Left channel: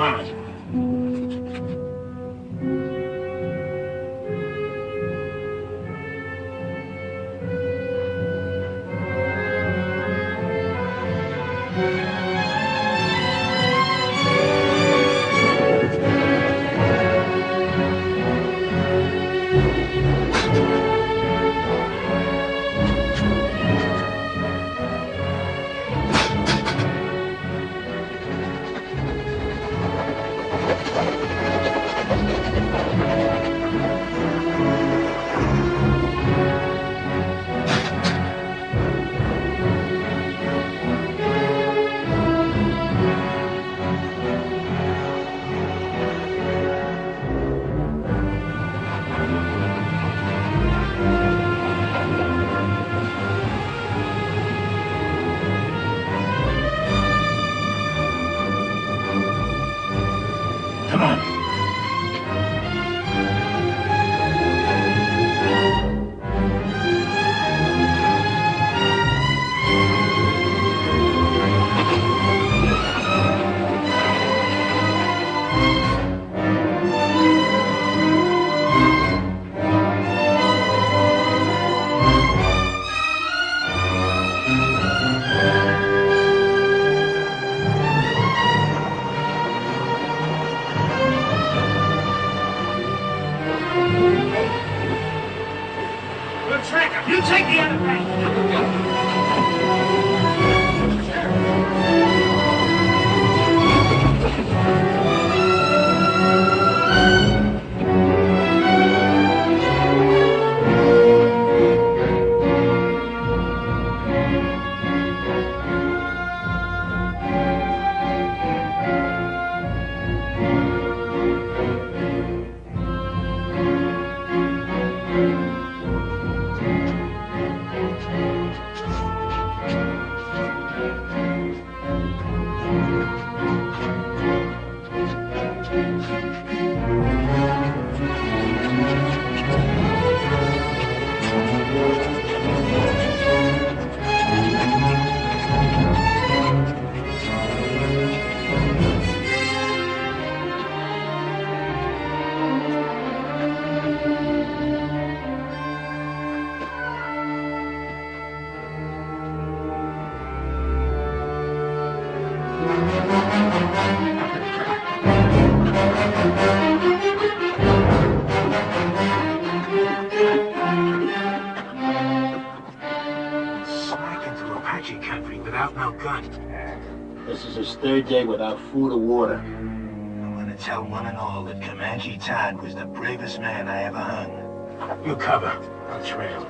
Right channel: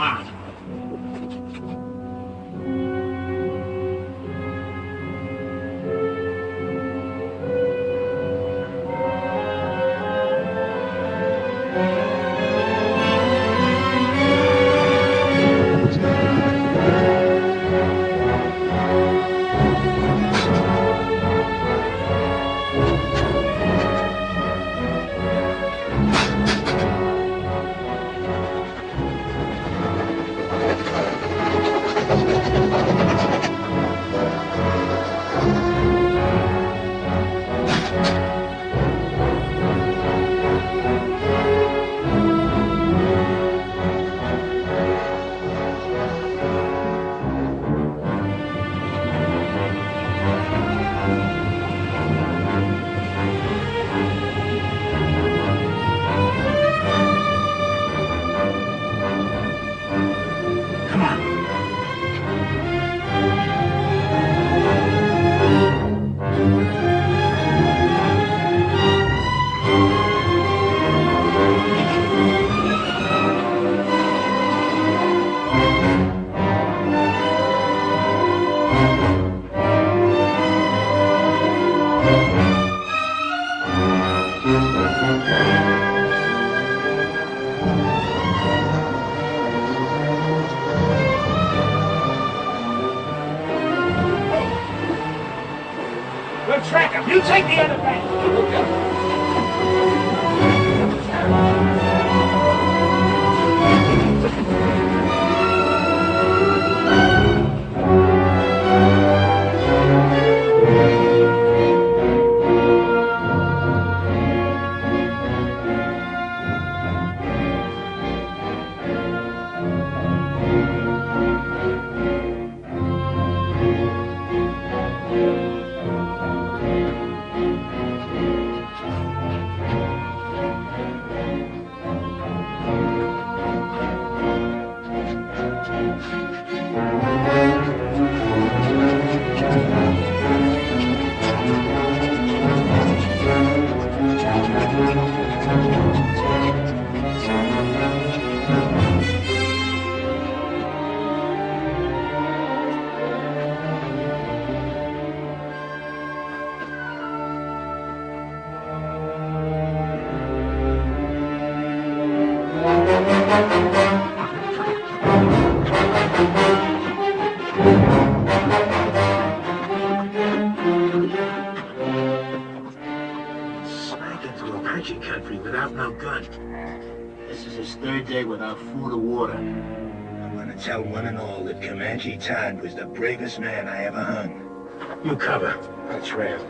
Come on. You take the other bank. This is his third day without food or water. I'm gonna tell one and all that Comanche Todd was the bravest man I ever hung. You cover. I'll trail.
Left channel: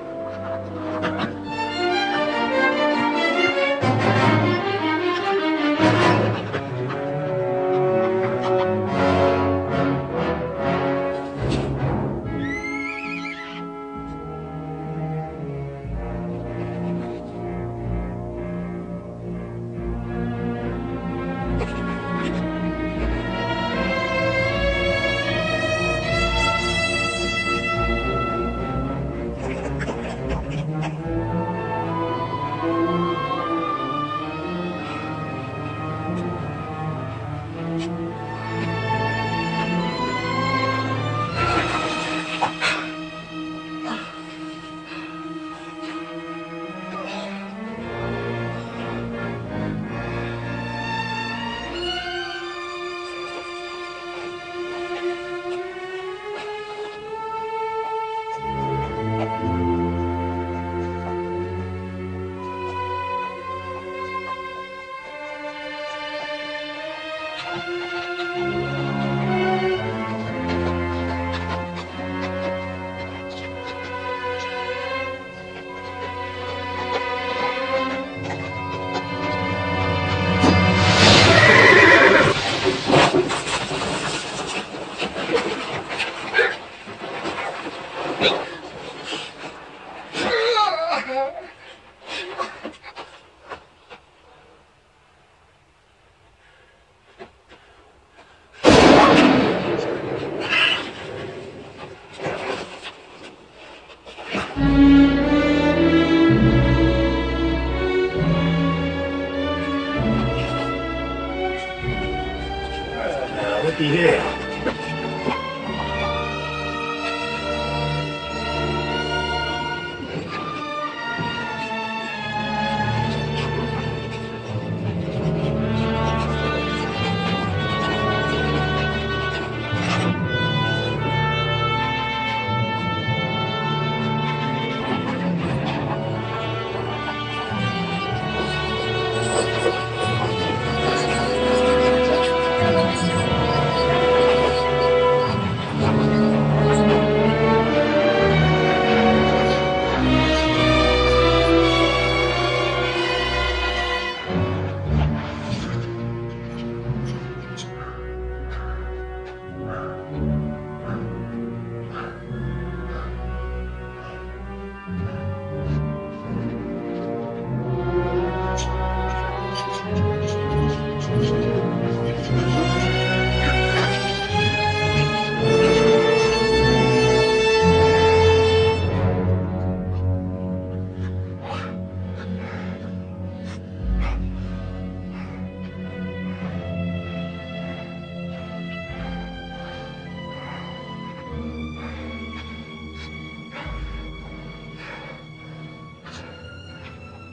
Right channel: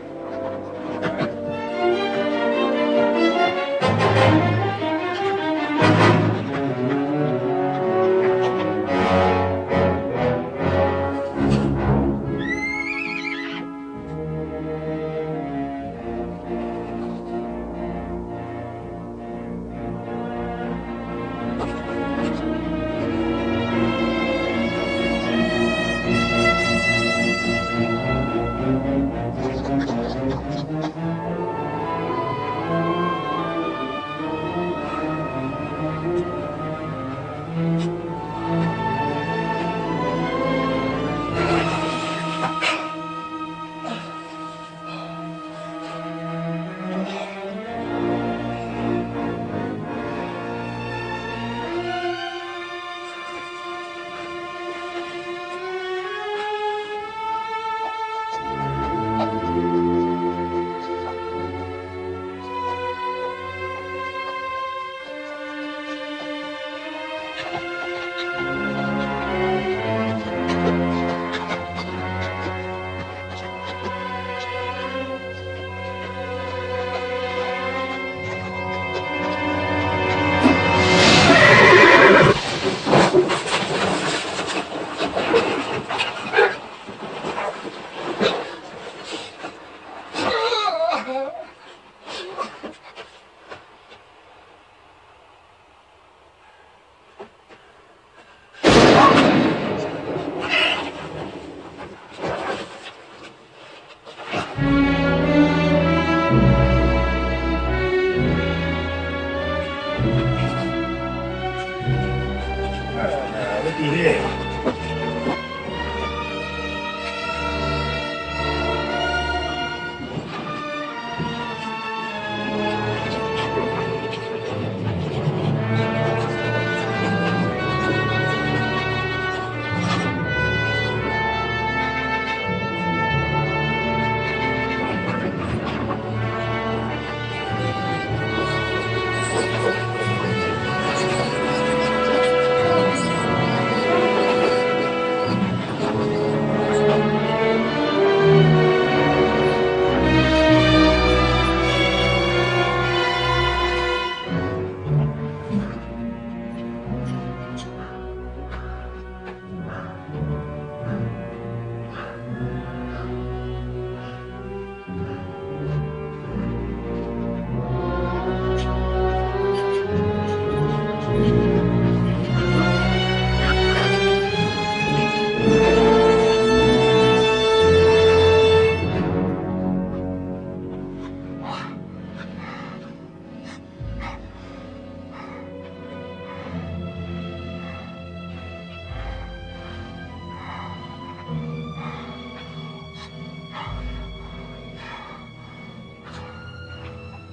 Looky here.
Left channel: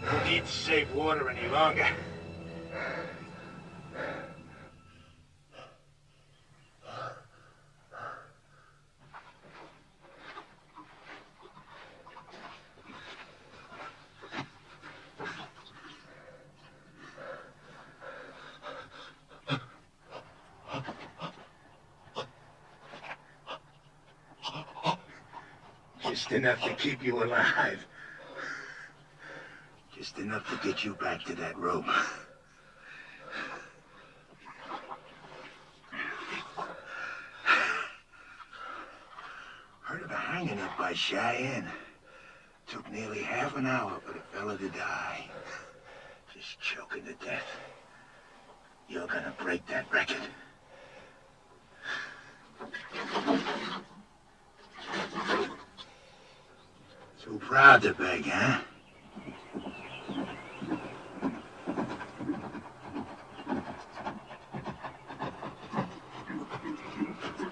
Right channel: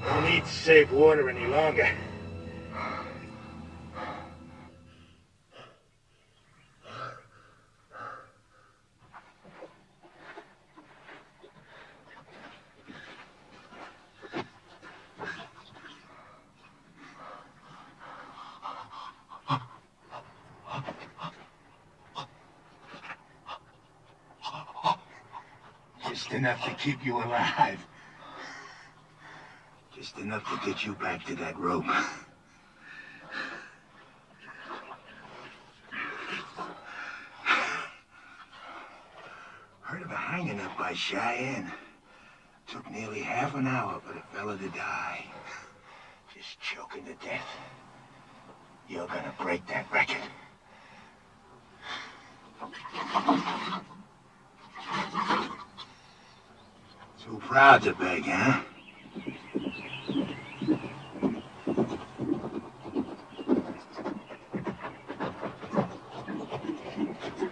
No need to save water any longer. Just enough to keep you alive. Just enough to get you back to that rope. Heard of a hanging up by Cheyenne. Took nearly half an hour for the fella to die. Just choking to death. You're gonna break that record. Too proud to beg, huh?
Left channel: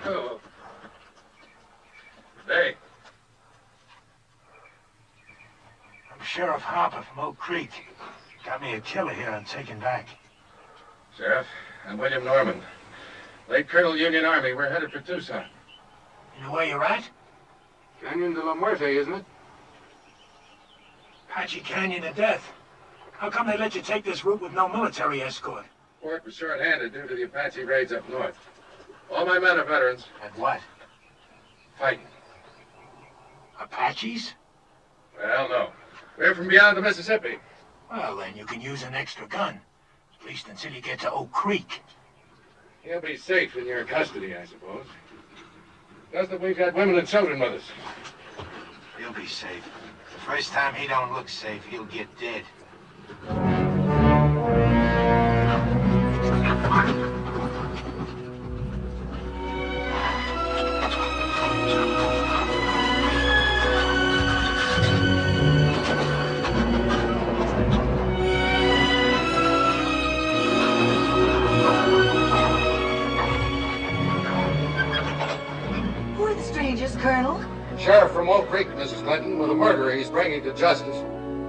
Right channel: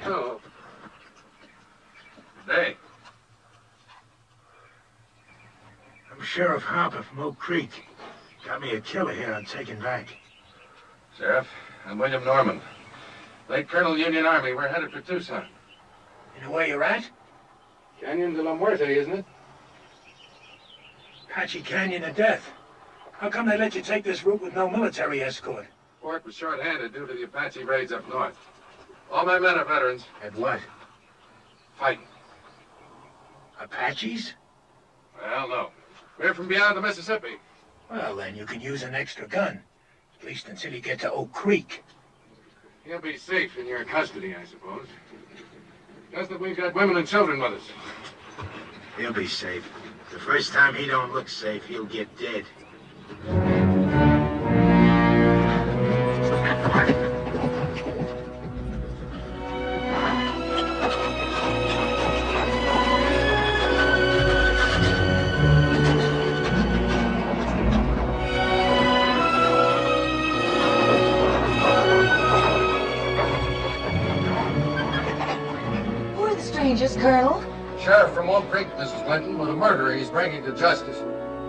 Hello. Hey. I'm Sheriff Harper from Oak Creek. Got me a killer here I'm taking back. Sheriff, I'm William Norman. Late Colonel Union Army. We're headed for Tucson. You know where you're at? Canyon de la Muerte, isn't it? Apache Canyon of Death. How come they let you take this route with no military escort? Fort was short-handed due to the Apache raids up north. All my men are veterans. At what? Fighting. Apaches? Well, no. We're from beyond the Mississippi. Well, then you can use an extra gun. At least until you get to Oak Creek. He'll be safe in your custody, I suppose. Just that we've got women and children with us. He'll be safe. The first time he don't look safe, he'll get dead. Who are the strangers, Colonel? Sheriff from Oak Creek, Mrs. Clinton, with a murderer he's bringing to justice.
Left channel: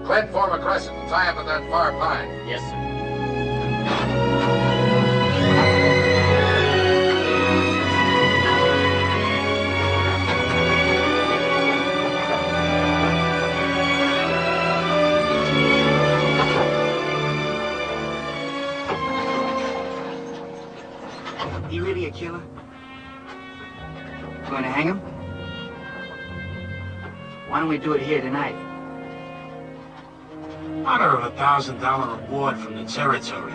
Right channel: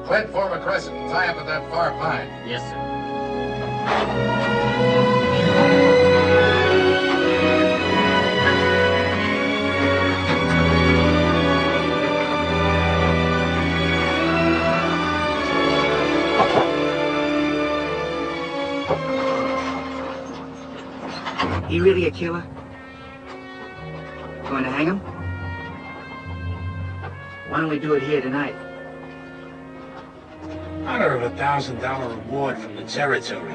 Clint, form a crescent and tie up at that far pine. Yes, sir. He really a killer? Going to hang him? Why don't we do it here tonight? Honor of $1,000 reward from the territory.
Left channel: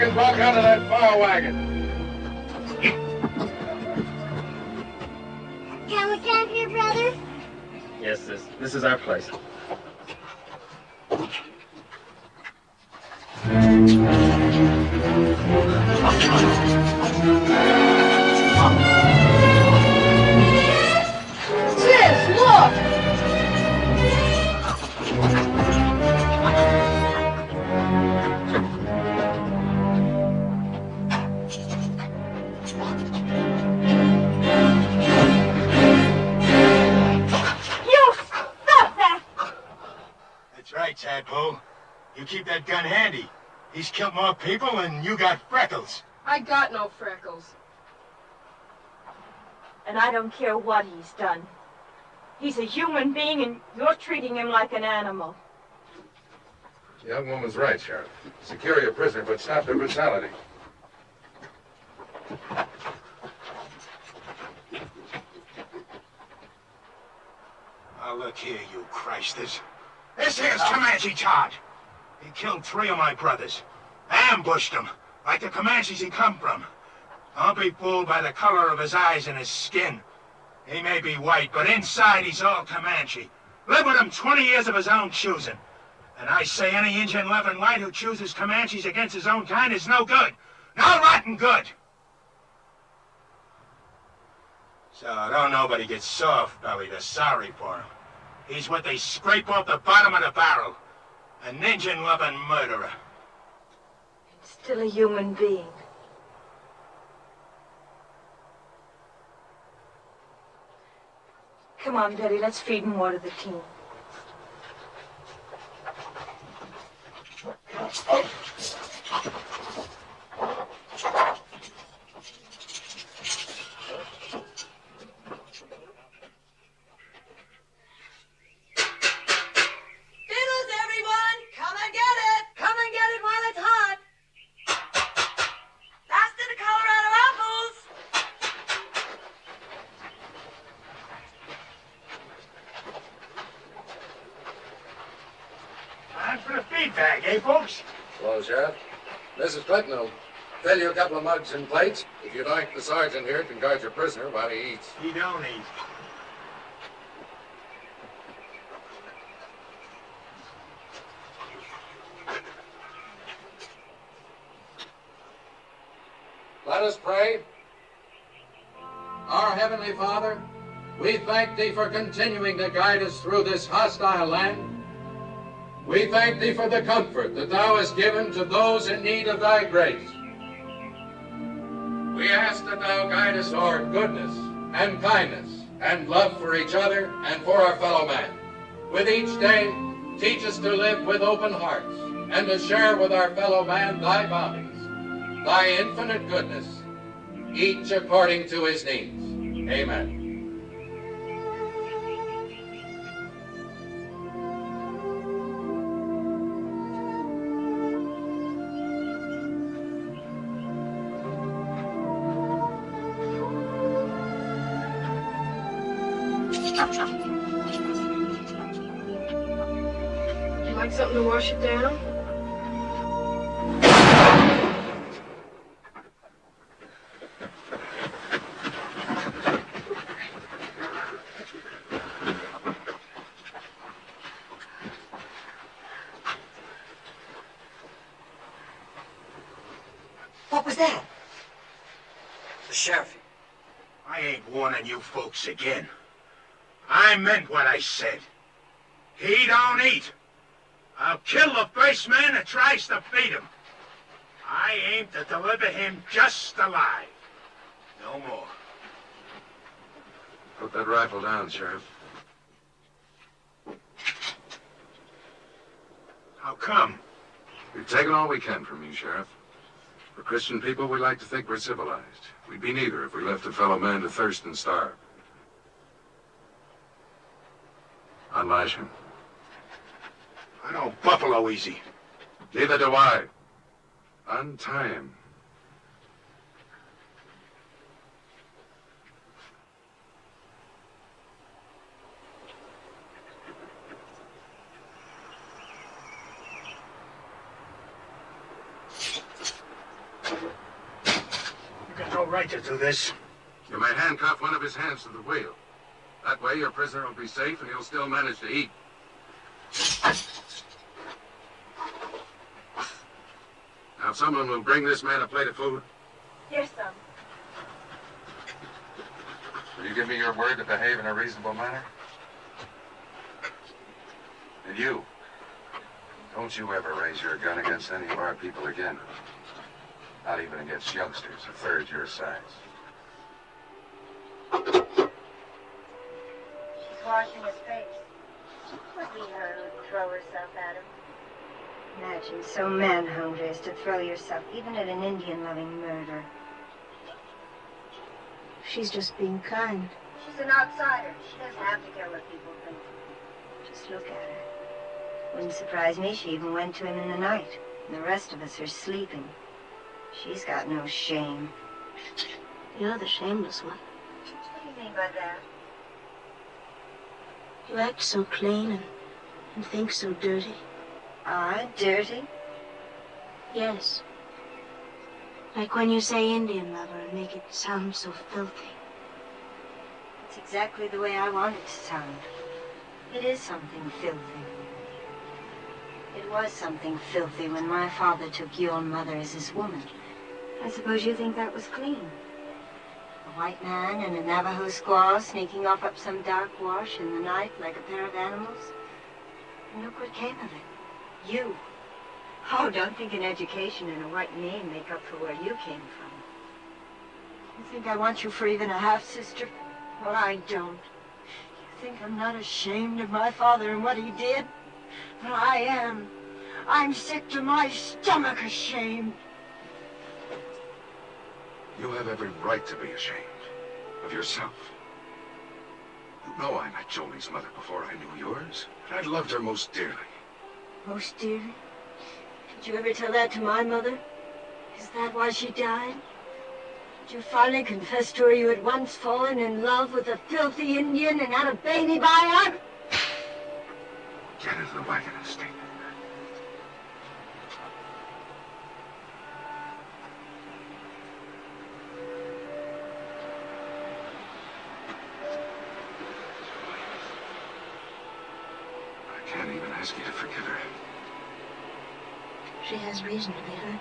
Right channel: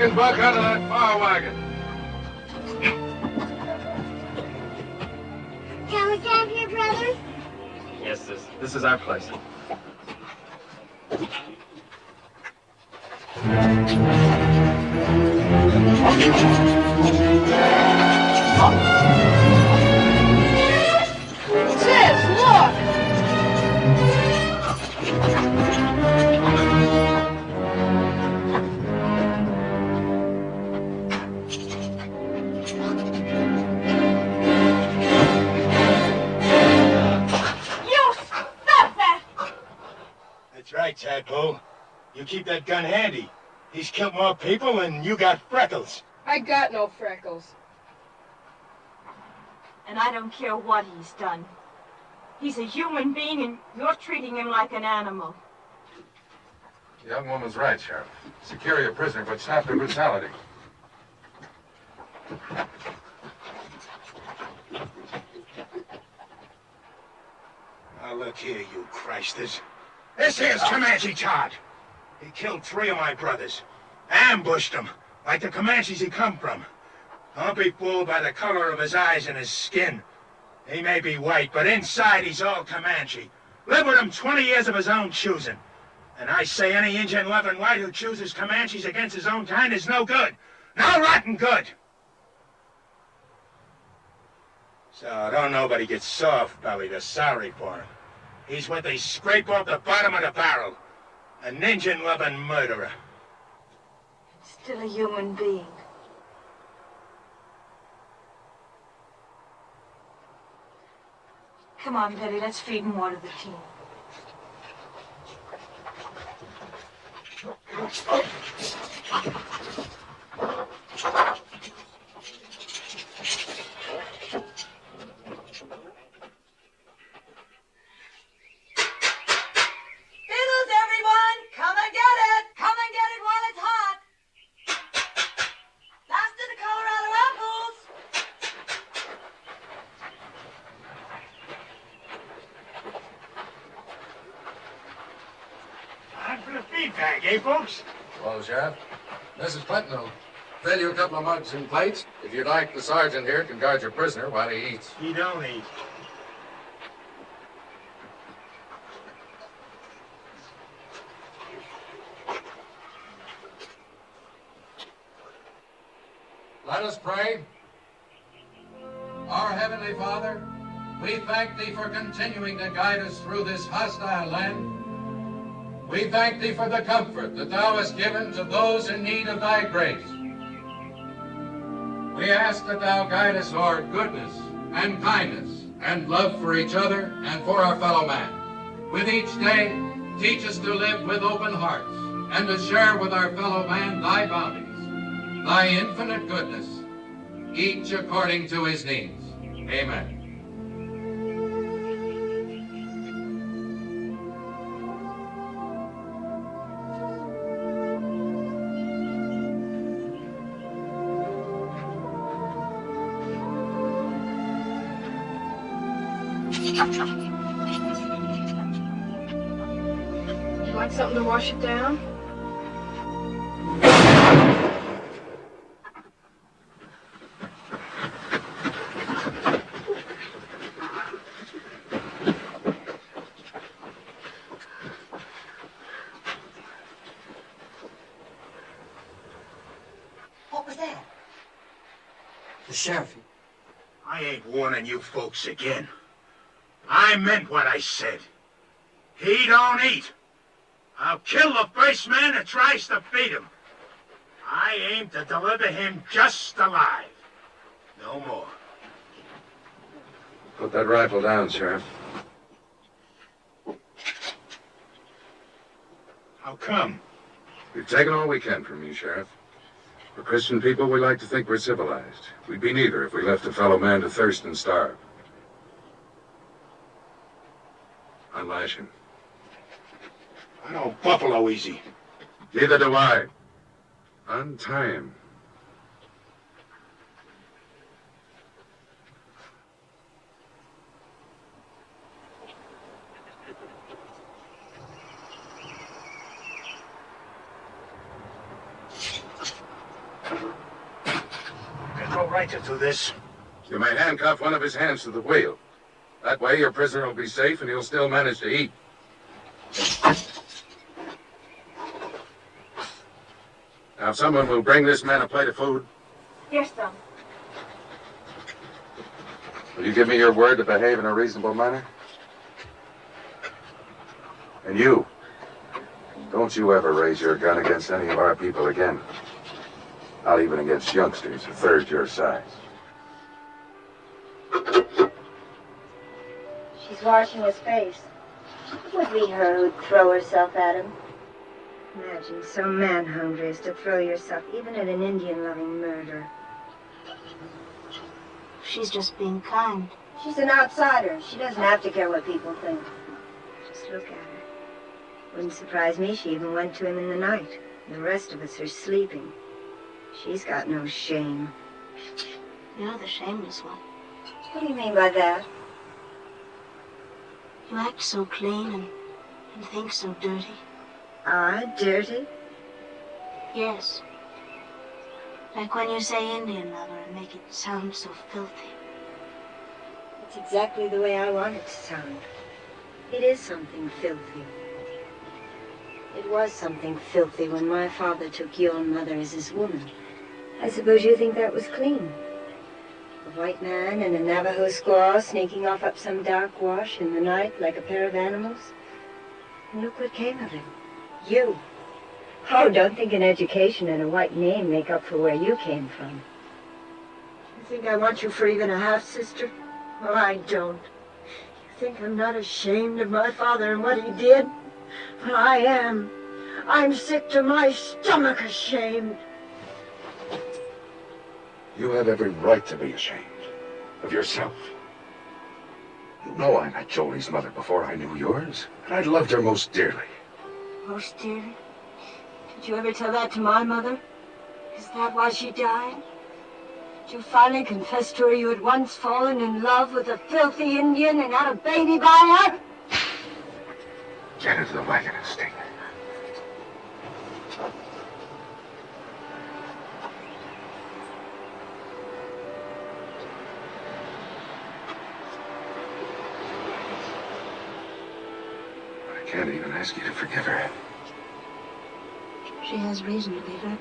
can buck out of that far wagon. Can we camp here, brother? Yes, sis. This is our place. Sis, look! You stop that! That's right, Tadpole. You keep that gun handy. He's killed more people than you got freckles. I got no freckles. And I don't care what he's done. He's a human being, and you're treating him like an animal. The young woman's right, Sheriff. Secure your prisoner, but stop the brutality. Now look here, you Christers. This here's Comanche Todd. He killed 3 of my brothers. Ambushed them, like the Comanches he come from. Don't be fooled by the color of his eyes and his skin. He may be white, but inside he's all Comanche. Lived with him 20 years of his own choosing. And I say any Indian loving white who chooses Comanches against his own kind is no good. No rotten good. So don't nobody get soft-bellied or sorry for him. He's what they scrape off the bottom of the barrel. An Injun-loving murderer. Still a human being. Come on, Betty, let's feed and water the team. Fiddles, everyone! Come and get it! Come and get it while it's hot! Faster to Colorado apples! Time for the feedback, eh, folks? Hello, Sheriff. Mrs. Clinton will fill you a couple of mugs and plates. If you'd like, the sergeant here can guard your prisoner while he eats. He don't eat. Let us pray. Our Heavenly Father, we thank Thee for continuing to guide us through this hostile land. We thank Thee for the comfort that Thou hast given to those in need of Thy grace. We ask that Thou guide us toward goodness and kindness and love for each other and for our fellow man. With each day, teach us to live with open hearts and to share with our fellow man Thy bounties, Thy infinite goodness, each according to his needs. Amen. You like something to wash it down? What was that? The sheriff. I ain't warning you folks again. I meant what I said. He don't eat. I'll kill the first man that tries to feed him. I aim to deliver him just alive. No more. Put that rifle down, Sheriff. How come? We've taken all we can from you, Sheriff. For Christian people, we like to think we're civilized. We'd be neither if we left a fellow man to thirst and starve. Unlash him. I don't buffalo easy. Neither do I. Untie him. right to do this. You may handcuff one of his hands to the wheel. That way your prisoner will be safe and he'll still manage to eat. Now, someone will bring this man a plate of food. Yes, sir. Will you give me your word to behave in a reasonable manner? And you, don't you ever raise your gun against any of our people again. Not even against youngsters a third your size. She's washing his face. It would be her who'd throw herself at him. Imagine so man-hungry as to throw yourself even at an Indian-loving murderer. She's just being kind. She's an outsider. She doesn't have to care what people think. Just look at her. Wouldn't surprise me she even went to him in the night. And the rest of us are sleeping. She's got no shame. You're the shameless one. What do you mean by that? You act so clean and think so dirty. I dirty? Yes. Like when you say Indian lover and make it sound so filthy. It's exactly the way I want it to sound. It is something filthy. It was something filthy when my father took your mother as his woman. I suppose you think that was clean. A white man and a Navajo squaw sneaking off up some dark wash in the night like a pair of animals. And look what came of it. You. Oh, don't think an education and a white name make up for where you came from. You think I want you for even a half-sister? Well, I don't. You think I'm not ashamed of my father and what he did? Well, I am. I'm sick to my stomach ashamed. You have every right to be ashamed of yourself. You know I met Jolie's mother before I knew yours, and I loved her most dearly. Most dearly? Did you ever tell that to my mother? Is that why she died? Did you finally confess to her you had once fallen in love with a filthy Indian and had a baby by her? Get into the wagon and stay there. I can't even ask you to forgive her. She has reason to be hurt.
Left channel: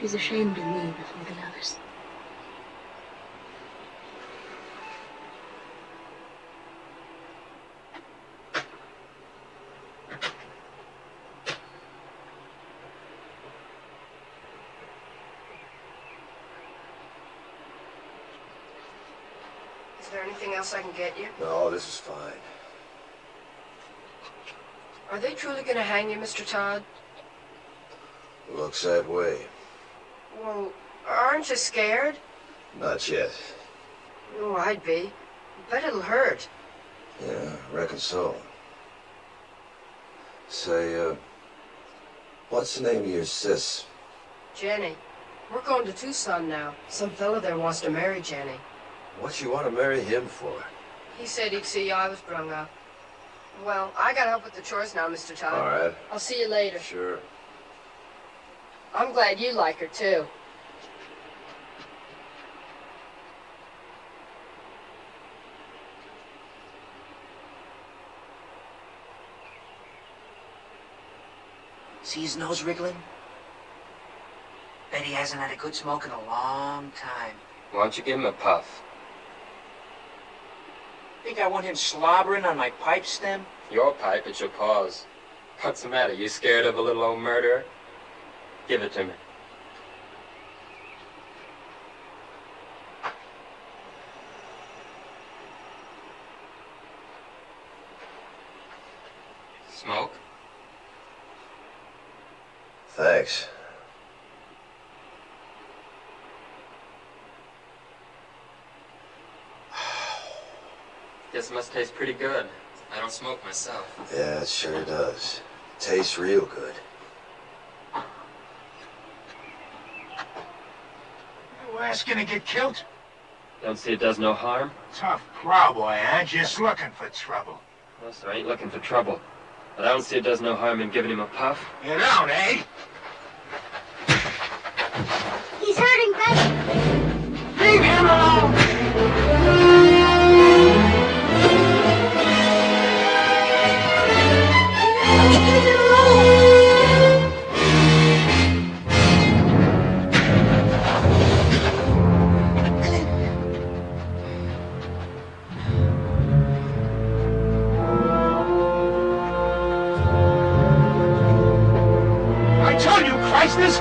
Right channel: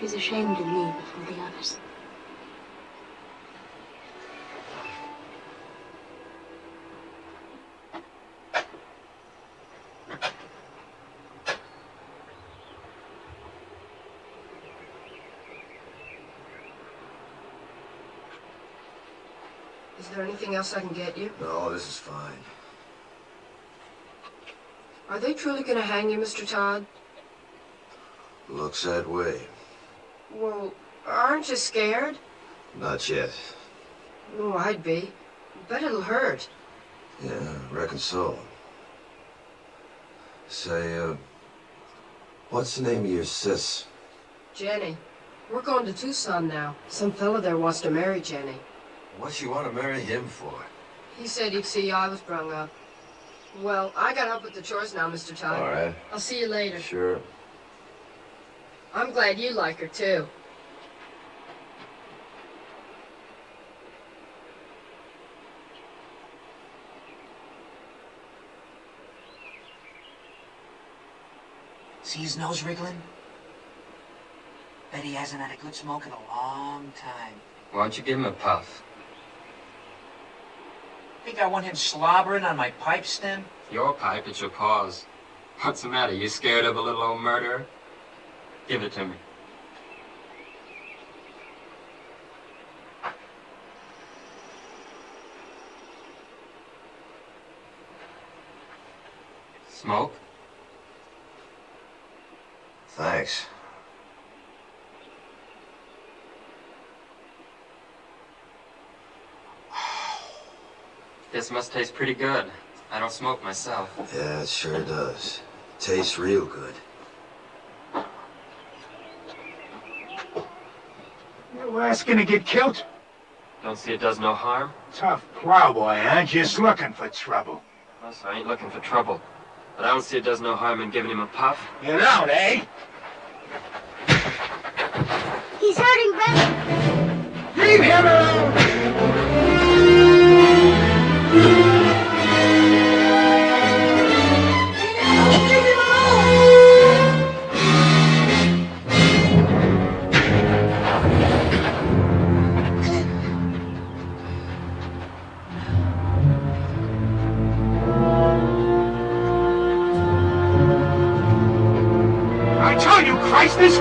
She's ashamed of me before the others. Is there anything else I can get you? No, this is fine. Are they truly going to hang you, Mr. Todd? Looks that way. Well, aren't you scared? Not yet. Oh, I'd be. Bet it'll hurt. Yeah, I reckon so. Say, what's the name of your sis? Jenny. We're going to Tucson now. Some fella there wants to marry Jenny. What you want to marry him for? He said he'd see I was brung up. Well, I gotta help with the chores now, Mr. Todd. All right. I'll see you later. Sure. I'm glad you like her, too. See his nose wriggling? Bet he hasn't had a good smoke in a long time. Why don't you give him a puff? Think I want him slobbering on my pipe stem? Your pipe, it's your paws. What's the matter? You scared of a little old murderer? Give it to me. Smoke? Thanks. Guess it must taste pretty good. I don't smoke myself. Yeah, it sure does. Tastes real good. You asking to get killed? Don't see it does no harm? Tough plowboy, huh? Just looking for trouble. Well, sir, I ain't looking for trouble. But I don't see it does no harm in giving him a puff. You don't, eh? He's hurting, brother. Leave him alone! Leave him alone! I tell you, Christus!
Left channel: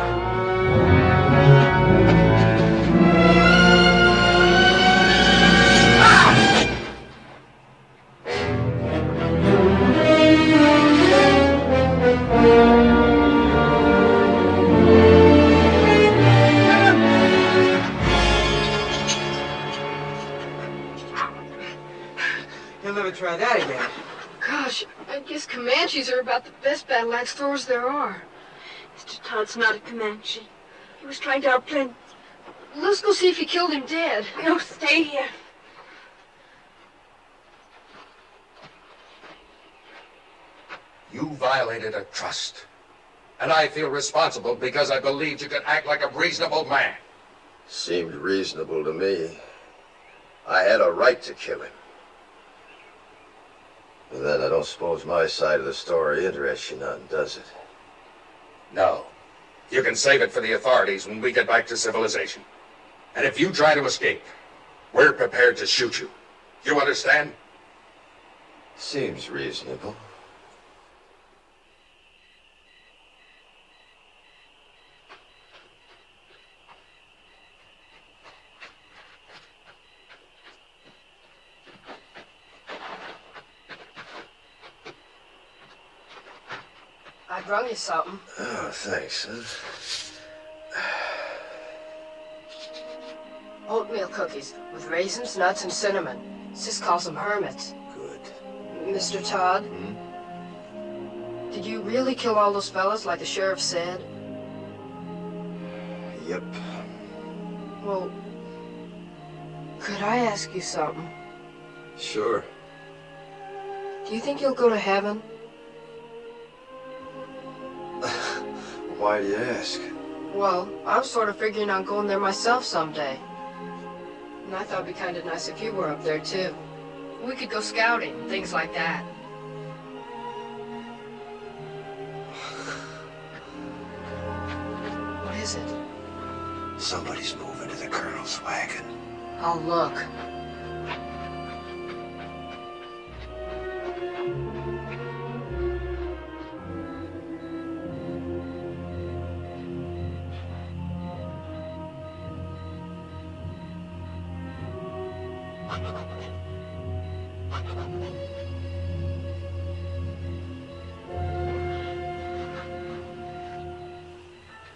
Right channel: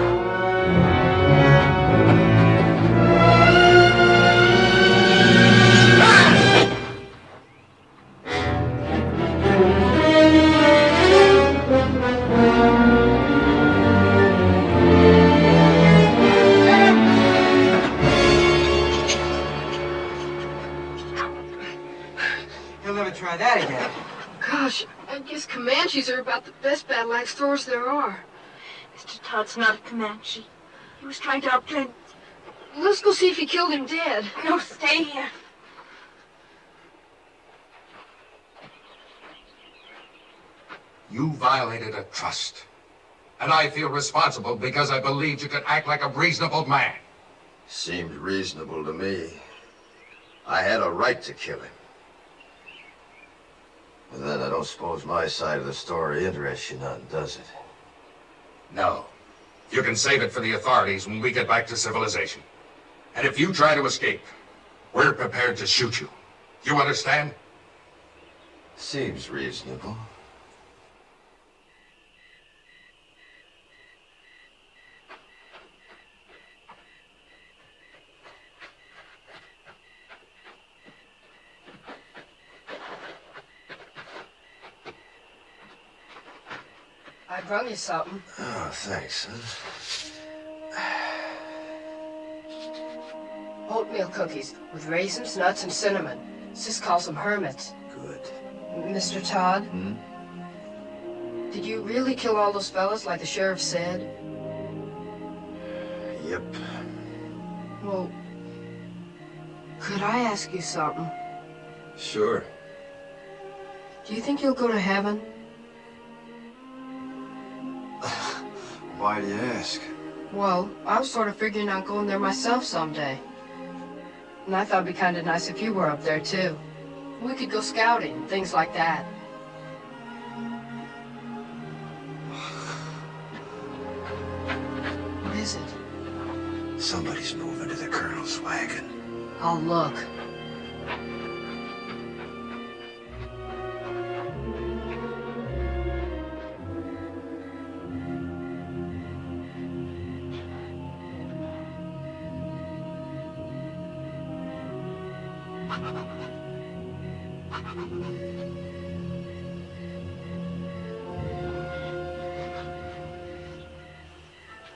You'll never try that again. Gosh, I guess Comanches are about the best battle axe throwers there are. Mr. Todd's not a Comanche. He was trying to outplay... Let's go see if he killed him dead. No, stay here. You violated a trust. And I feel responsible because I believed you could act like a reasonable man. Seemed reasonable to me. I had a right to kill him. But then I don't suppose my side of the story interests you none, does it? No. You can save it for the authorities when we get back to civilization. And if you try to escape, we're prepared to shoot you. You understand? Seems reasonable. I brung you something. Oh, thanks, huh? Oatmeal cookies with raisins, nuts, and cinnamon. Sis calls them hermits. Good. Mr. Todd? Did you really kill all those fellas like the sheriff said? Yep. Well, could I ask you something? Sure. Do you think you'll go to heaven? Why do you ask? Well, I was sort of figuring on going there myself someday. And I thought it'd be kind of nice if you were up there, too. We could go scouting, things like that. What is it? Somebody's moving to the Colonel's wagon. I'll look.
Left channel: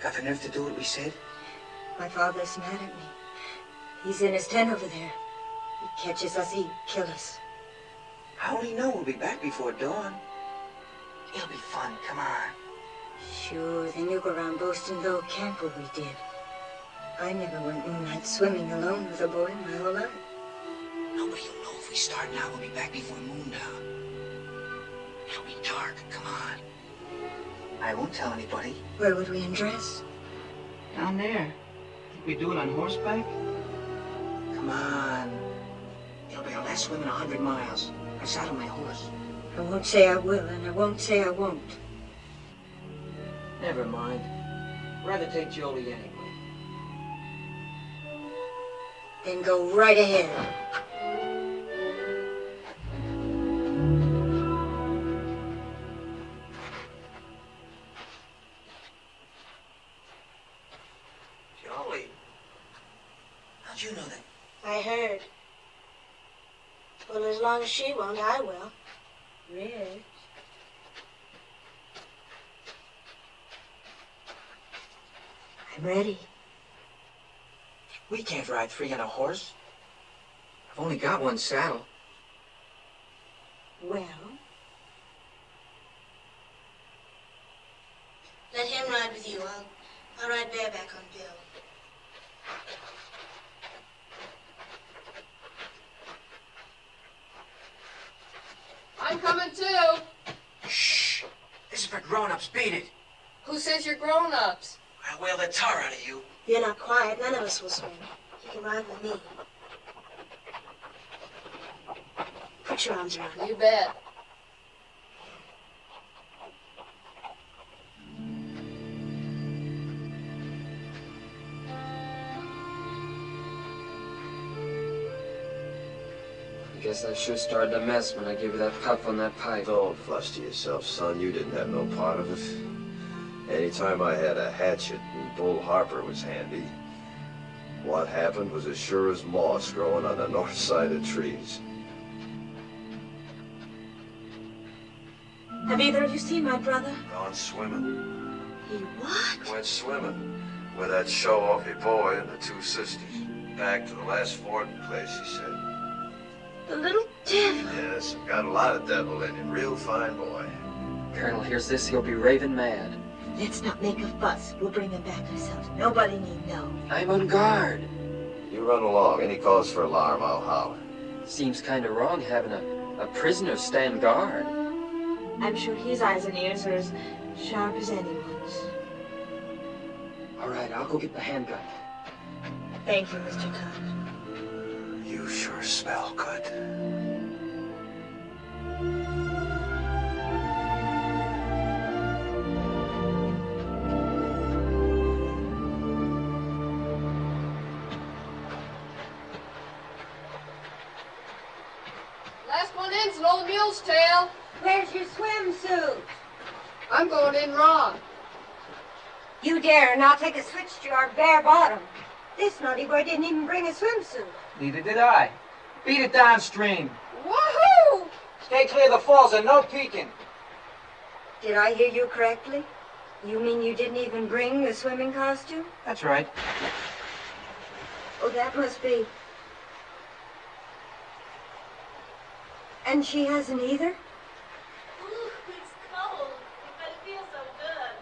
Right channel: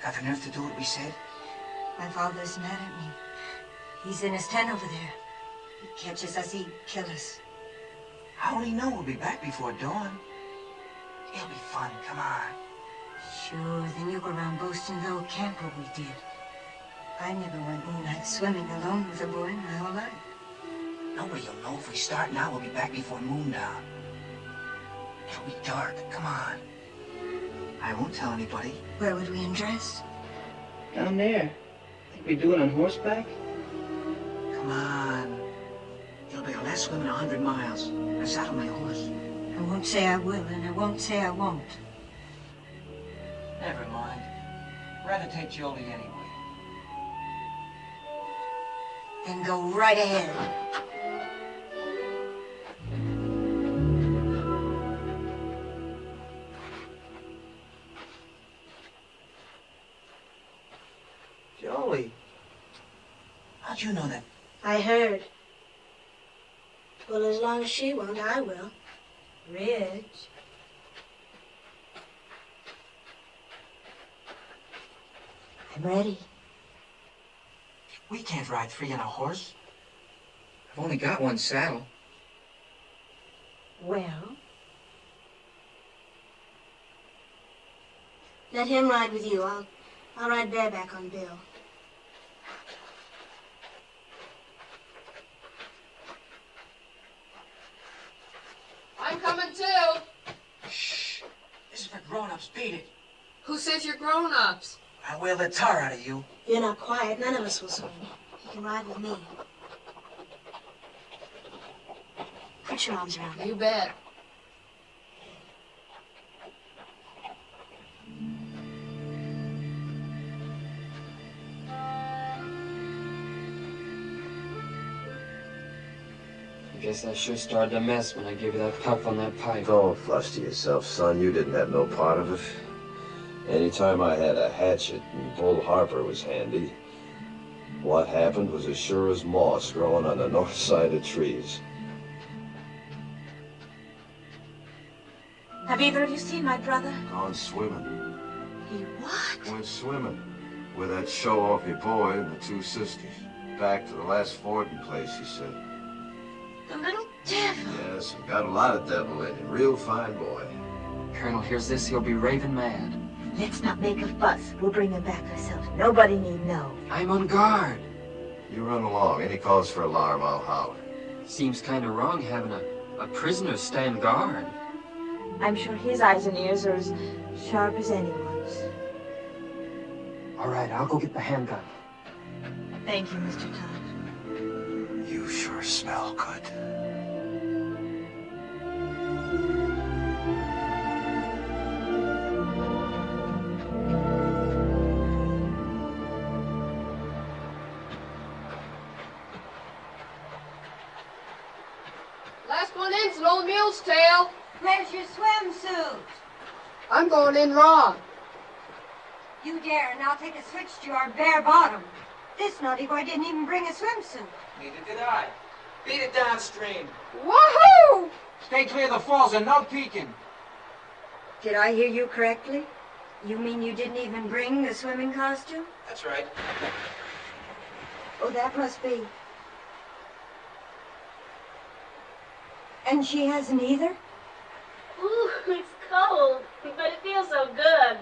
Got the nerve to do what we said? My father's mad at me. He's in his tent over there. He catches us, he'd kill us. How will he know we'll be back before dawn? It'll be fun, come on. Sure, then you go around boasting the old camp where we did. I never went moonlight swimming alone with a boy my whole life. Nobody'll know if we start now, we'll be back before moondown. It'll be dark, come on. I won't tell anybody. Where would we undress? Down there. Think we do it on horseback? Come on. It'll be our last swim in 100 miles. I saddle my horse. I won't say I will, and I won't say I won't. Never mind. Rather take Jolie anyway. Then go right ahead. Jolie. How'd you know that? I heard. Well, as long as she won't, I will. Rich. I'm ready. We can't ride three on a horse. I've only got one saddle. Well, let him ride with you. I'll ride bareback on Bill. I'm coming too. Shh. This is for grown-ups. Beat it. Who says you're grown-ups? I'll whale the tar out of you. If you're not quiet, none of us will swim. You can ride with me. Put your arms around me. You bet. I guess I sure started a mess when I gave you that puff on that pipe. Don't fluster yourself, son. You didn't have no part of it. Anytime I had a hatchet and Bull Harper was handy, what happened was as sure as moss growing on the north side of trees. Have either of you seen my brother? Gone swimming. He what? Went swimming with that show-offy boy and the two sisters. Back to the last fording place, he said. The little devil. Yes, got a lot of devil in him. Real fine boy. Colonel hears this, he'll be raving mad. Let's not make a fuss. We'll bring him back ourselves. Nobody need know. I'm on guard. You run along. Any cause for alarm, I'll holler. Seems kind of wrong having a prisoner stand guard. I'm sure his eyes and ears are as sharp as anyone's. All right, I'll go get the handgun. Thank you, Mr. Todd. You sure smell good. Last one in's an old mule's tail. Where's your swimsuit? I'm going in raw. You dare not take a switch to our bare bottom. This naughty boy didn't even bring a swimsuit. Neither did I. Beat it downstream. Woohoo! Stay clear of the falls and no peeking. Did I hear you correctly? You mean you didn't even bring the swimming costume? That's right. Oh, that must be. And she hasn't either? Ooh, it's cold, but it feels so good.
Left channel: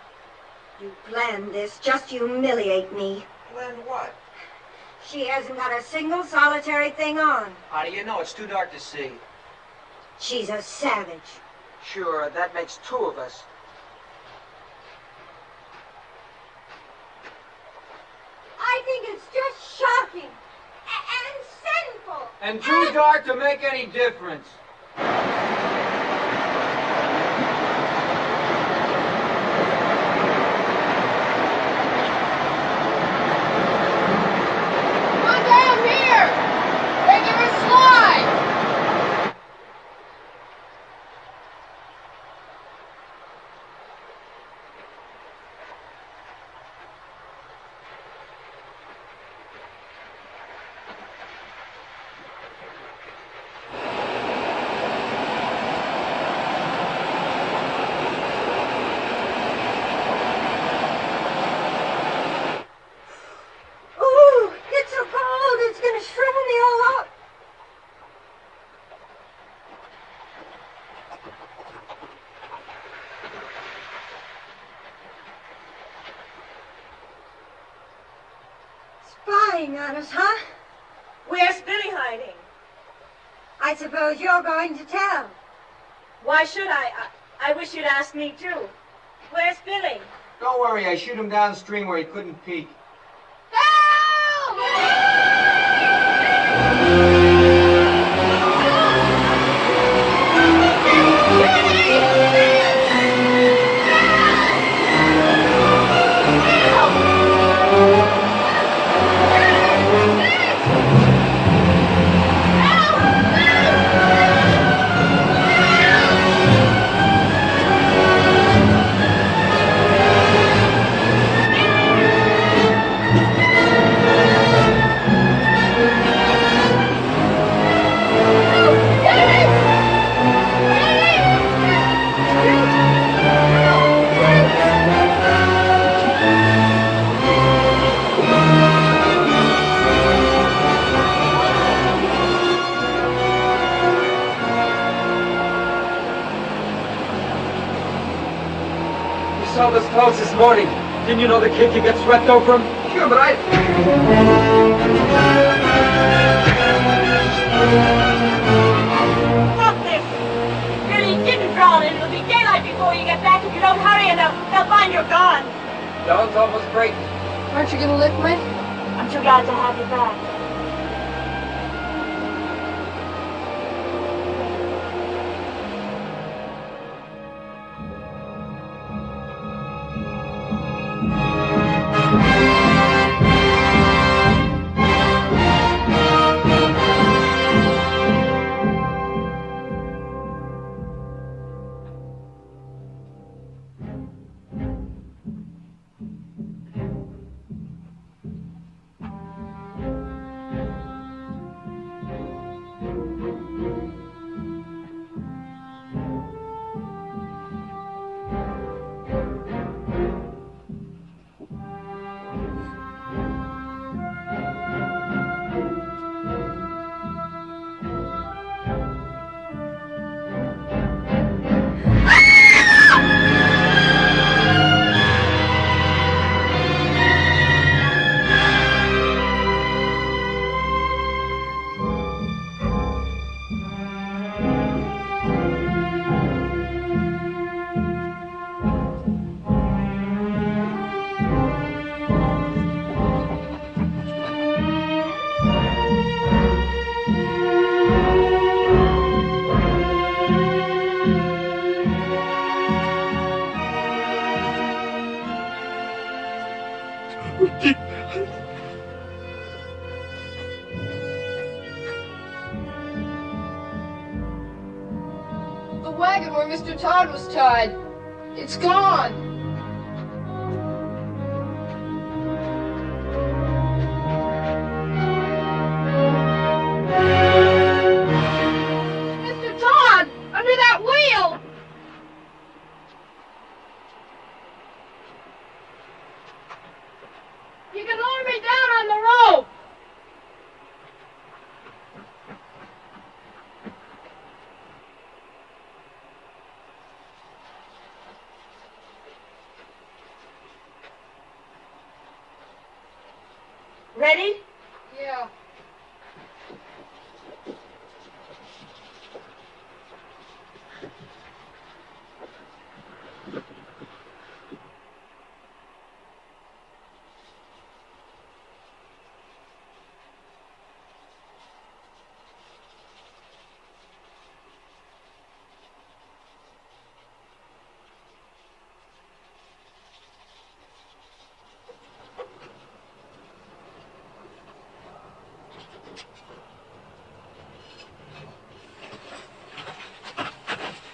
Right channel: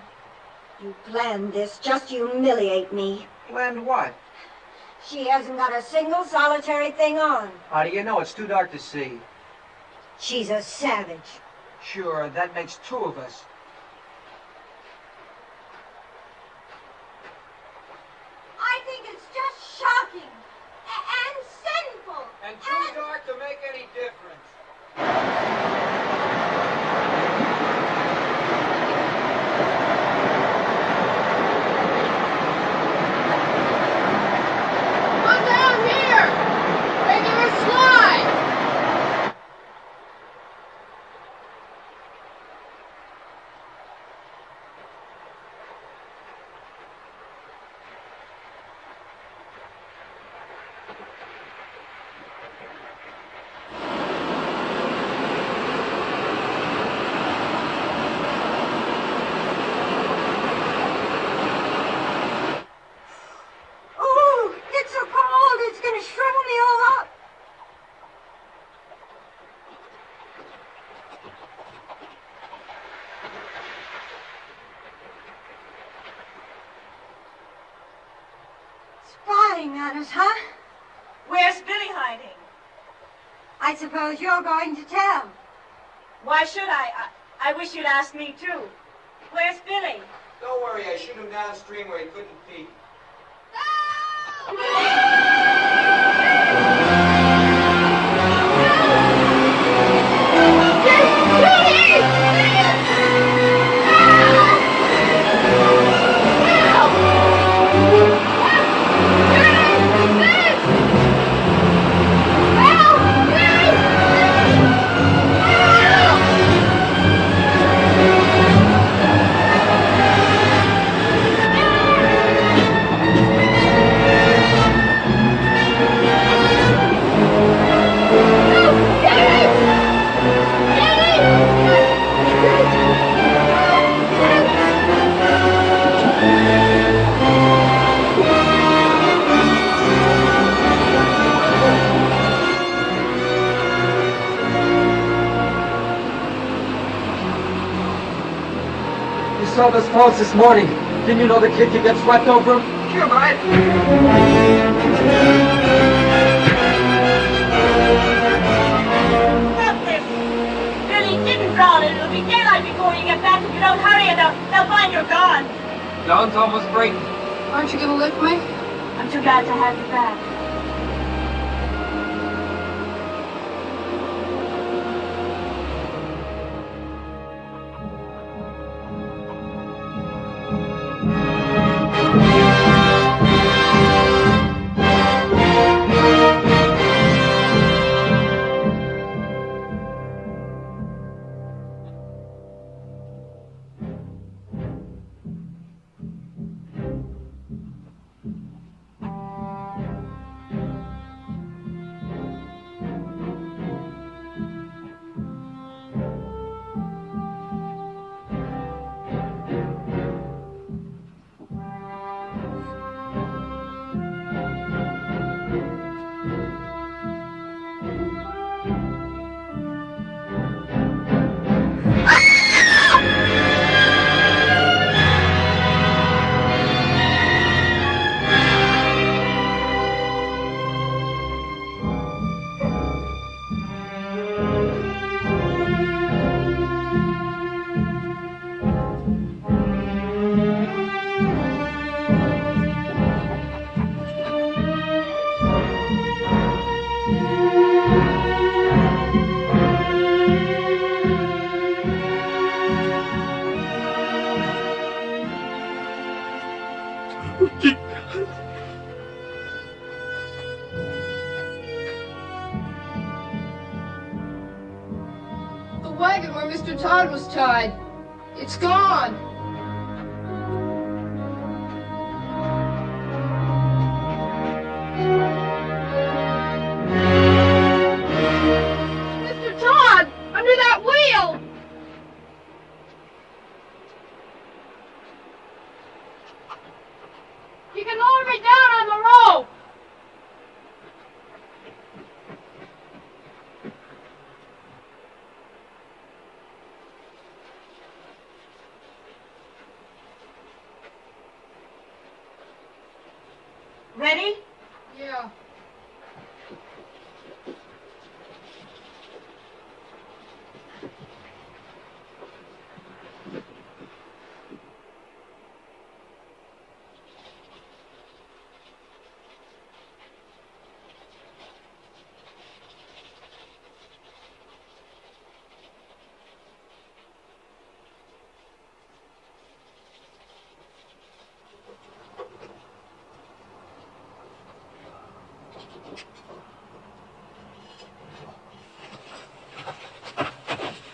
You planned this just to humiliate me. Planned what? She hasn't got a single solitary thing on. How do you know? It's too dark to see. She's a savage. Sure, that makes two of us. I think it's just shocking and sinful. And too dark to make any difference. Come down here! Regular slide! Ooh, it's so cold, it's gonna shrivel me all up. Spying on us, huh? Where's Billy hiding? I suppose you're going to tell. Why should I? I wish you'd ask me too. Where's Billy? Don't worry, I shoot him downstream where he couldn't peek. You saw those falls this morning. Didn't you know the kid could get swept over them? Sure, but I... Stop this! Billy didn't drown and it'll be daylight before you get back. If you don't hurry, and they'll find you're gone. Dawn's almost breaking. Aren't you gonna lick me? I'm too glad to have you back. The wagon where Mr. Todd was tied. It's gone. Mr. Todd! Under that wheel! You can lower me down on the rope! Ready? Yeah.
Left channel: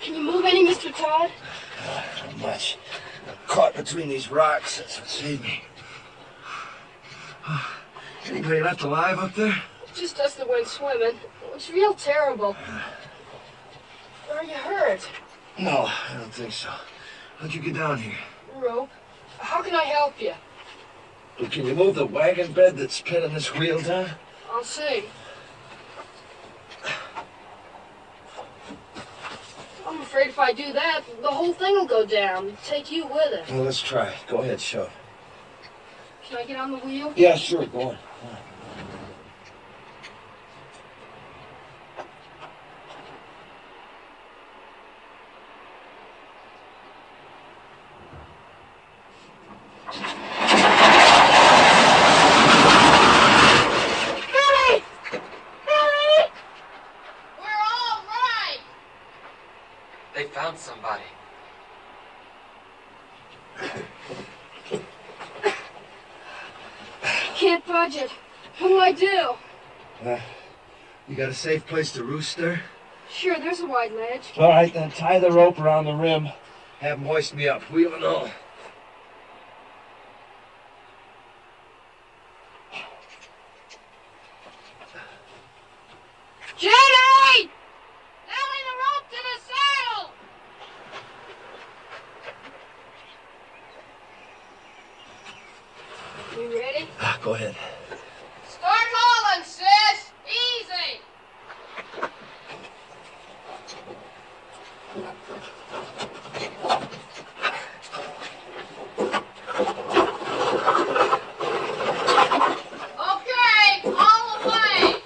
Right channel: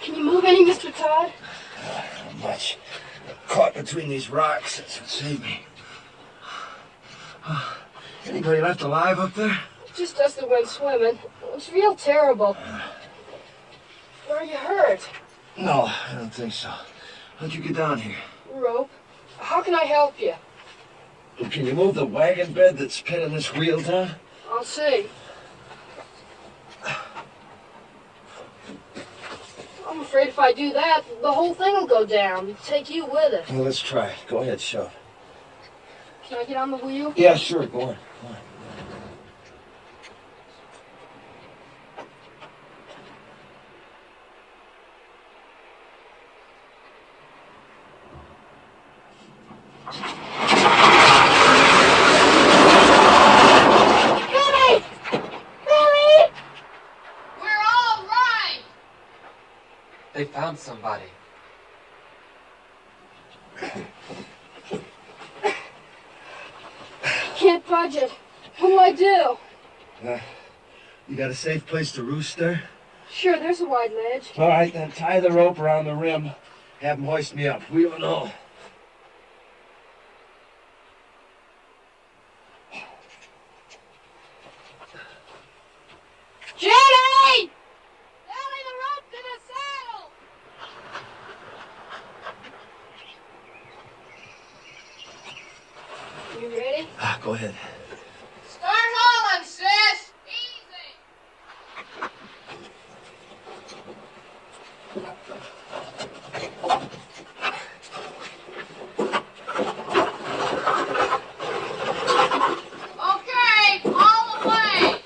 Can you move any, Mr. Todd? Not much. Caught between these rocks. That's what saved me. Anybody left alive up there? Just us that went swimming. It's real terrible. Are you hurt? No, I don't think so. How'd you get down here? Rope. How can I help you? Well, can you move the wagon bed that's pinning this wheel down? I'll see. I'm afraid if I do that, the whole thing will go down. Take you with it. Well, let's try. Go ahead, shove. Can I get on the wheel? Yeah, sure. Go on. Go on. They found somebody. Can't budge it. What do I do? You got a safe place to roost there? Sure, there's a wide ledge. All right, then tie the rope around the rim. Have them hoist me up. We don't know. Judy! Nailing the rope to the saddle! You ready? Go ahead. Start hauling, sis! Easy! Okay, all the way!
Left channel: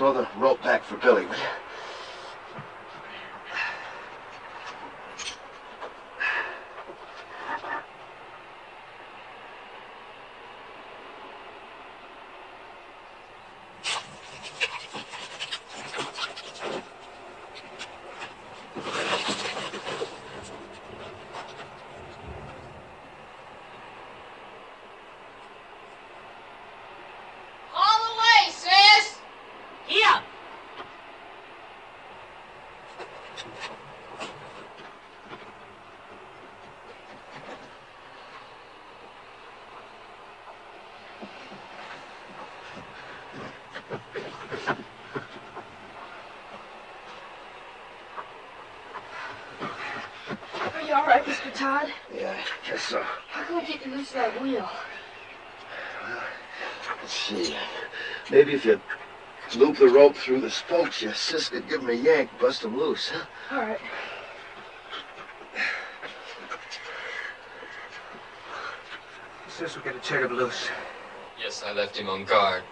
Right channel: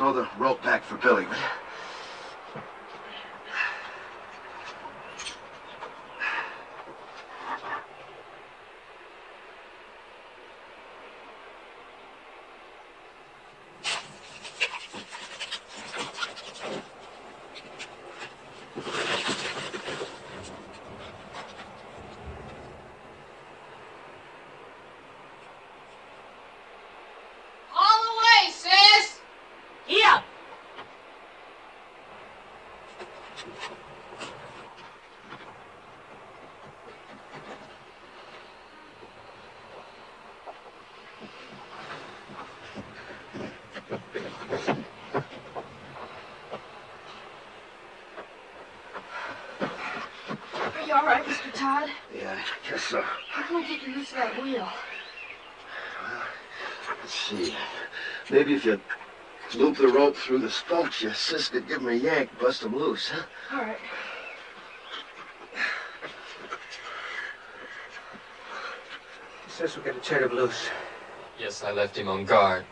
throw the rope back for Billy, will you? You all right, Mr. Todd? Yeah, I guess so. How can I get you loose of that wheel? Let's see. Maybe if you loop the rope through the spokes, your sis could give him a yank, bust him loose, huh? All right. Sis, we gotta turn him loose. Yes, I left him on guard.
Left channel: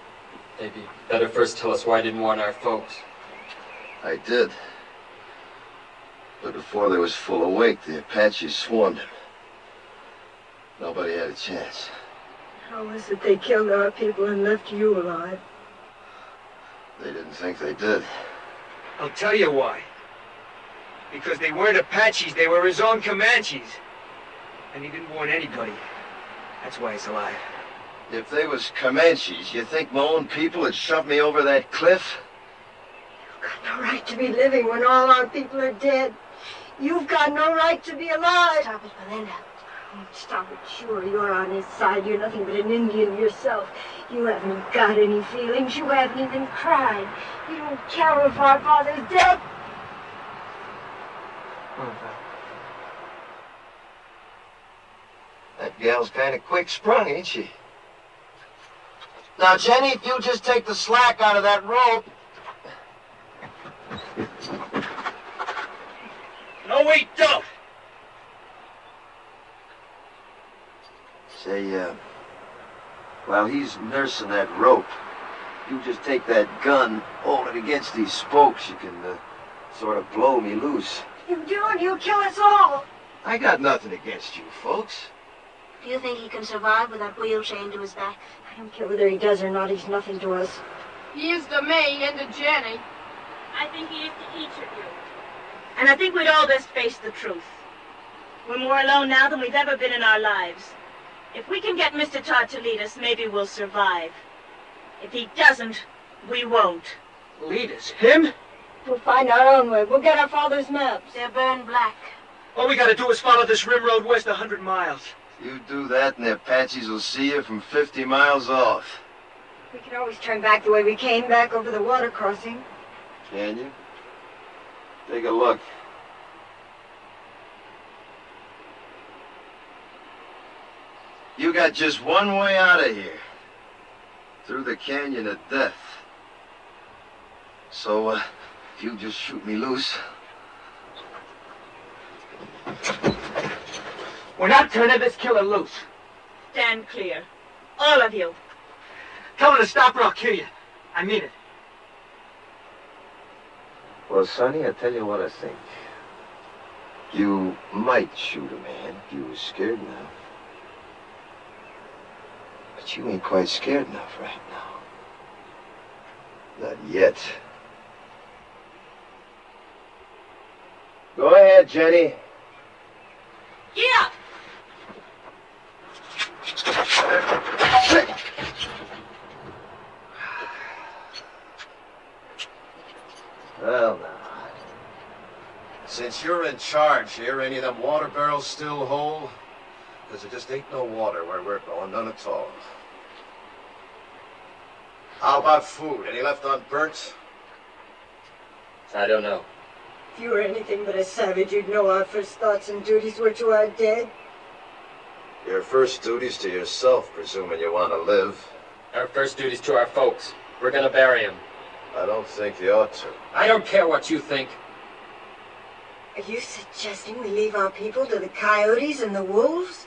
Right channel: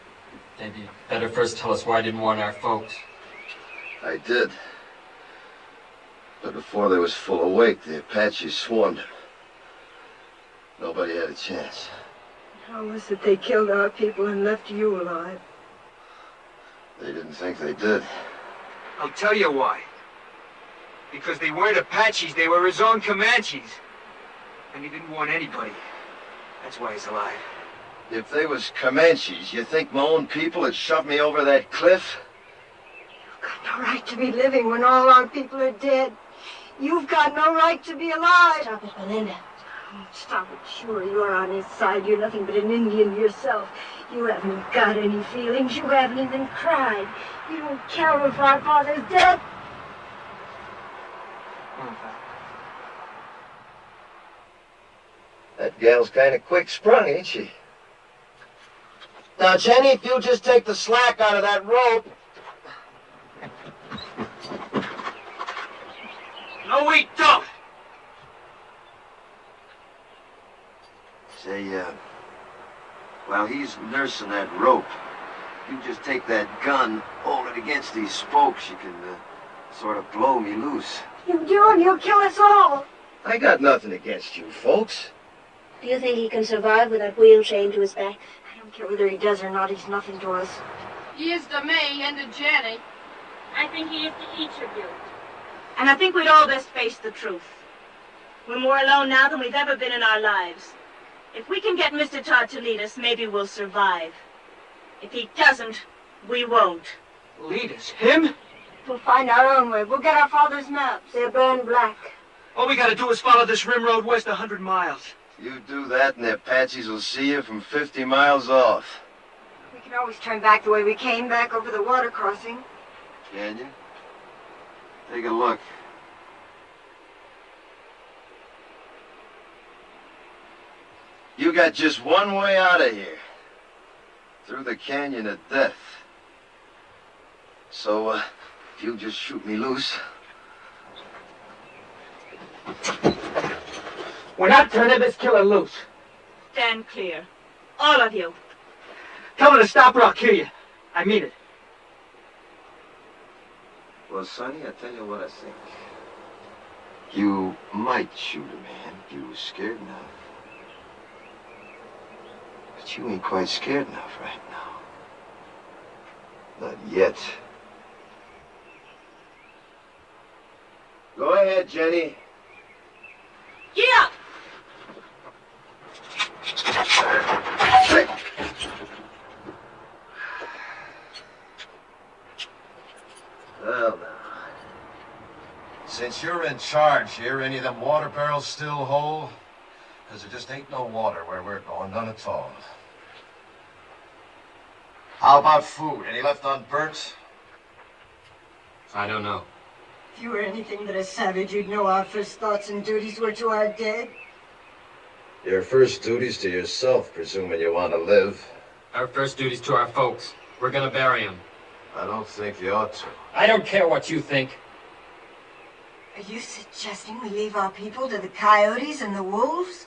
Maybe better first tell us why I didn't warn our folks. I did. But before they was full awake, the Apaches swarmed him. Nobody had a chance. How was it they killed our people and left you alive? They didn't think they did. I'll tell you why. Because they weren't Apaches, they were his own Comanches. And he didn't warn anybody. That's why he's alive. If they was Comanches, you think my own people had shoved me over that cliff? You've got no right to be living when all our people are dead. You've got no right to be alive. Stop it, Belinda. Oh, stop it. Sure, you're on his side. You're nothing but an Indian yourself. You haven't got any feelings. You haven't even cried. You don't care if our father's dead. Come on, Father. That gal's kind of quick-sprung, ain't she? Now, Jenny, if you just take the slack out of that rope... No, we don't! Say, while he's nursing that rope, you just take that gun, hold it against these spokes, you can, sort of blow me loose. You do, and you'll kill us all. I got nothing against you, folks. Do you think he can survive with that wheel chained to his back? I don't care whether he does or not, he's nothing to us. He is to me and to Jenny. I think he is to each of you. And I think we'd all best face the truth. We're more alone now than we've ever been in our lives. If we can get Mr. Todd to lead us, maybe we'll survive. If he doesn't, we won't. Lead us? Him? We'll find our own way. We'll get our father's maps. They're burned black. All we gotta do is follow this rim road west 100 miles. You do that and the Apaches will see you from 50 miles off. We can always turn back the way we came, back over the water crossing. Can you? Take a look. You got just one way out of here. Through the canyon of death. So, if you just shoot me loose... We're not turning this killer loose. Stand clear. All of you. Tell him to stop or I'll kill you. I mean it. Well, Sonny, I tell you what I think. You might shoot a man if you were scared enough. But you ain't quite scared enough right now. Not yet. Go ahead, Jenny. Yeah! Well, now. Since you're in charge here, any of them water barrels still whole? Because there just ain't no water where we're going, none at all. How about food? Any left unburnt? I don't know. If you were anything but a savage, you'd know our first thoughts and duties were to our dead. Your first duty's to yourself, presuming you want to live. Our first duty's to our folks. We're gonna bury him. I don't think you ought to. I don't care what you think. Are you suggesting we leave our people to the coyotes and the wolves?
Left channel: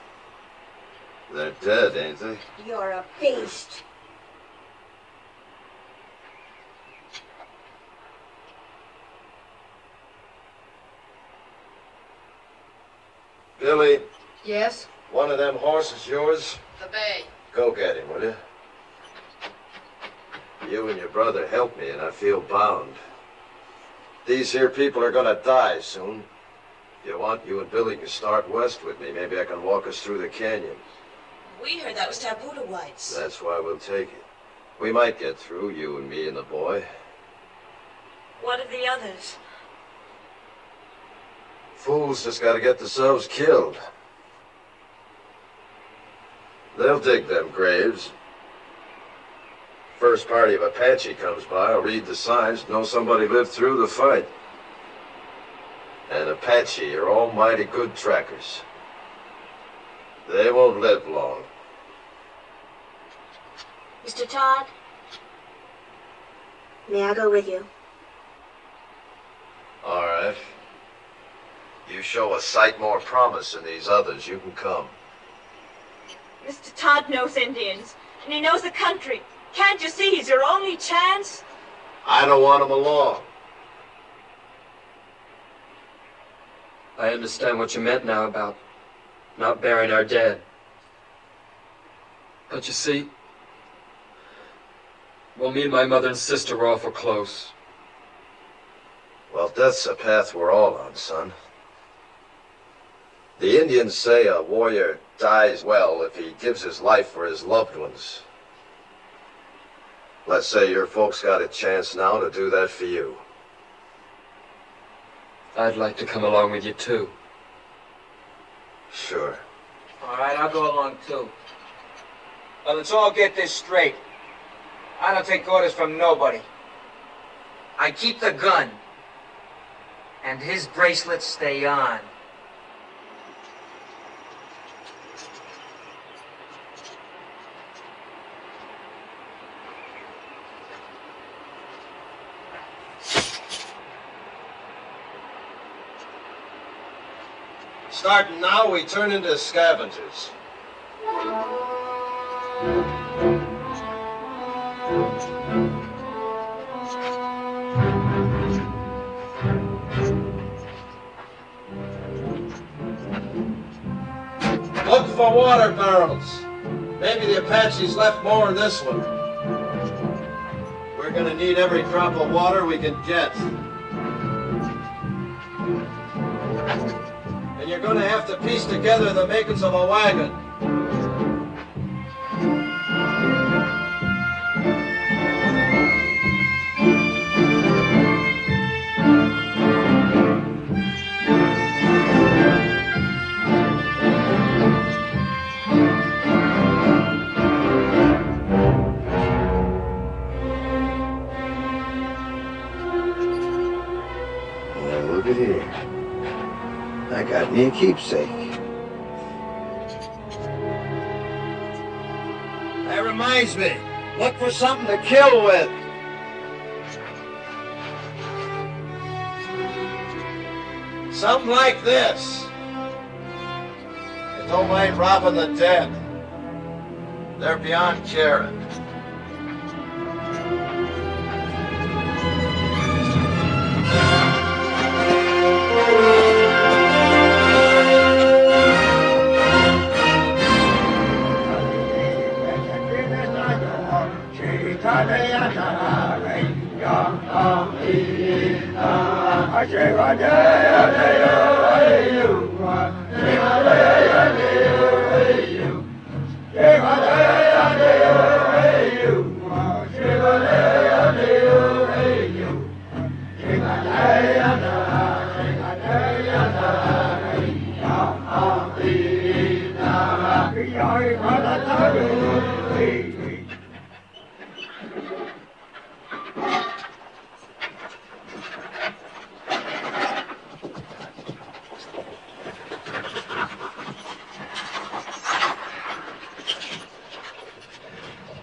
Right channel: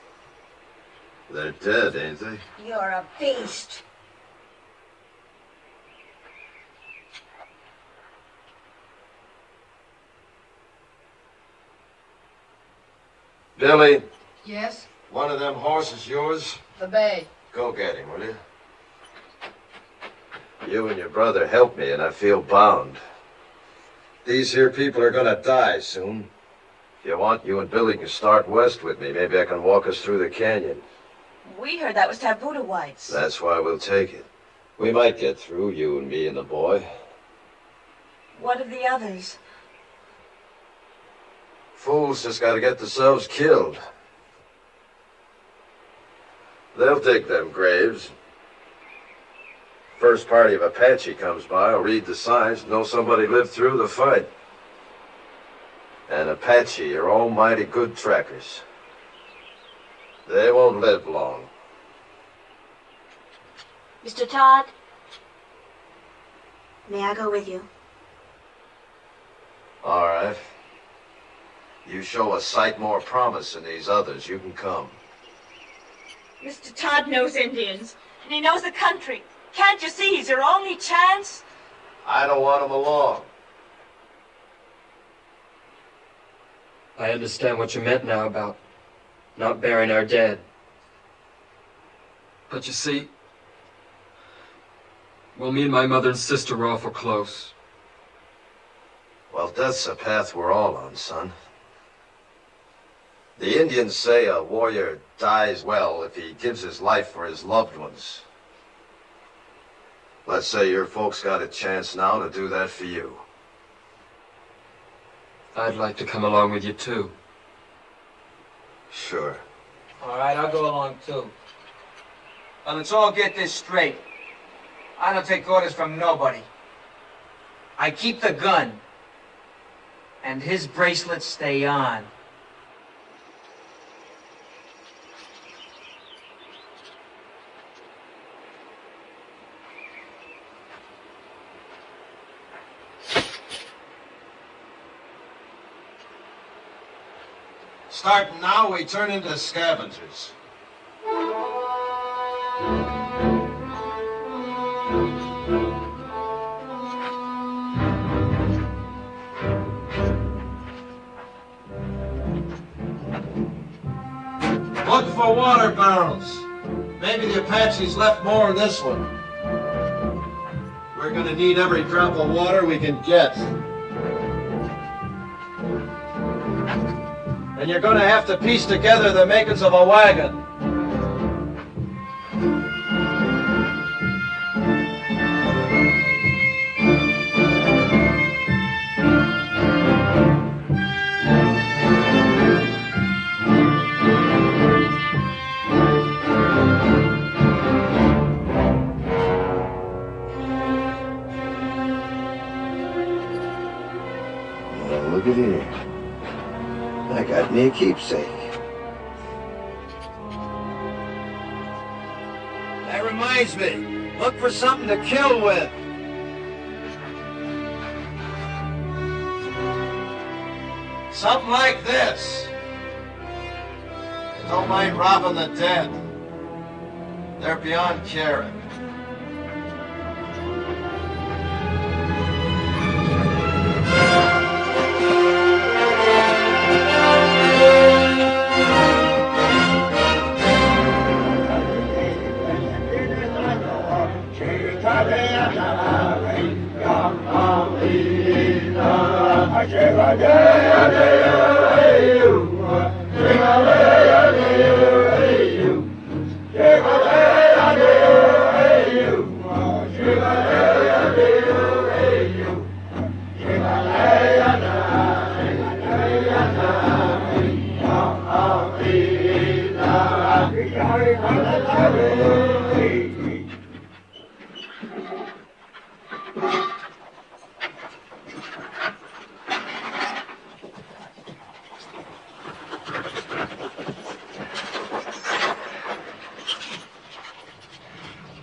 They're dead, ain't they? You're a beast. Billy, Yes? one of them horses yours? The bay. Go get him, will you? You and your brother helped me, and I feel bound. These here people are gonna die soon. If you want, you and Billy can start west with me. Maybe I can walk us through the canyon. We heard that was taboo to whites. That's why we'll take it. We might get through, you and me and the boy. What of the others? Fools just gotta get themselves killed. They'll dig them graves. First party of Apache comes by, will read the signs, know somebody lived through the fight. And Apache are almighty good trackers. They won't live long. Mr. Todd, may I go with you? All right. You show a sight more promise than these others, you can come. Mr. Todd knows Indians, and he knows the country. Can't you see he's your only chance? I don't want him along. I understand what you meant now about not burying our dead. But you see, well, me and my mother and sister were awful close. Well, death's a path we're all on, son. The Indians say a warrior dies well if he gives his life for his loved ones. Let's say your folks got a chance now to do that for you. I'd like to come along with you, too. Sure. All right, I'll go along, too. Well, let's all get this straight. I don't take orders from nobody. I keep the gun. And his bracelets stay on. Starting now, we turn into scavengers. Look for water barrels. Maybe the Apaches left more in this one. We're gonna need every drop of water we can get. And you're gonna have to piece together the makings of a wagon. Well, look at here. I got me a keepsake. That reminds me, look for something to kill with. Something like this. And don't mind robbing the dead. They're beyond caring.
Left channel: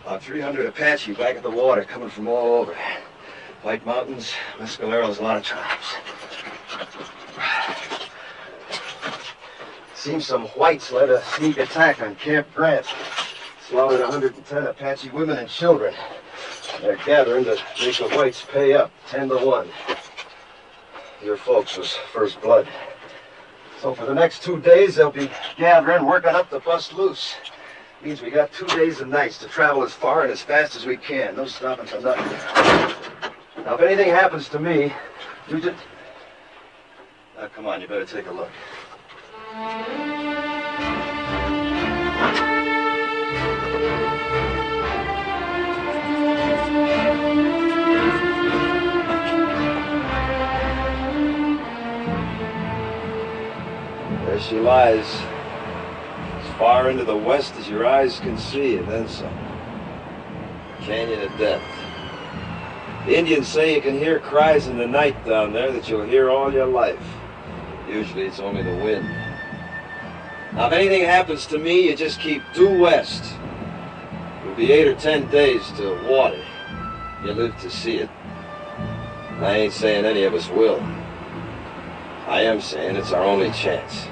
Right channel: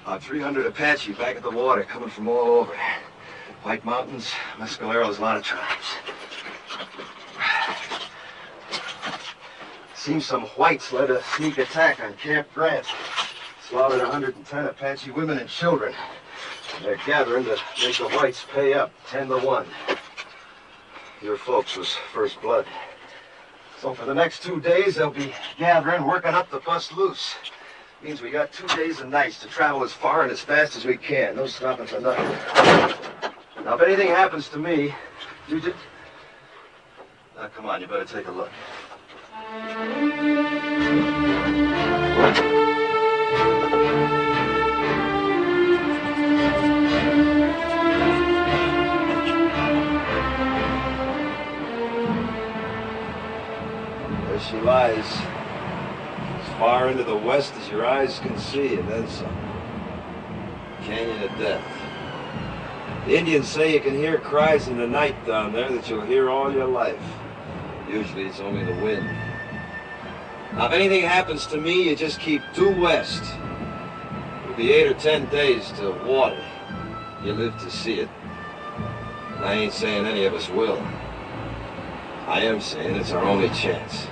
About 300 Apache back at the water, coming from all over. White Mountains, Mescaleros, a lot of tribes. Seems some whites led a sneak attack on Camp Grant. Slaughtered 110 Apache women and children. They're gathering to make the whites pay up, 10-1. Your folks was first blood. So for the next 2 days, they'll be gathering, working up to bust loose. Means we got 2 days and nights to travel as far and as fast as we can. No stopping for nothing. Now, if anything happens to me, you just... Now, come on, you better take a look. There she lies, as far into the west as your eyes can see, and then some. Canyon of Death. The Indians say you can hear cries in the night down there that you'll hear all your life. Usually it's only the wind. Now, if anything happens to me, you just keep due west. It'll be 8 or 10 days to water. You live to see it. I ain't saying any of us will. I am saying it's our only chance.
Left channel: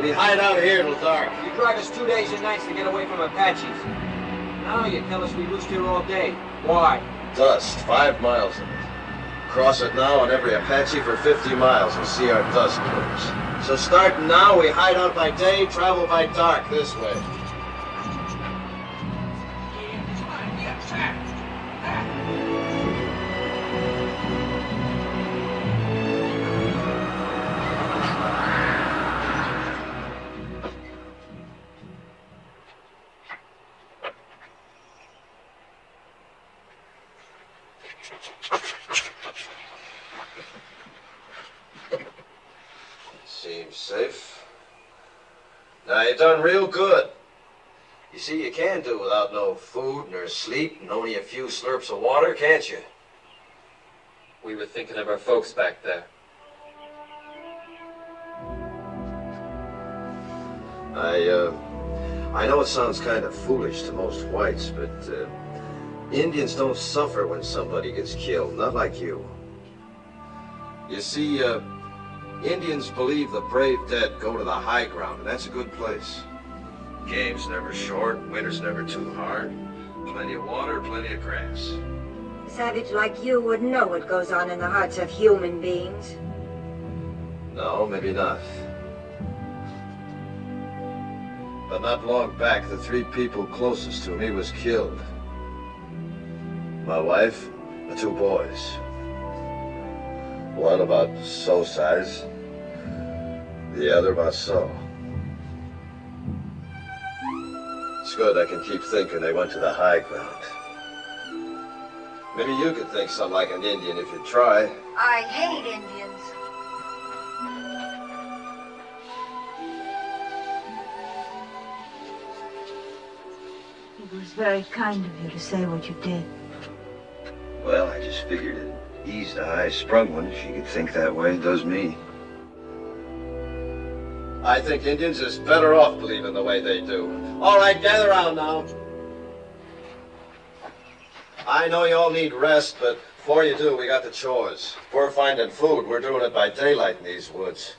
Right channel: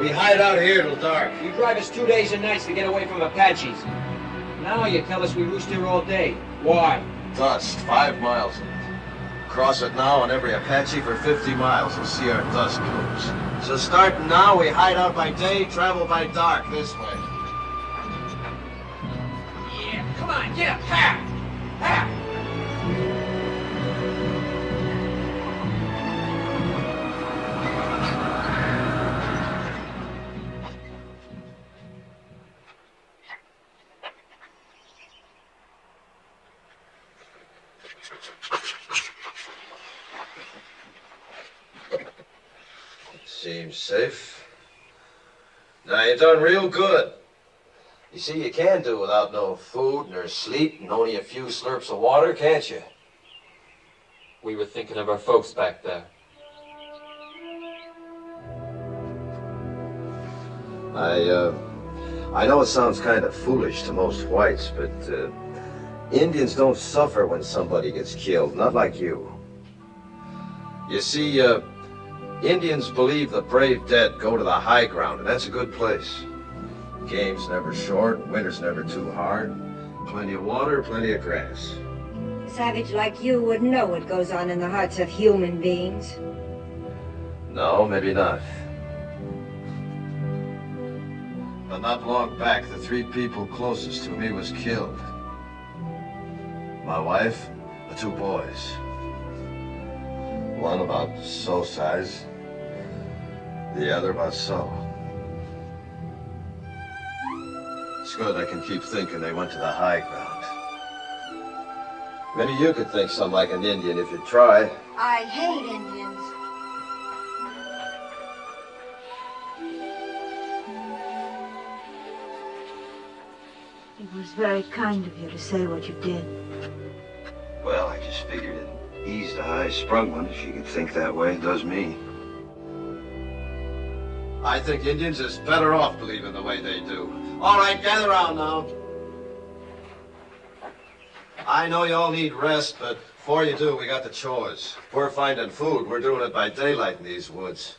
We hide out here till dark. You drive us 2 days and nights to get away from Apaches. Now you tell us we roost here all day. Why? Dust, 5 miles of it. Cross it now on every Apache for 50 miles and see our dust plumes. So starting now, we hide out by day, travel by dark this way. Yeah, come on, yeah, ha! Ha! Seems safe. Now, you done real good. You see, you can do without no food nor sleep and only a few slurps of water, can't you? We were thinking of our folks back there. I know it sounds kind of foolish to most whites, but Indians don't suffer when somebody gets killed, not like you. You see, Indians believe the brave dead go to the high ground, and that's a good place. Game's never short, winter's never too hard. Plenty of water, plenty of grass. A savage like you wouldn't know what goes on in the hearts of human beings. No, maybe not. But not long back, the 3 people closest to me was killed. My wife, the 2 boys. One about so size, the other about so. It's good I can keep thinking they went to the high ground. Maybe you could think something like an Indian if you'd try. I hate Indians. It was very kind of you to say what you did. Well, I just figured it eased a high-sprung one if you could think that way. It does me. I think Indians is better off believing the way they do. All right, gather around now. I know you all need rest, but before you do, we got the chores. If we're finding food, we're doing it by daylight in these woods.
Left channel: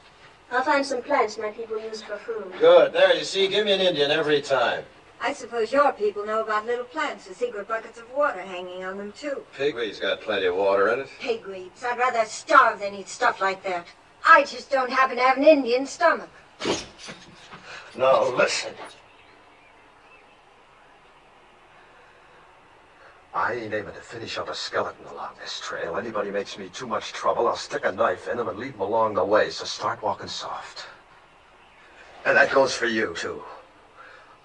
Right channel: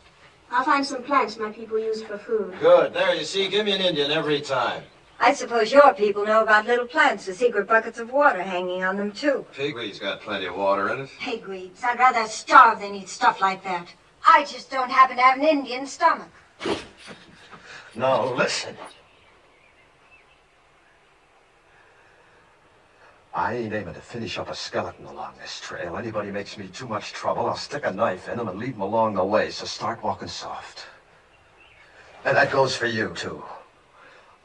I'll find some plants my people use for food. Good. There, you see, give me an Indian every time. I suppose your people know about little plants with secret buckets of water hanging on them, too. Pigweed's got plenty of water in it. Pigweeds. I'd rather starve than eat stuff like that. I just don't happen to have an Indian stomach. Now, listen. I ain't aiming to finish up a skeleton along this trail. Anybody makes me too much trouble, I'll stick a knife in them and leave them along the way, so start walking soft. And that goes for you, too.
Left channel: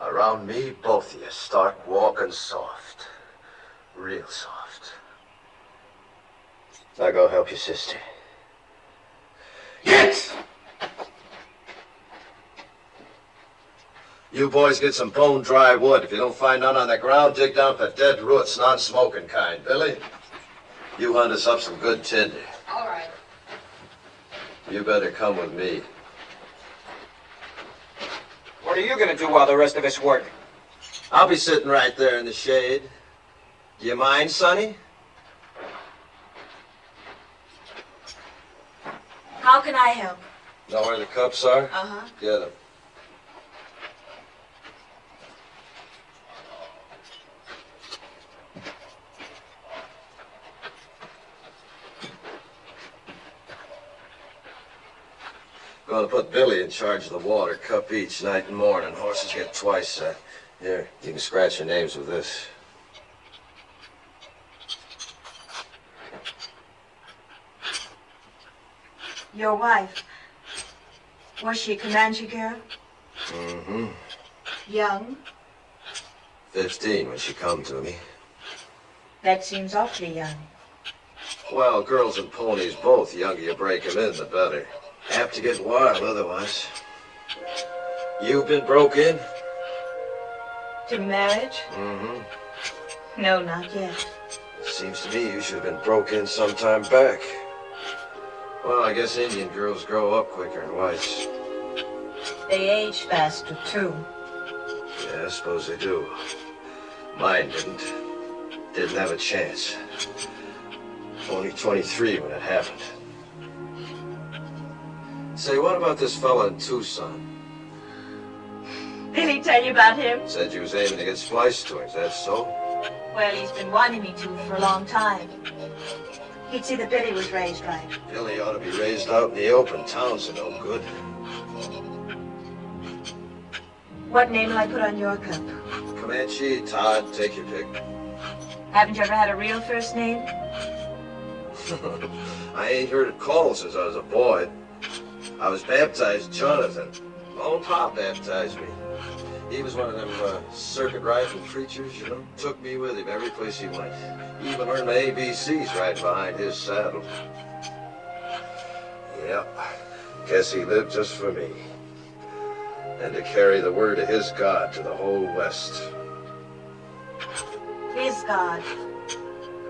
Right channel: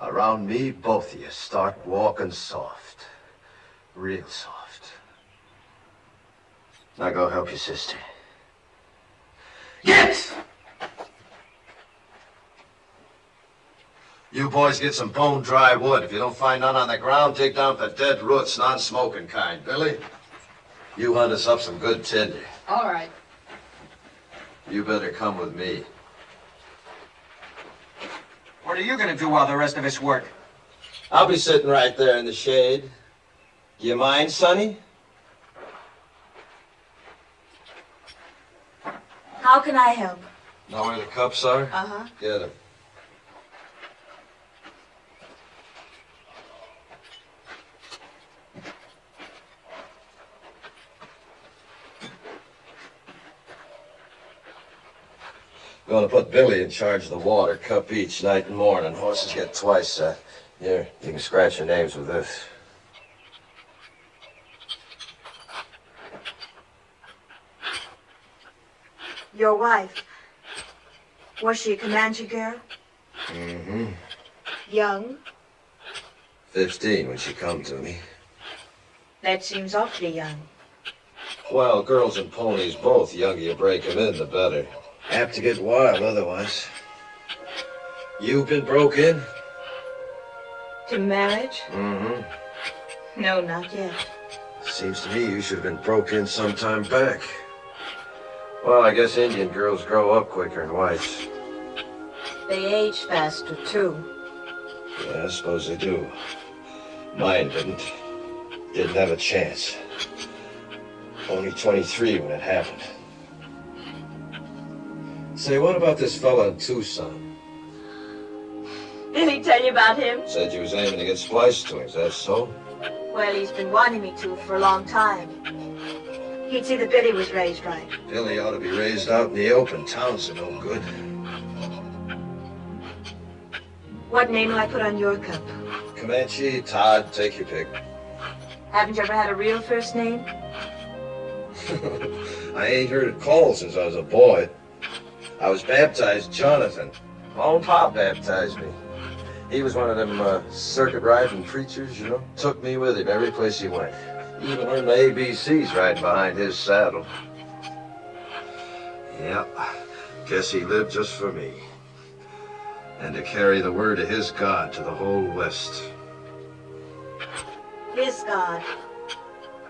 Around me, both of you, start walking soft. Real soft. Now go help your sister. Get! You boys get some bone dry wood. If you don't find none on the ground, dig down for dead roots, non-smoking kind. Billy, you hunt us up some good tinder. All right. You better come with me. What are you gonna do while the rest of us work? I'll be sitting right there in the shade. Do you mind, Sonny? How can I help? Know where the cups are? Uh-huh. Get them. Gonna put Billy in charge of the water, cup each, night and morning. Horses get twice. Here, you can scratch your names with this. Your wife. Was she a Comanche girl? Mm-hmm. Young? 15 when she come to me. That seems awfully young. Well, girls and ponies both. The younger you break them in, the better. Apt to get wild otherwise. You've been broke in? To marriage? Mm-hmm. No, not yet. Seems to me you should have been broke in some time back. Well, I guess Indian girls grow up quicker than whites. They age faster, too. Yeah, I suppose they do. Mine didn't. Didn't have a chance. Only 23 when it happened. Say, what about this fella in Tucson? Did he tell you about him? Said you was aiming to get spliced to him, is that so? Well, he's been wanting me to for a long time. He'd see that Billy was raised right. Billy ought to be raised out in the open. Towns are no good. What name will I put on your cup? Comanche, Todd, take your pick. Haven't you ever had a real first name? I ain't heard it called since I was a boy. I was baptized Jonathan. My own pop baptized me. He was one of them circuit riding preachers, you know. Took me with him every place he went. Even learned my ABCs riding behind his saddle. Yeah, guess he lived just for me. And to carry the word of his God to the whole West. His God.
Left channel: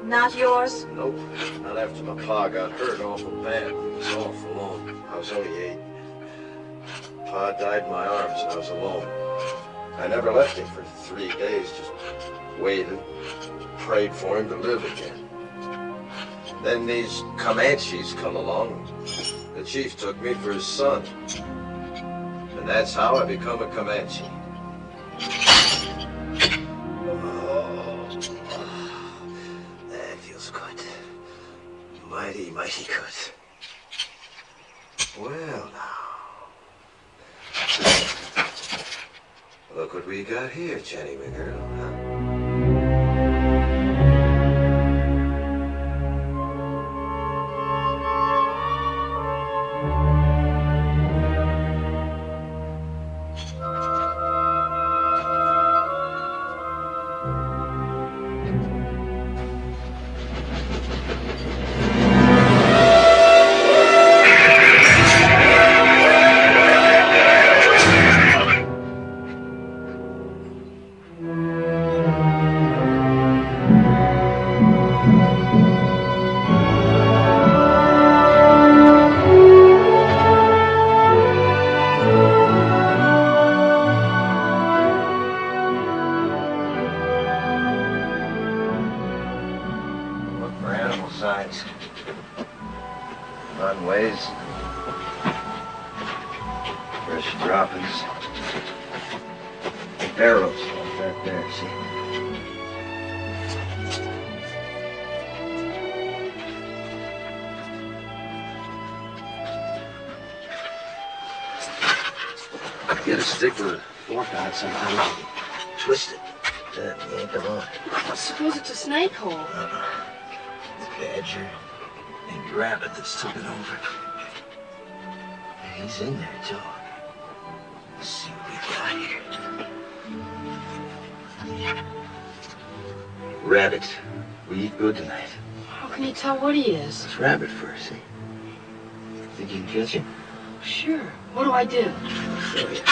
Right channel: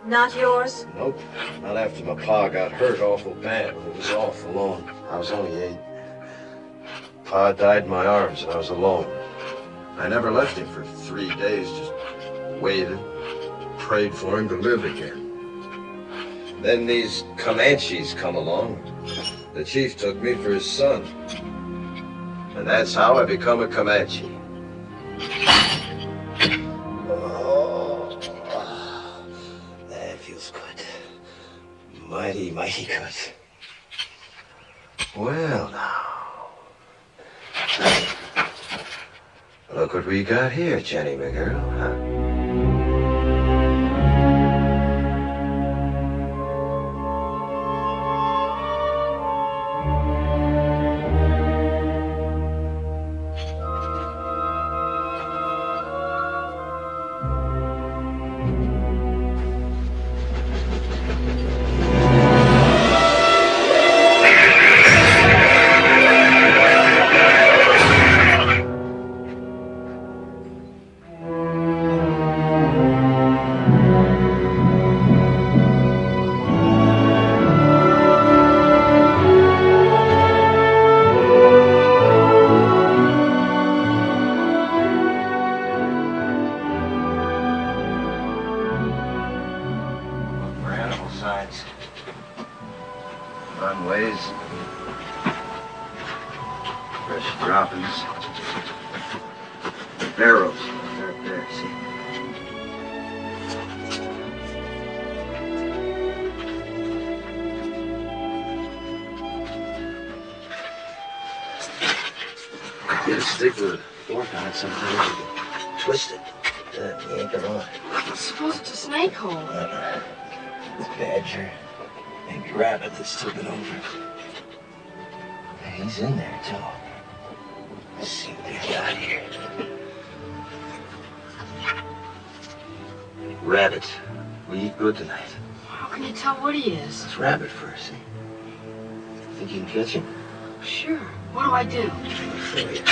Not yours? Nope, not after my pa got hurt awful bad. He was awful alone. I was only 8. Pa died in my arms and I was alone. I never left him for 3 days, just waited, prayed for him to live again. Then these Comanches come along. The chief took me for his son. And that's how I become a Comanche. Oh, that feels good. Mighty, mighty good. Well, now. Look what we got here, Jenny, my girl, huh? Runways, fresh droppings, barrels like that there, see? Get a stick with a fork on it sometimes, you can twist it, Yank him on. Suppose it's a snake hole. It's badger, maybe rabbit that's took it over. He's in there, too. Let's see what we got here. Rabbit. We eat good tonight. How can you tell what he is? It's rabbit first, see? Think you can catch him? Sure. What do I do? Show you.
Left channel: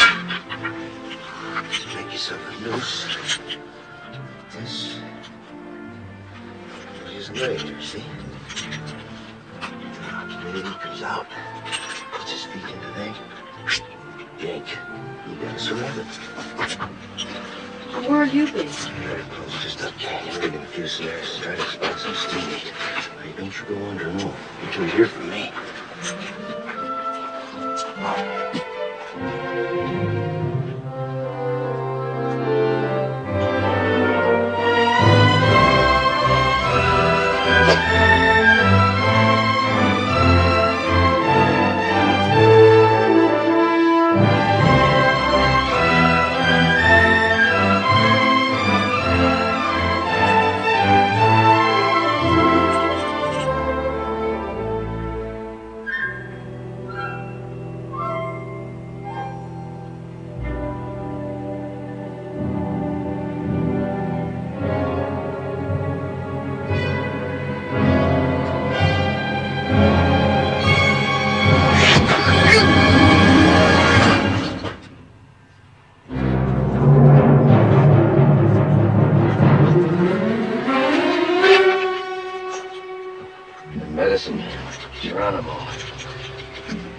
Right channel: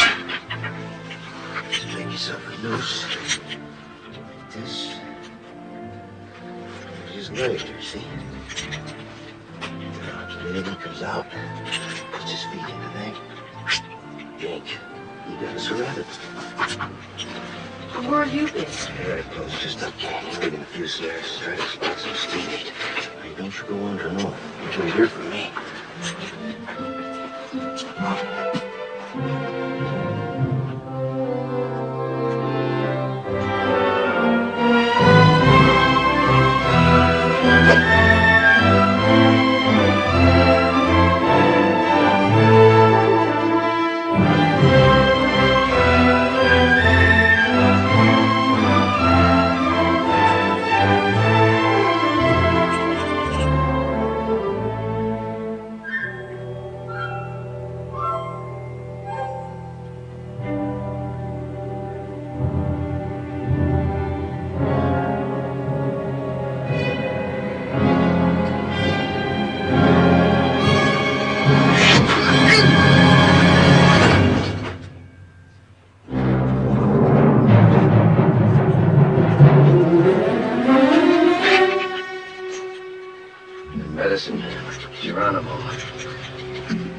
Just make yourself a noose. Like this. Just lay it there, see? Then he comes out, puts his feet in the neck. Yank. You got us a rabbit. Where have you been? Right close, just up canyon, digging a few snares, try to spot some steam meat. Now, don't you go under no until you hear from me.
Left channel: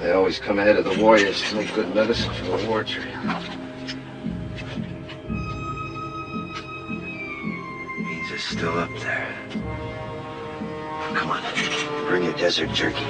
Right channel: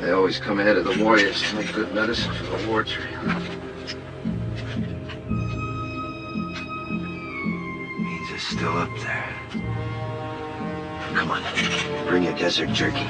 They always come ahead of the warriors to make good medicine for the war tree. Means are still up there. Come on, bring your desert jerky.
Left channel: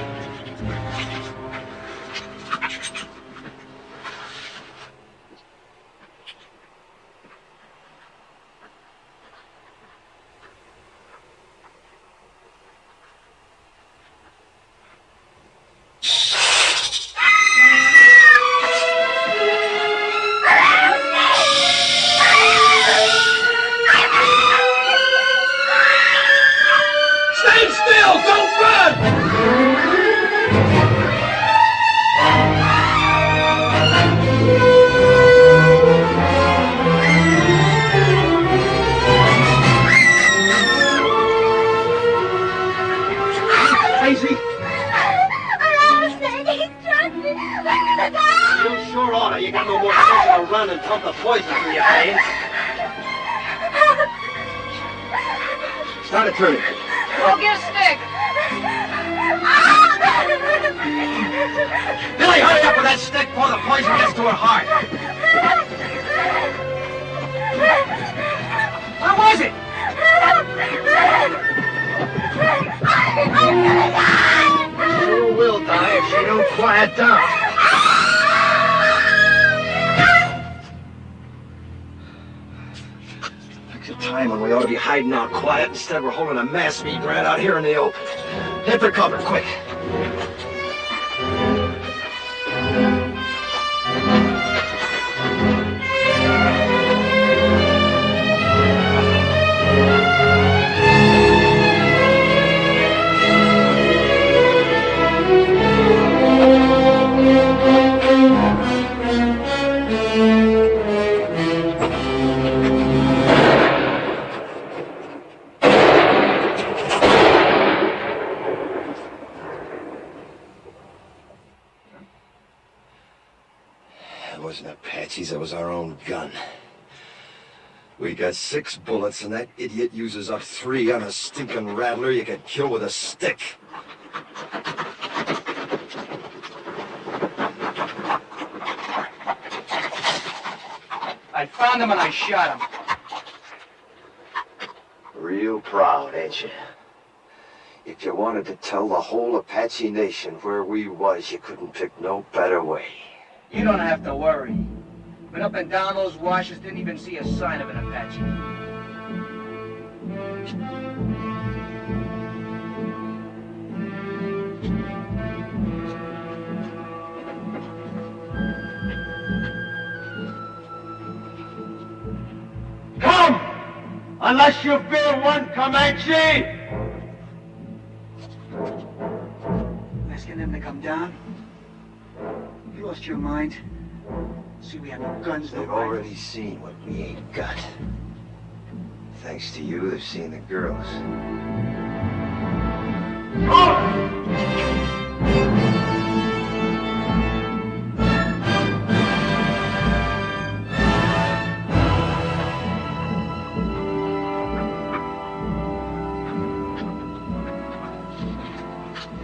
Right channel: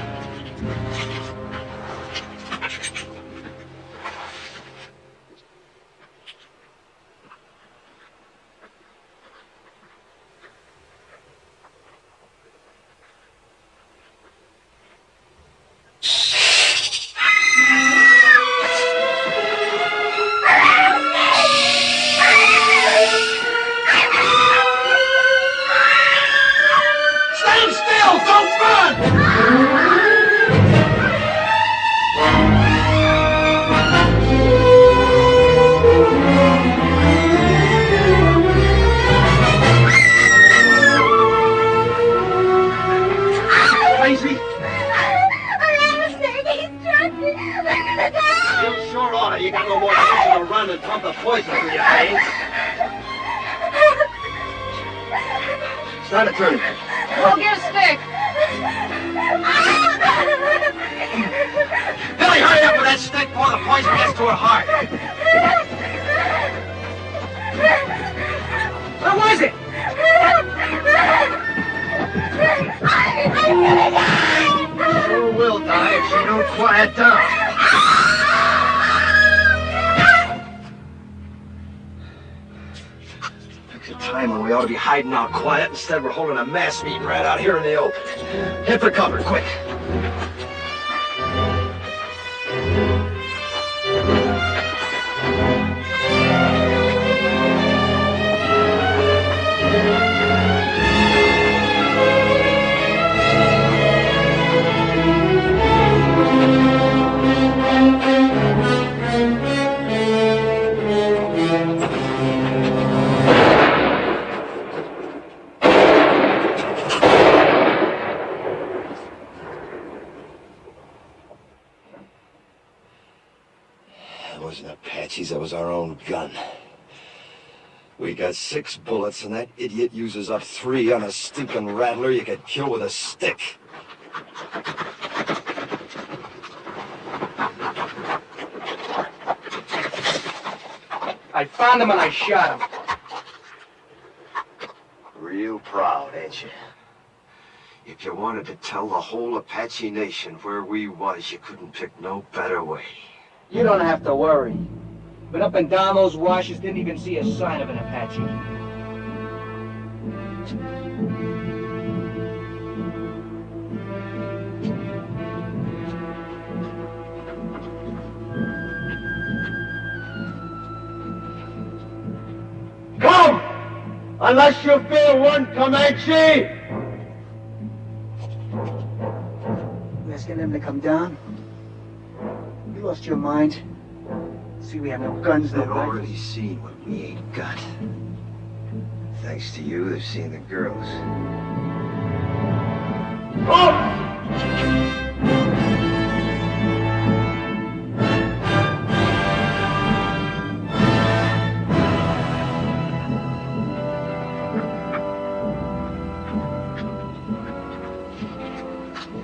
Hiding out quiet. Instead, we're holding a mass meeting right out here in the open. Head for cover, quick. That was our own gun. We got 6 bullets, and that idiot uses up 3 on a stinking rattler you could kill with a stick. I found him and I shot him. Real proud, ain't you? If you wanted to tell the whole Apache nation where we was, you couldn't pick no better way. You don't have to worry. Been up and down those washes, didn't even see a sign of an Apache. Come! Unless you fear one Comanche! You asking them to come down? You lost your mind? See, we have no guns, no They've rifles. already seen what we ain't got. Thanks to you, they've seen the girls.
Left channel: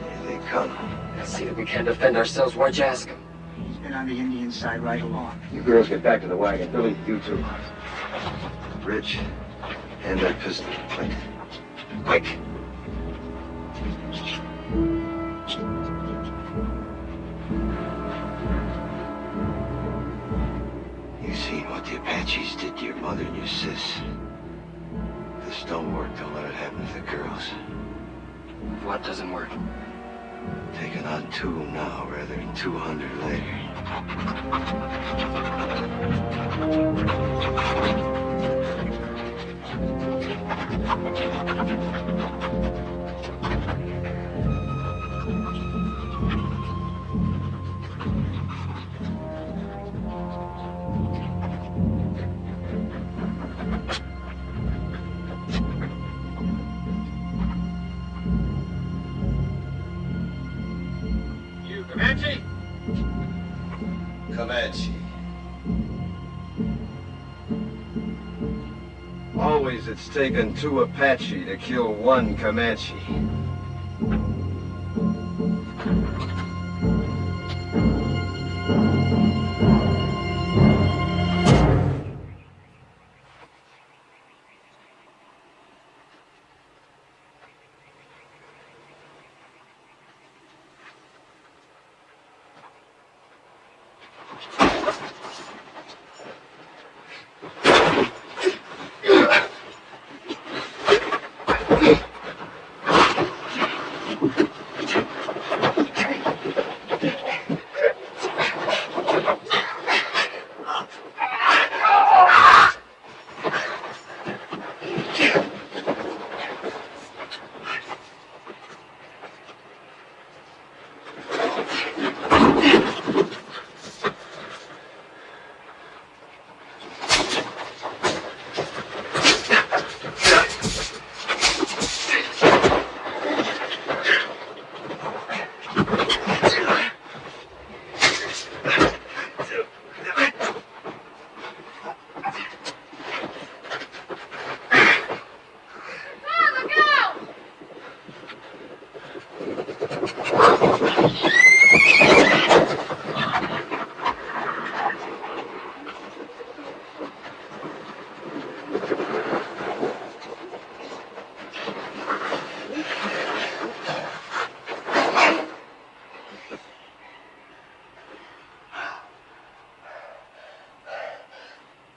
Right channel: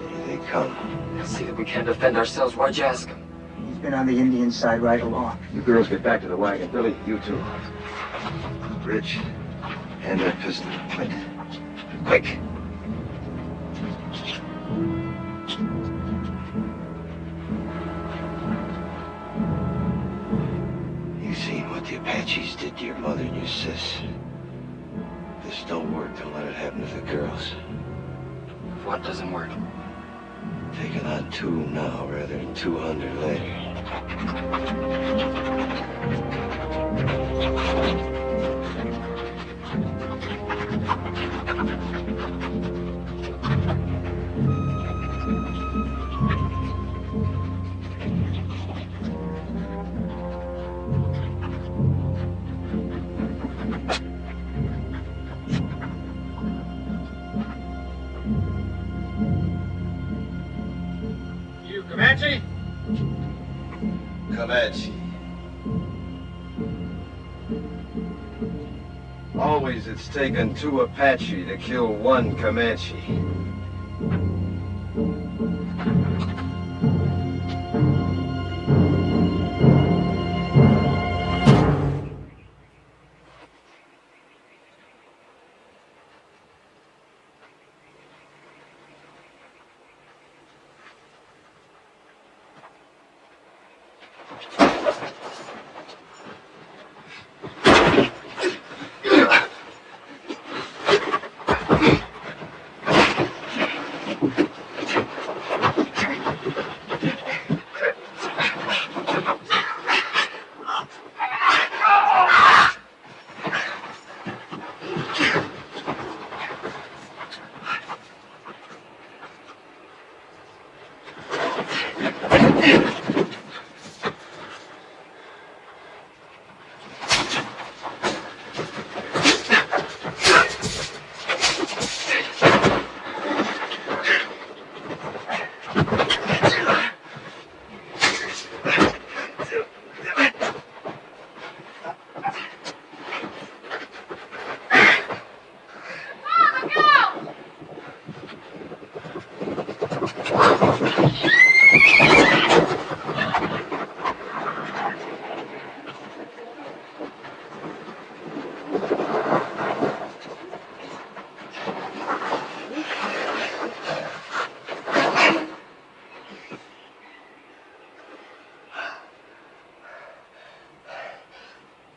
Here they come. See that we can't defend ourselves. Why'd you ask him? He's been on the Indian side right along. You girls get back to the wagon. Billy, you too. Rich, hand that pistol. Quick. Quick! You seen what the Apaches did to your mother and your sis. This don't work, don't let it happen to the girls. What doesn't work? Taking on 2 now rather than 200 later. You Comanche? Comanche. Always it's taken 2 Apache to kill 1 Comanche.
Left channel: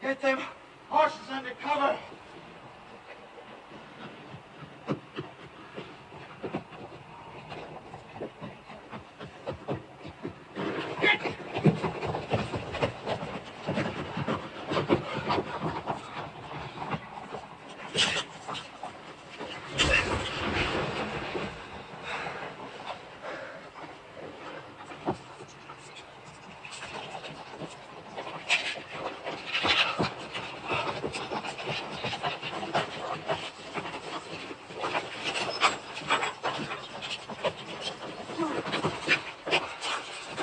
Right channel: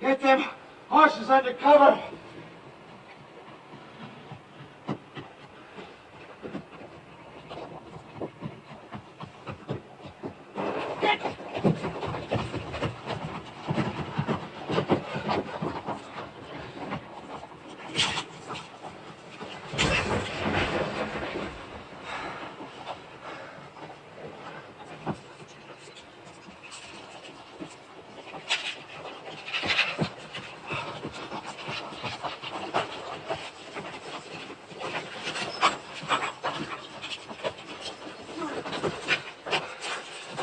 Get them horses under cover.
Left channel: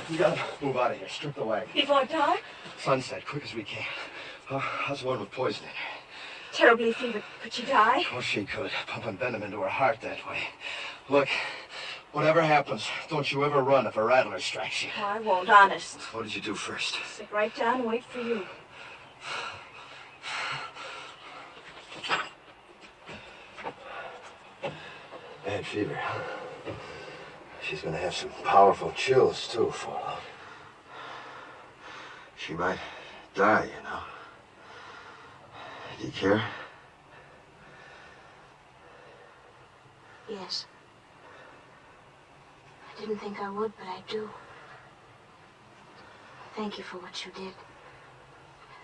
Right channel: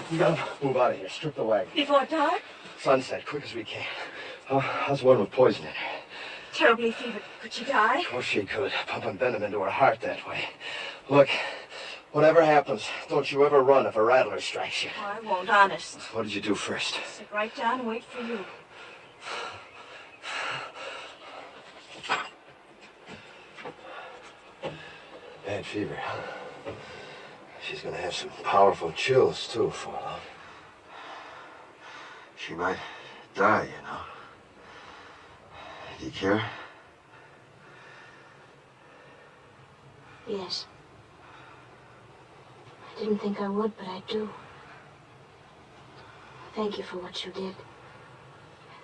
We gotta move out of here. Strip the wagon. Before dark? Sunset, quick as we can. How's the one with poison in her? Terribly fevered. Could she die? Of course she could. Pumping venom into her heart that way. Look, whatever happens, don't you ever run if a rattler strikes you. Oh, I won't, honest. What did you do first? Sit right down and wait for you. Bad fever, huh? She's gonna have some powerful chills, too, for long. She might die, you know. Do you care? Yes. I didn't think I would, but I do. Thank you for what you did.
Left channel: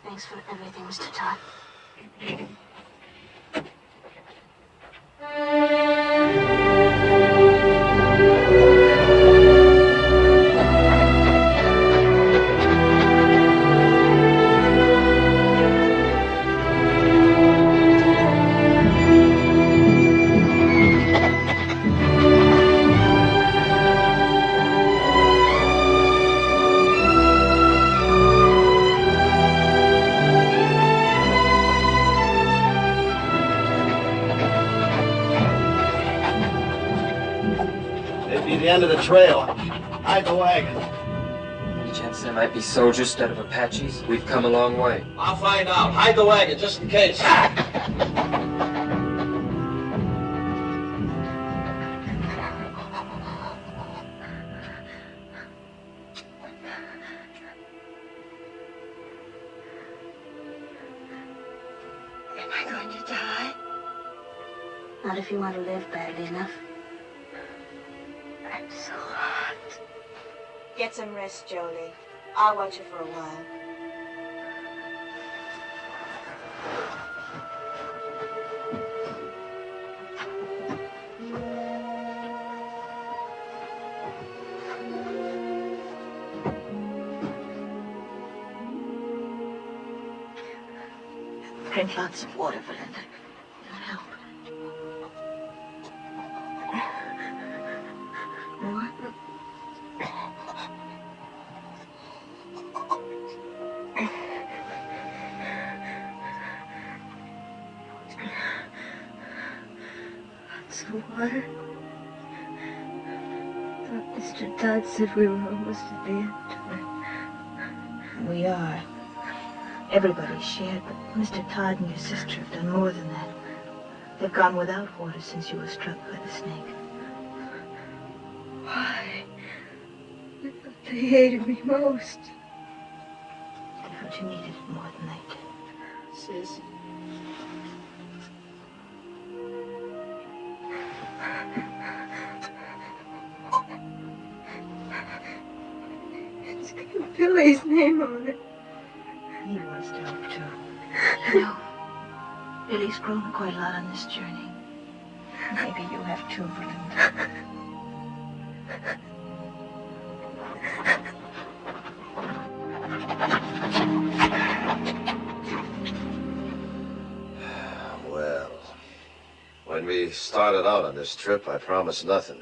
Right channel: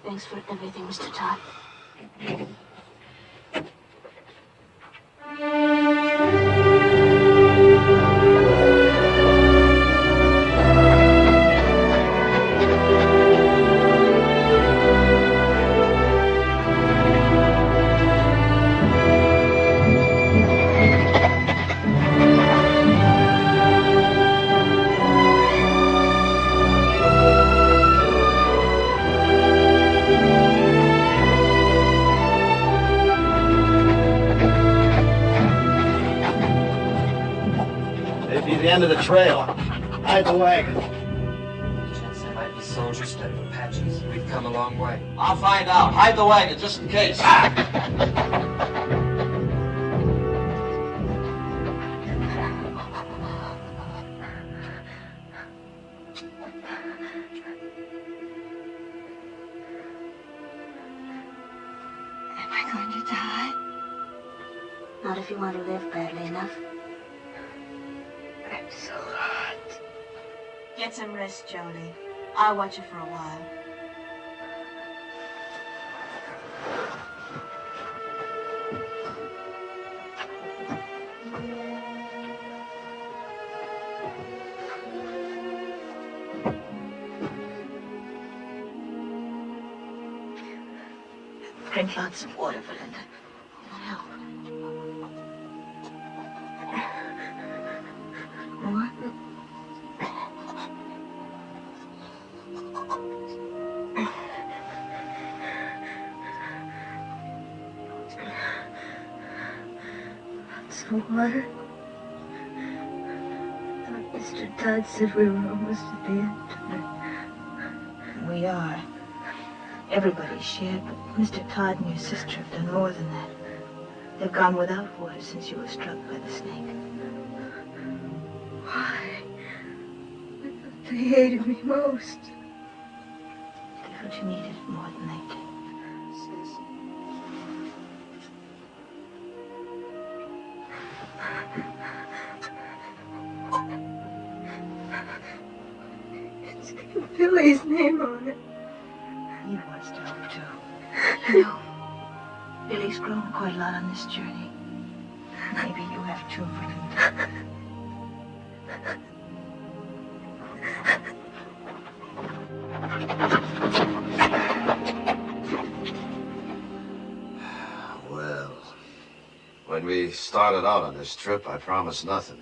Thanks for everything, Mr. Todd. the end of the trail. Hide the wagon. Any chance there might be soldiers instead of Apaches? We've come a long way. I'll find out. Hide the wagon, just in case. Am I going to die? Not if you want to live badly enough. I'm so hot. Get some rest, Jolie. I'll watch you for a while. Drink lots of water, Belinda. It'll help. More? Some water. Thought Mr. Todd said we were almost at the end. We are. Everybody's shared, but Mr. Todd and your sister have done more than that. They've gone without water since you were struck by the snake. Why? I thought they hated me most. They thought you needed it more than they did. Sis. It's got Billy's name on it. He wants to help too. No. Billy's grown quite a lot on this journey. Maybe you have too, Belinda. Well, when we started out on this trip, I promised nothing.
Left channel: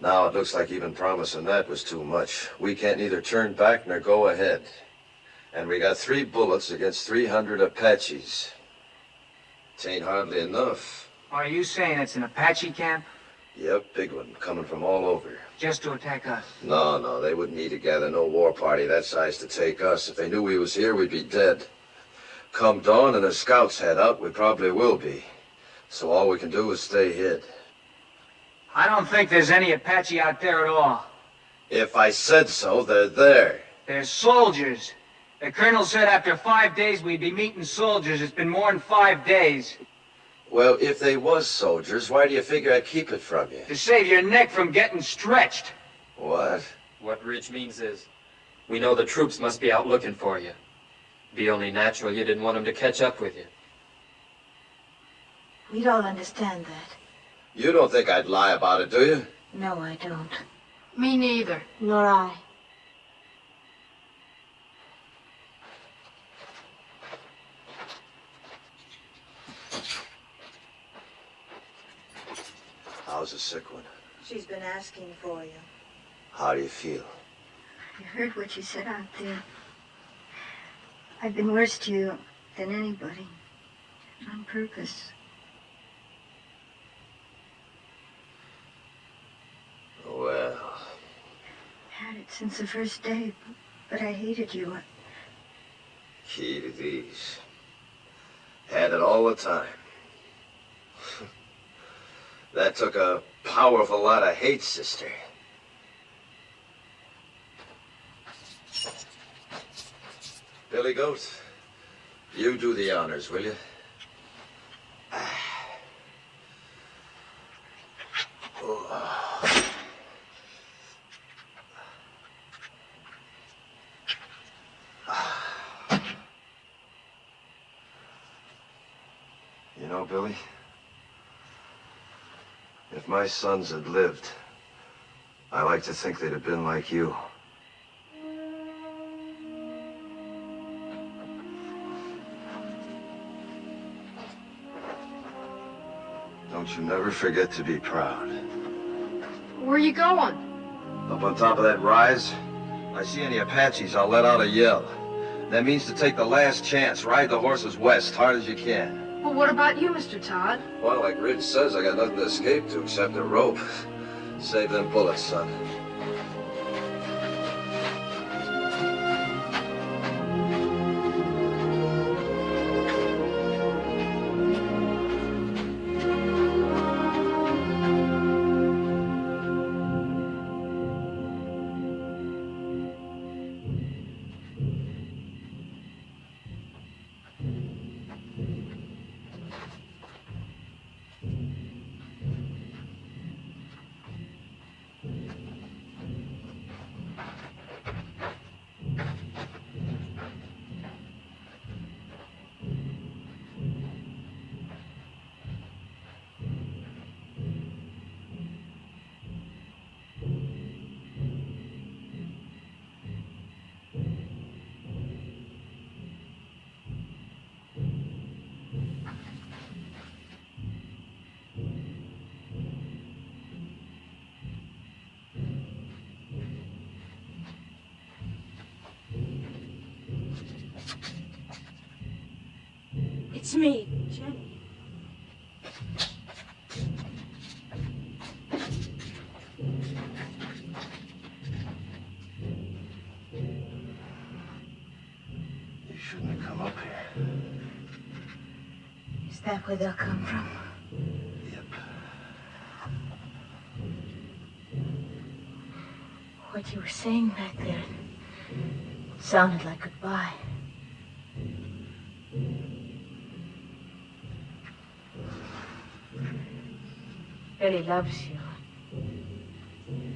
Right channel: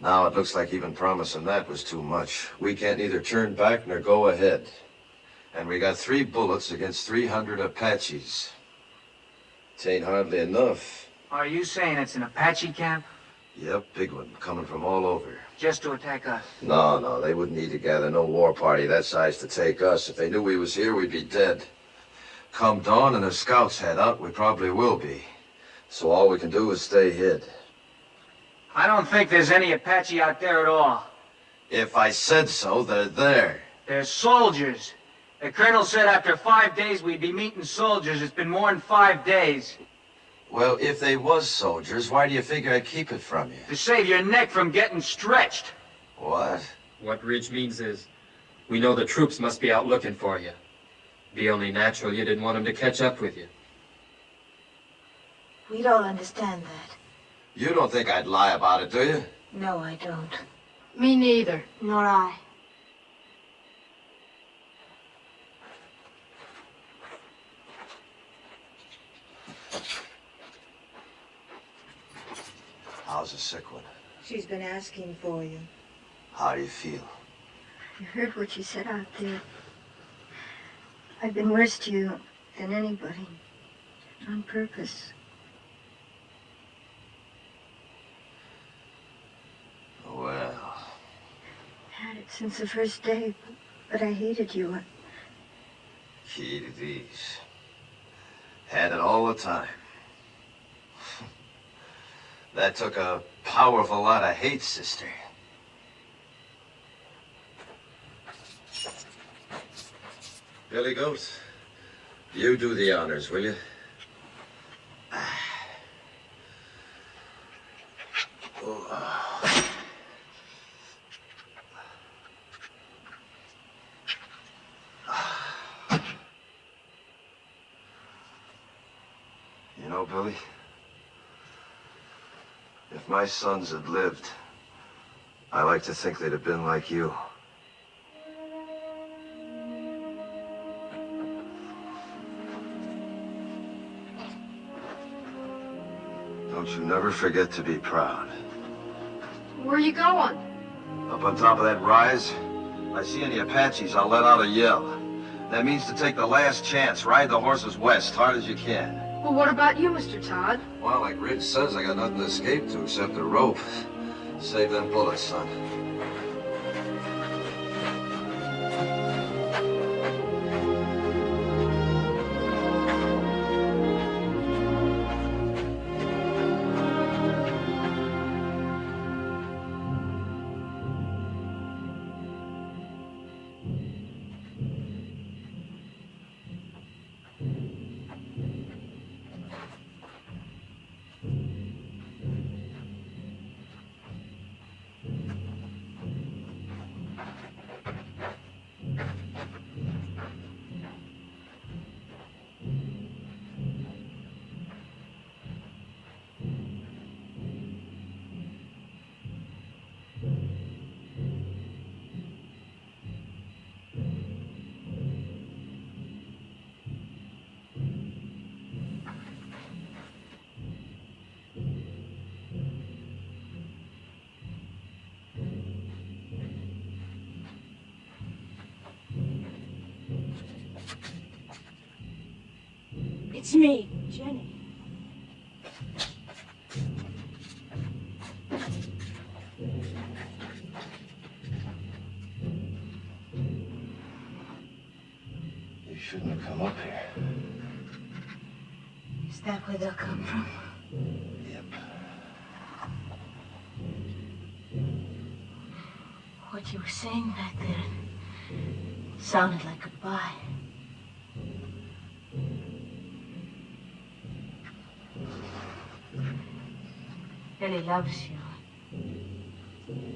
Now it looks like even promising that was too much. We can't neither turn back nor go ahead. And we got 3 bullets against 300 Apaches. It ain't hardly enough. Are you saying it's an Apache camp? Yep, big one, coming from all over. Just to attack us? No, they wouldn't need to gather no war party that size to take us. If they knew we was here, we'd be dead. Come dawn and the scouts head out, we probably will be. So all we can do is stay hid. I don't think there's any Apache out there at all. If I said so, they're there. They're soldiers. The colonel said after 5 days we'd be meeting soldiers. It's been more than 5 days. Well, if they was soldiers, why do you figure I'd keep it from you? To save your neck from getting stretched. What? What Ridge means is, we know the troops must be out looking for you. Be only natural you didn't want them to catch up with you. We don't understand that. You don't think I'd lie about it, do you? No, I don't. Me neither. Nor I. How's the sick one? She's been asking for you. How do you feel? I heard what you said out there. I've been worse to you than anybody. On purpose. Well... Had it since the first day, but I hated you. Key to these. Had it all the time. That took a powerful lot of hate, sister. Billy Goat, you do the honors, will you? You know, Billy, if my sons had lived, I like to think they'd have been like you. Don't you never forget to be proud. Where are you going? Up on top of that rise, I see any Apaches, I'll let out a yell. That means to take the last chance, ride the horses west, hard as you can. Well, what about you, Mr. Todd? Well, like Ridge says, I got nothing to escape to except a rope. Save them bullets, son. It's me, Jenny. You shouldn't have come up here. Is that where they'll come from? Yep. What you were saying back there sounded like goodbye. Billy loves you.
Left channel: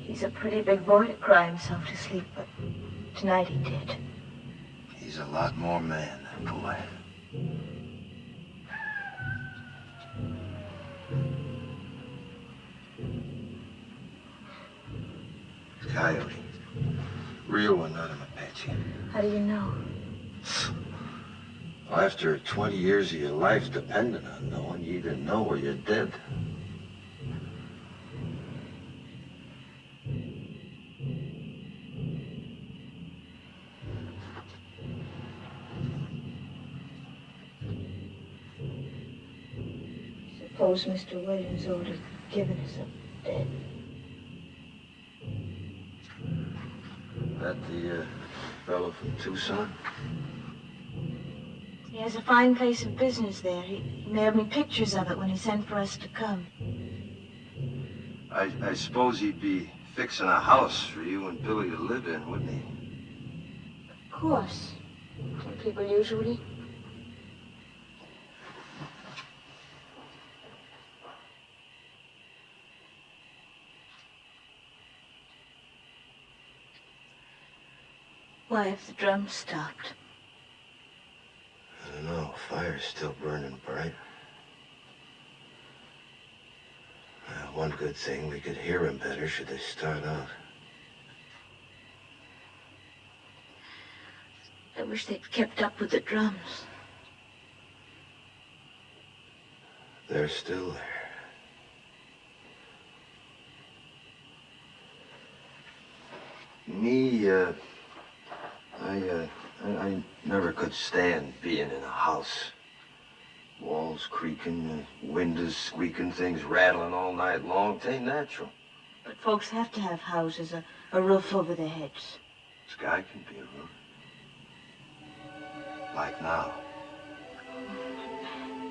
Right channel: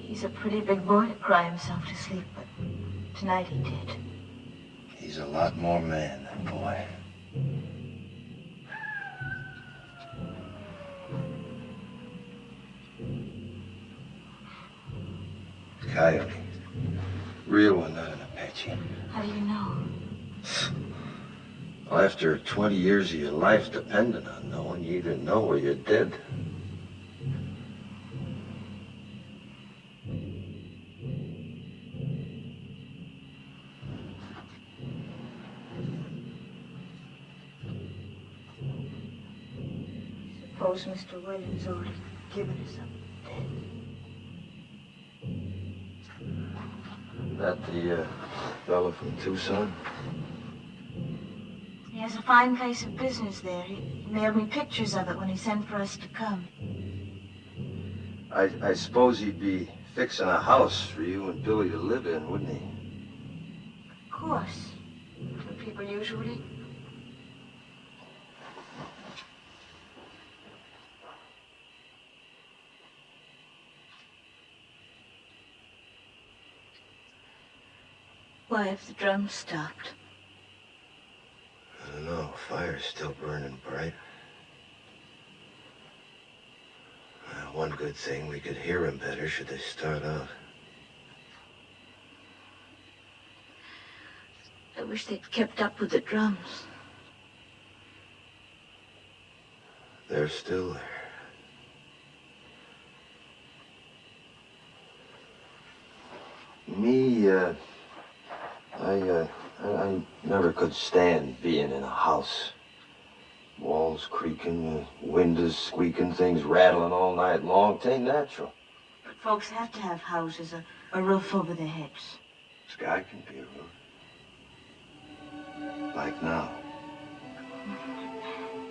He's a pretty big boy to cry himself to sleep, but tonight he did. He's a lot more man than boy. Coyote. Real one, not an Apache. How do you know? After 20 years of your life depending on knowing, you either know or you're dead. Suppose Mr. Williams ought to have given us up dead. That the fellow from Tucson? He has a fine place of business there. He mailed me pictures of it when he sent for us to come. I suppose he'd be fixing a house for you and Billy to live in, wouldn't he? Of course. Don't people usually? Why have the drums stopped? I don't know. Fire's still burning bright. One good thing, we could hear him better should they start out. I wish they'd kept up with the drums. They're still there. Me, I never could stand being in a house. Walls creaking, windows squeaking, things rattling all night long. It ain't natural. But folks have to have houses, a roof over their heads. Sky can be a roof. Like now.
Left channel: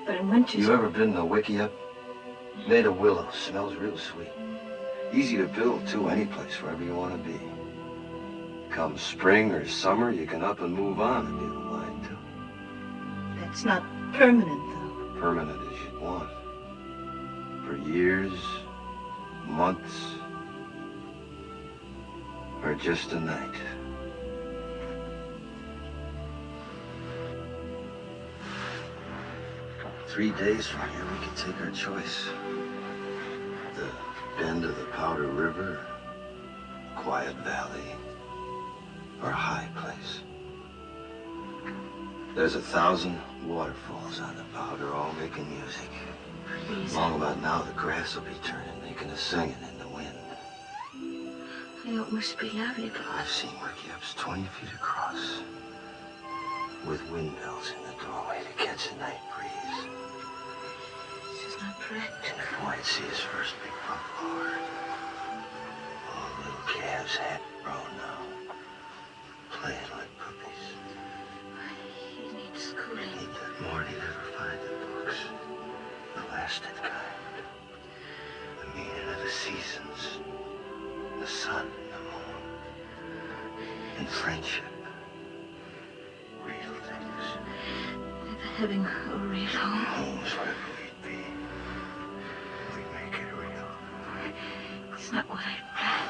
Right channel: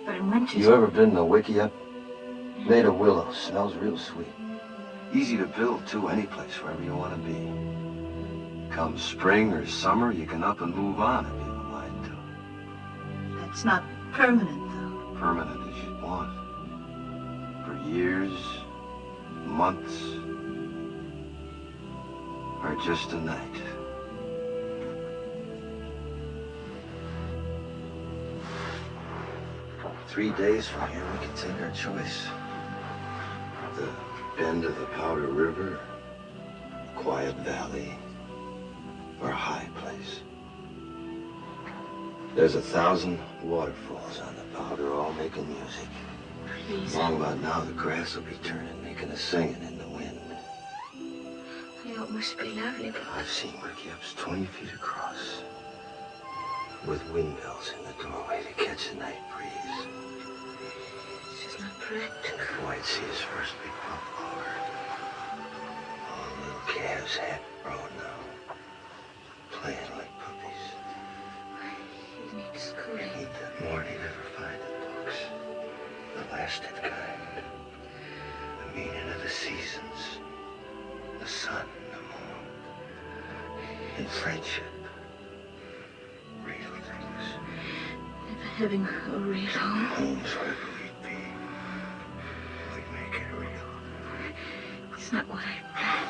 But in winter... You ever been to Wickiup? Made of willow. Smells real sweet. Easy to build, too, any place, wherever you want to be. Come spring or summer, you can up and move on if you don't mind to. That's not permanent, though. Permanent as you'd want. For years, months, or just a night. Three days from here, we can take our choice. The bend of the Powder River, quiet valley, or a high place. There's 1,000 waterfalls on the Powder, all making music. Please. Long about now, the grass will be turning, making a singing in the wind. It must be lovely, but... I've seen Wickiups 20 feet across, with windmills in the doorway to catch the night breeze. It's just not practical. And if White see his first big buffalo herd, calves half grown now, playing like puppies. He needs schooling. Need that more than he'd ever find in books. The lasted kind. The meaning of the seasons. The sun and the moon. And friendship. Real things. Never having a real home. Homes wherever we'd be. We'd make it real. It's not what I planned.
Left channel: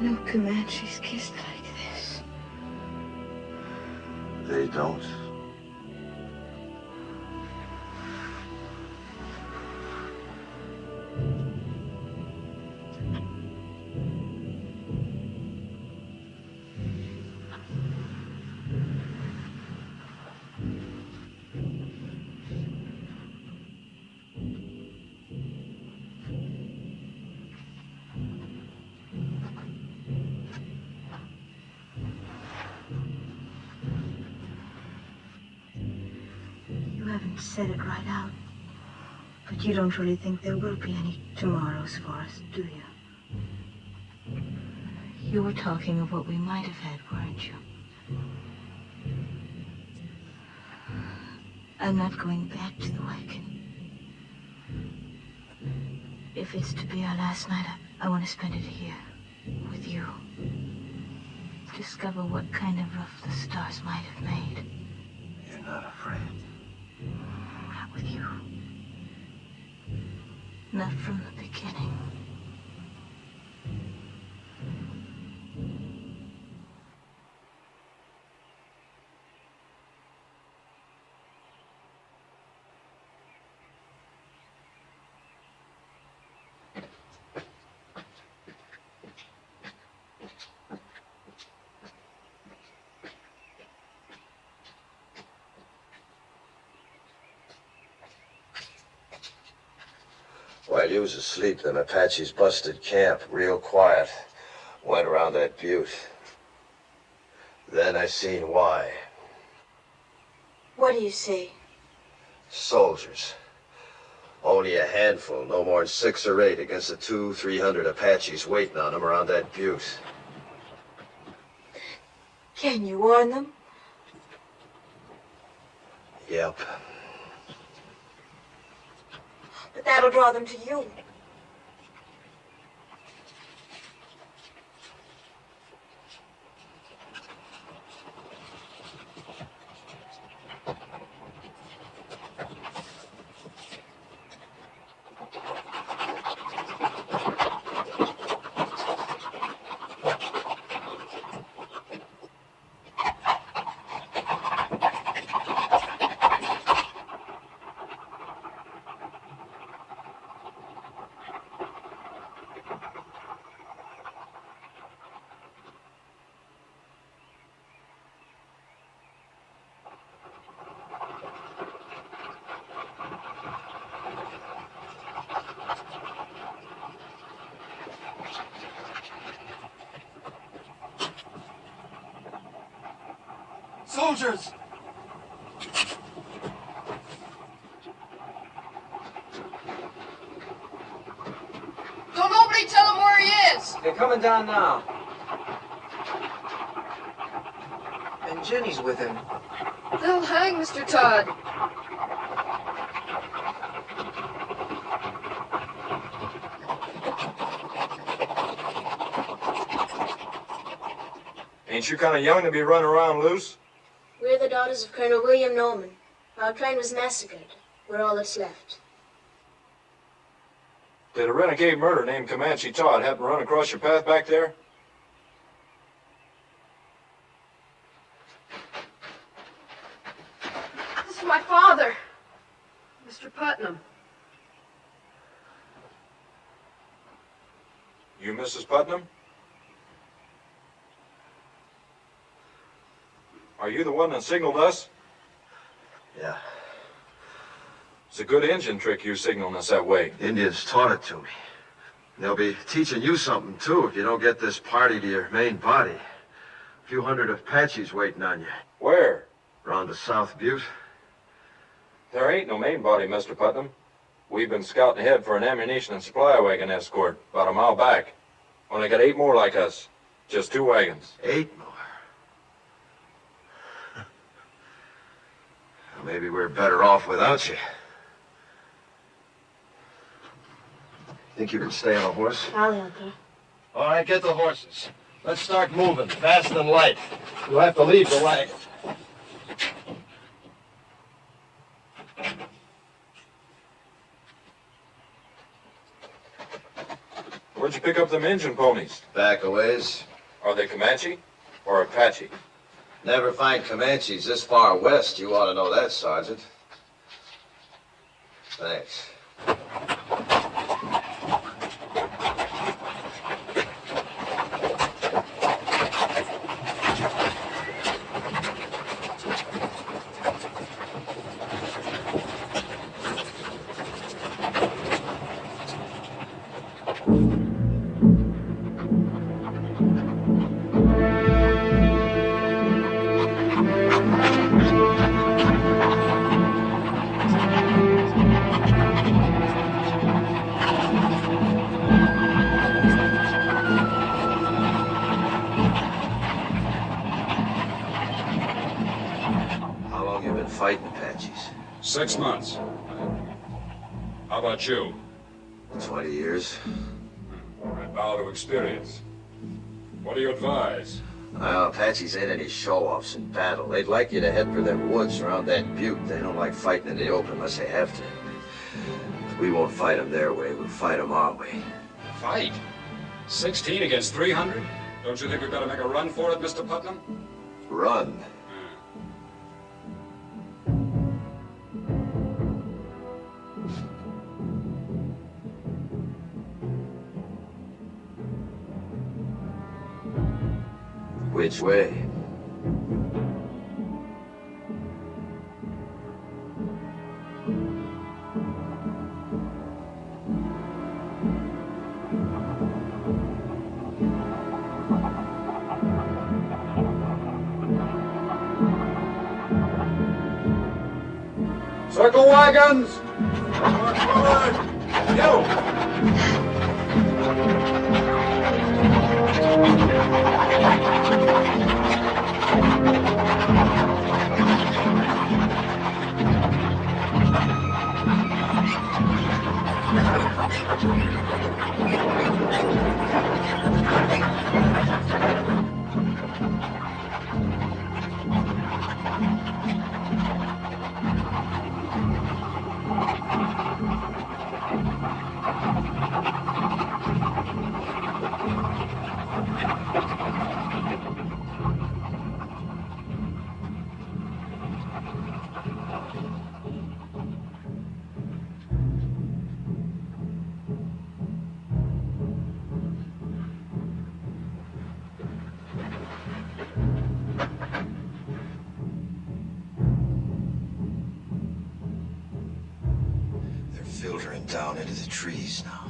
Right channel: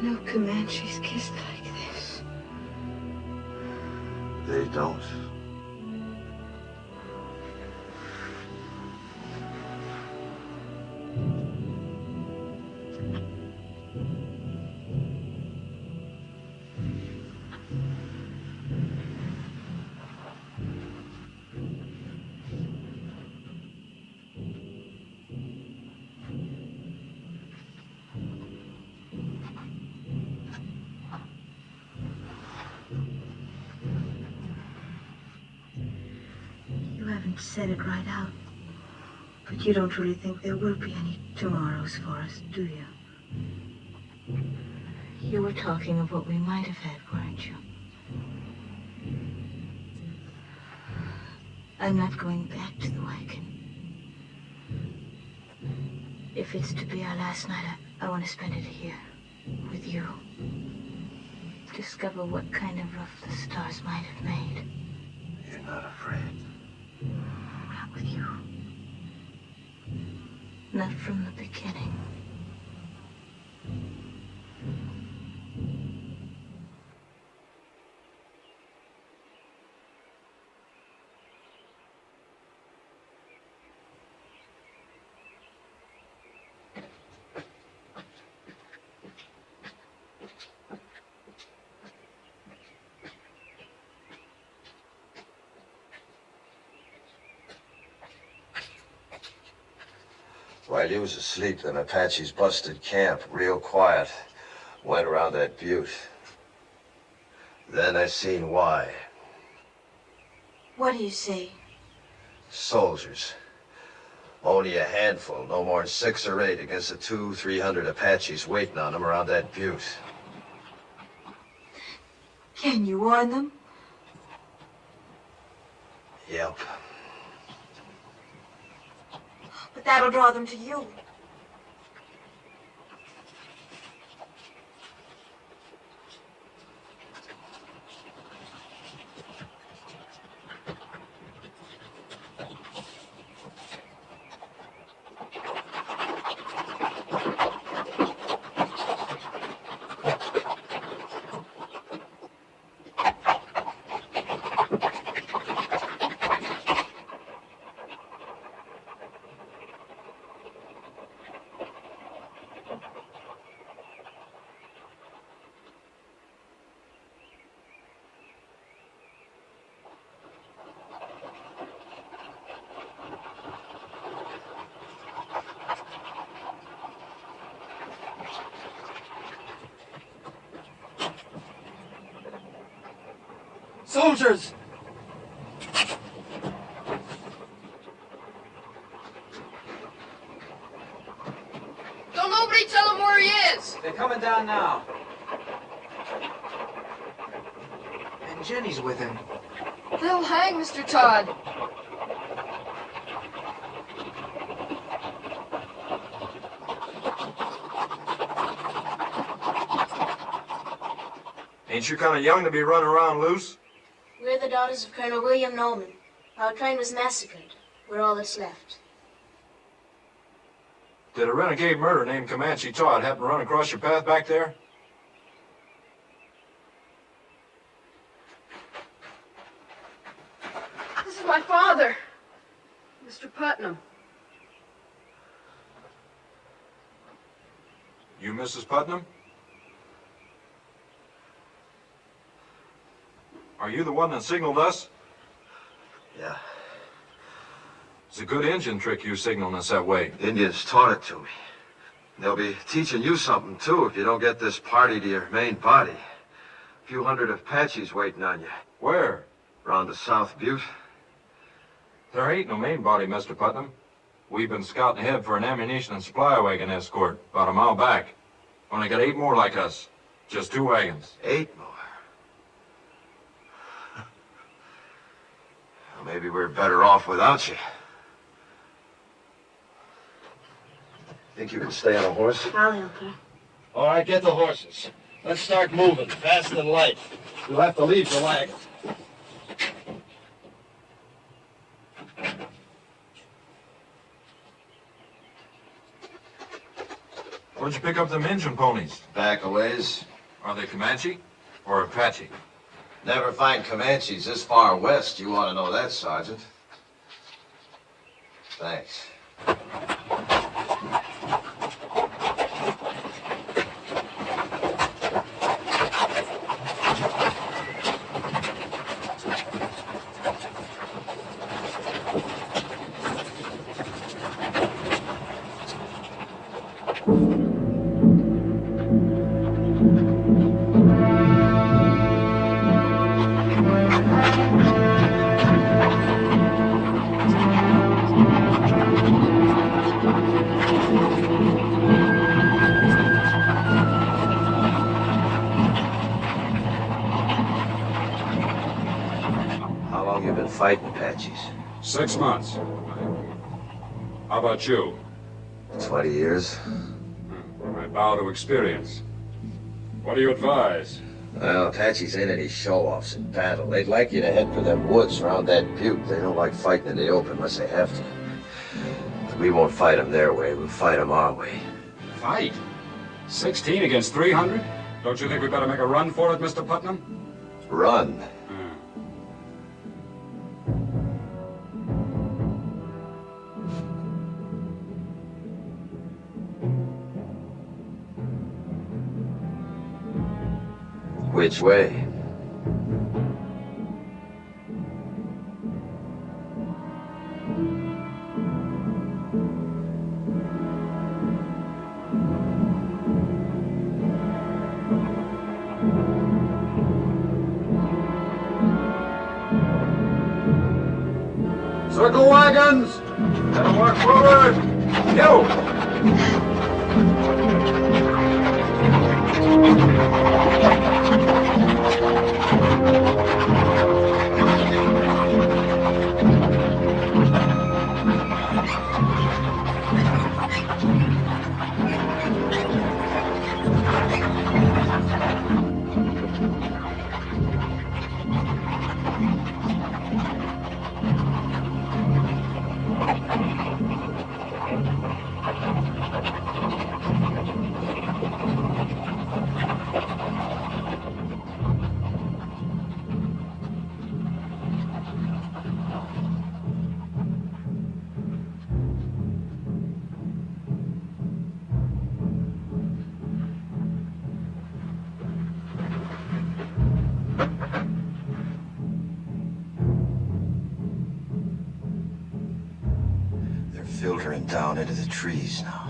No Comanches kissed like this. They don't. You haven't said it right out. But you don't really think there will be any tomorrows for us, do you? You were talking of what we might have had, weren't you? I'm not going back to the Wagon. If it's to be our last night, I want to spend it here, with you. Discover what kind of rough the stars might have made. You're not afraid. Not with you. Not from the beginning. While you was asleep, them Apaches busted camp, real quiet. Went around that butte. Then I seen why. What do you see? Soldiers. Only a handful, no more than 6 or 8 against the 200-300 Apaches waiting on them around that butte. Can you warn them? Yep. But that'll draw them to you. Soldiers! Don't nobody tell him where he is! They're coming down now. And Jenny's with him. They'll hang Mr. Todd. Ain't you kind of young to be running around loose? We're the daughters of Colonel William Norman. Our train was massacred. We're all that's left. Did a renegade murderer named Comanche Todd happen to run across your path back there? This is my father, Mr. Putnam. You Mrs. Putnam? Are you the one that signaled us? Yeah. It's a good engine trick you signaling us that way. Indians taught it to me. They'll be teaching you something, too, if you don't get this party to your main body. A few hundred Apaches waiting on you. Where? Around the South Butte. There ain't no main body, Mr. Putnam. We've been scouting ahead for an ammunition and supply wagon escort about a mile back. Only got 8 more like us. Just 2 wagons. 8 more? Well, maybe we're better off without you. Think you can stay on a horse? I'll help her. All right, get the horses. Let's start moving, fast and light. You'll have to leave the wagon. Where'd you pick up them engine ponies? Back a ways. Are they Comanche or Apache? Never find Comanches this far west. You ought to know that, Sergeant. Thanks. Fighting Apaches? 6 months. How about you? 20 years. I bow to experience. What do you advise? Well, Apaches ain't any show-offs in battle. They'd like you to head for them woods around that butte. They don't like fighting in the open unless they have to. But we won't fight them their way. We'll fight them our way. Fight? 16 against 300? Don't you think we better make a run for it, Mr. Putnam? Run? Which way? Circle wagons! Now march forward! You! Filtering down into the trees now.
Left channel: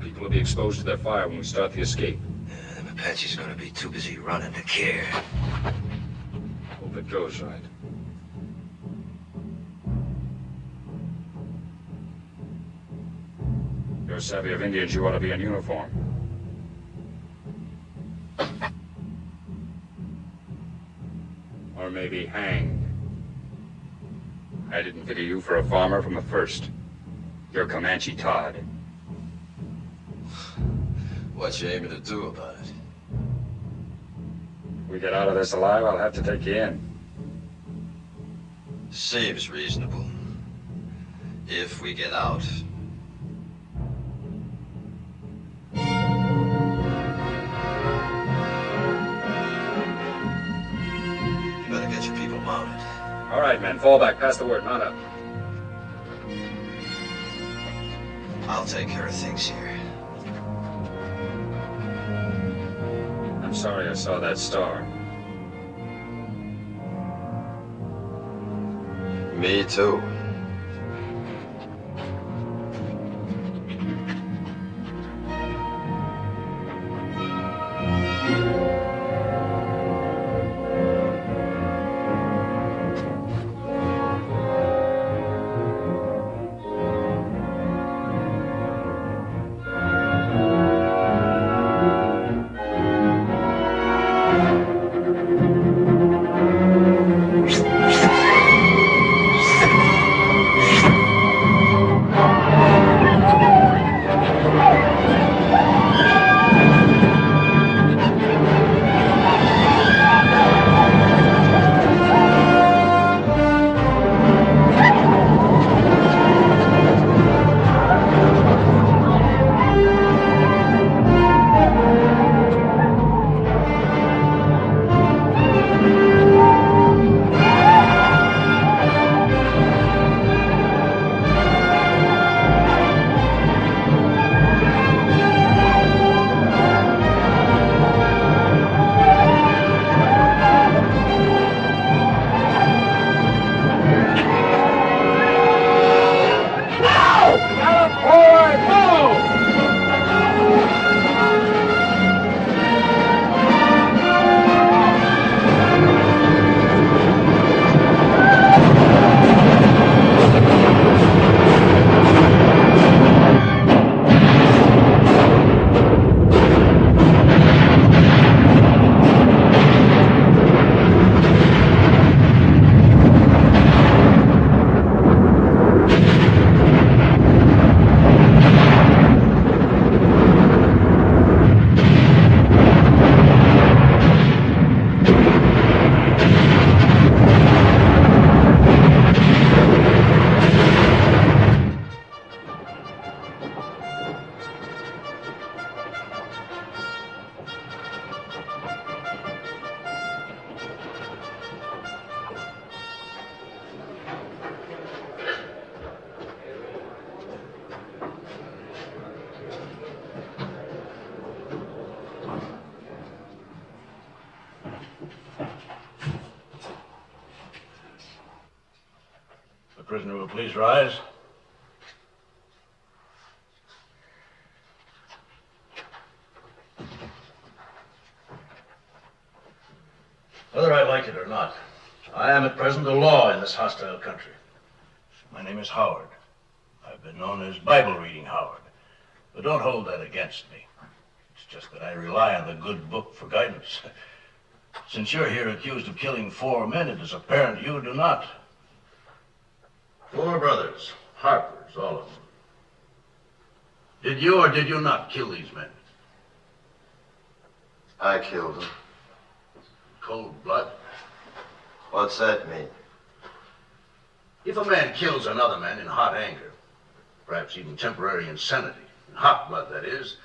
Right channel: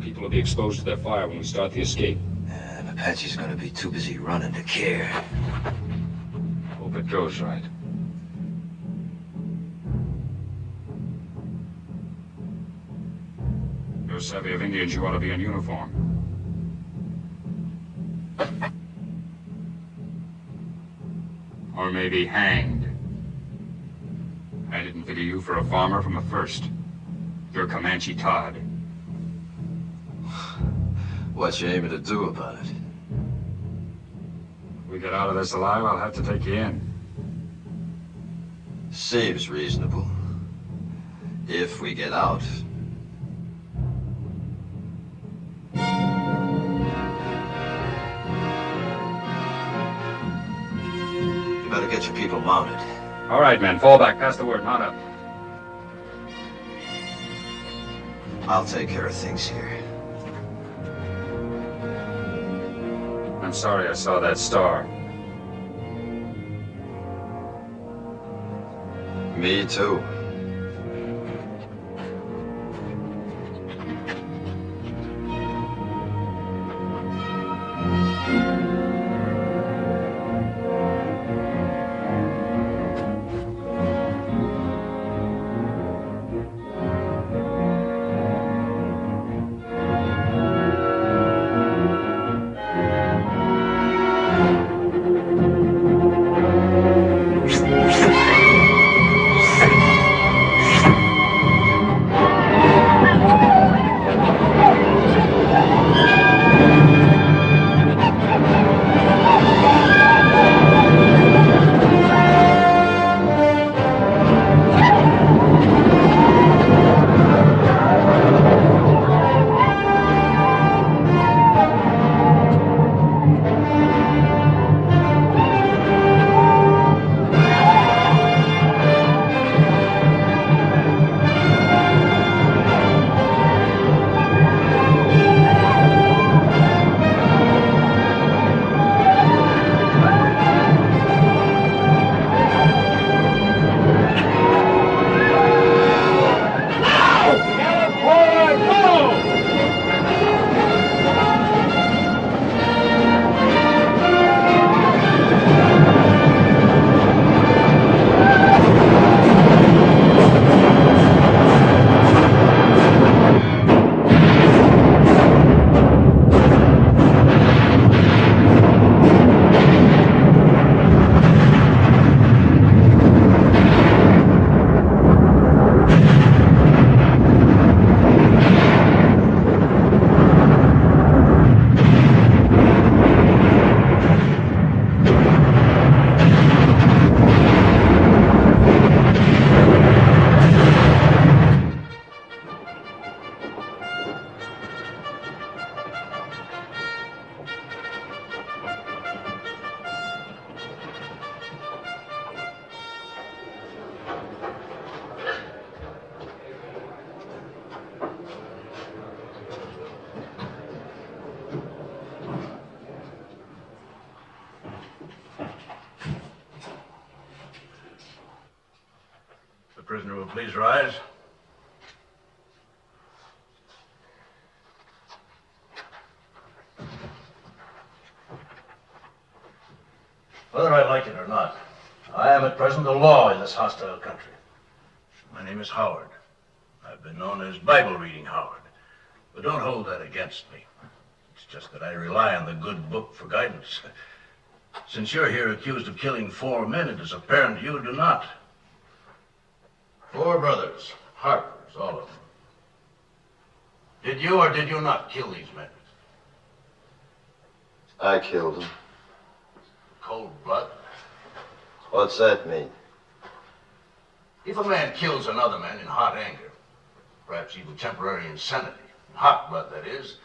People will be exposed to their fire when we start the escape. Them Apaches are gonna be too busy running to care. Hope it goes right. You're savvy of Indians, you ought to be in uniform. Or maybe hanged. I didn't figure you for a farmer from the first. You're Comanche Todd. What you aiming to do about it? We get out of this alive, I'll have to take you in. Seems reasonable. If we get out. You better get your people mounted. All right, men, fall back. Pass the word. Mount up. I'll take care of things here. I'm sorry I saw that star. Me too. The prisoner will please rise. Whether I like it or not, I am at present the law in this hostile country. My name is Howard. I've been known as Bible Reading Howard, but don't hold that against me. It's just that I rely on the good book for guidance. Since you're here accused of killing 4 men, it is apparent you do not. 4 brothers, Harpers, all of them. Did you or did you not kill these men? I killed them. Cold blood? What's that mean? If a man kills another man in hot anger, perhaps even temporary insanity, in hot blood that is,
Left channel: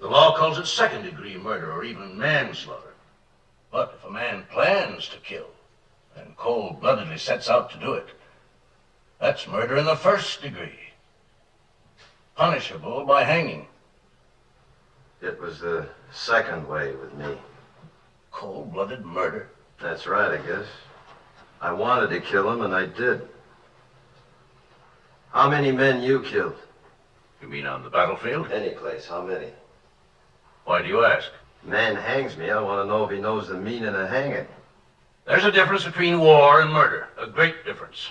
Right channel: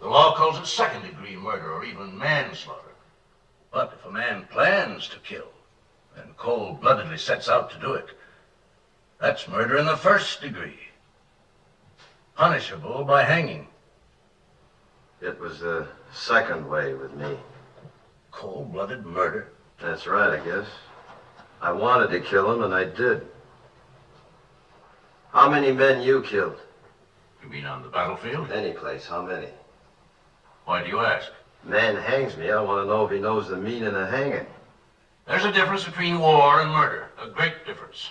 the law calls it second-degree murder or even manslaughter. But if a man plans to kill and cold-bloodedly sets out to do it, that's murder in the first degree, punishable by hanging. It was the second way with me. Cold-blooded murder? That's right, I guess. I wanted to kill him, and I did. How many men you killed? You mean on the battlefield? Any place. How many? Why do you ask? Man hangs me. I want to know if he knows the meaning of hanging. There's a difference between war and murder. A great difference.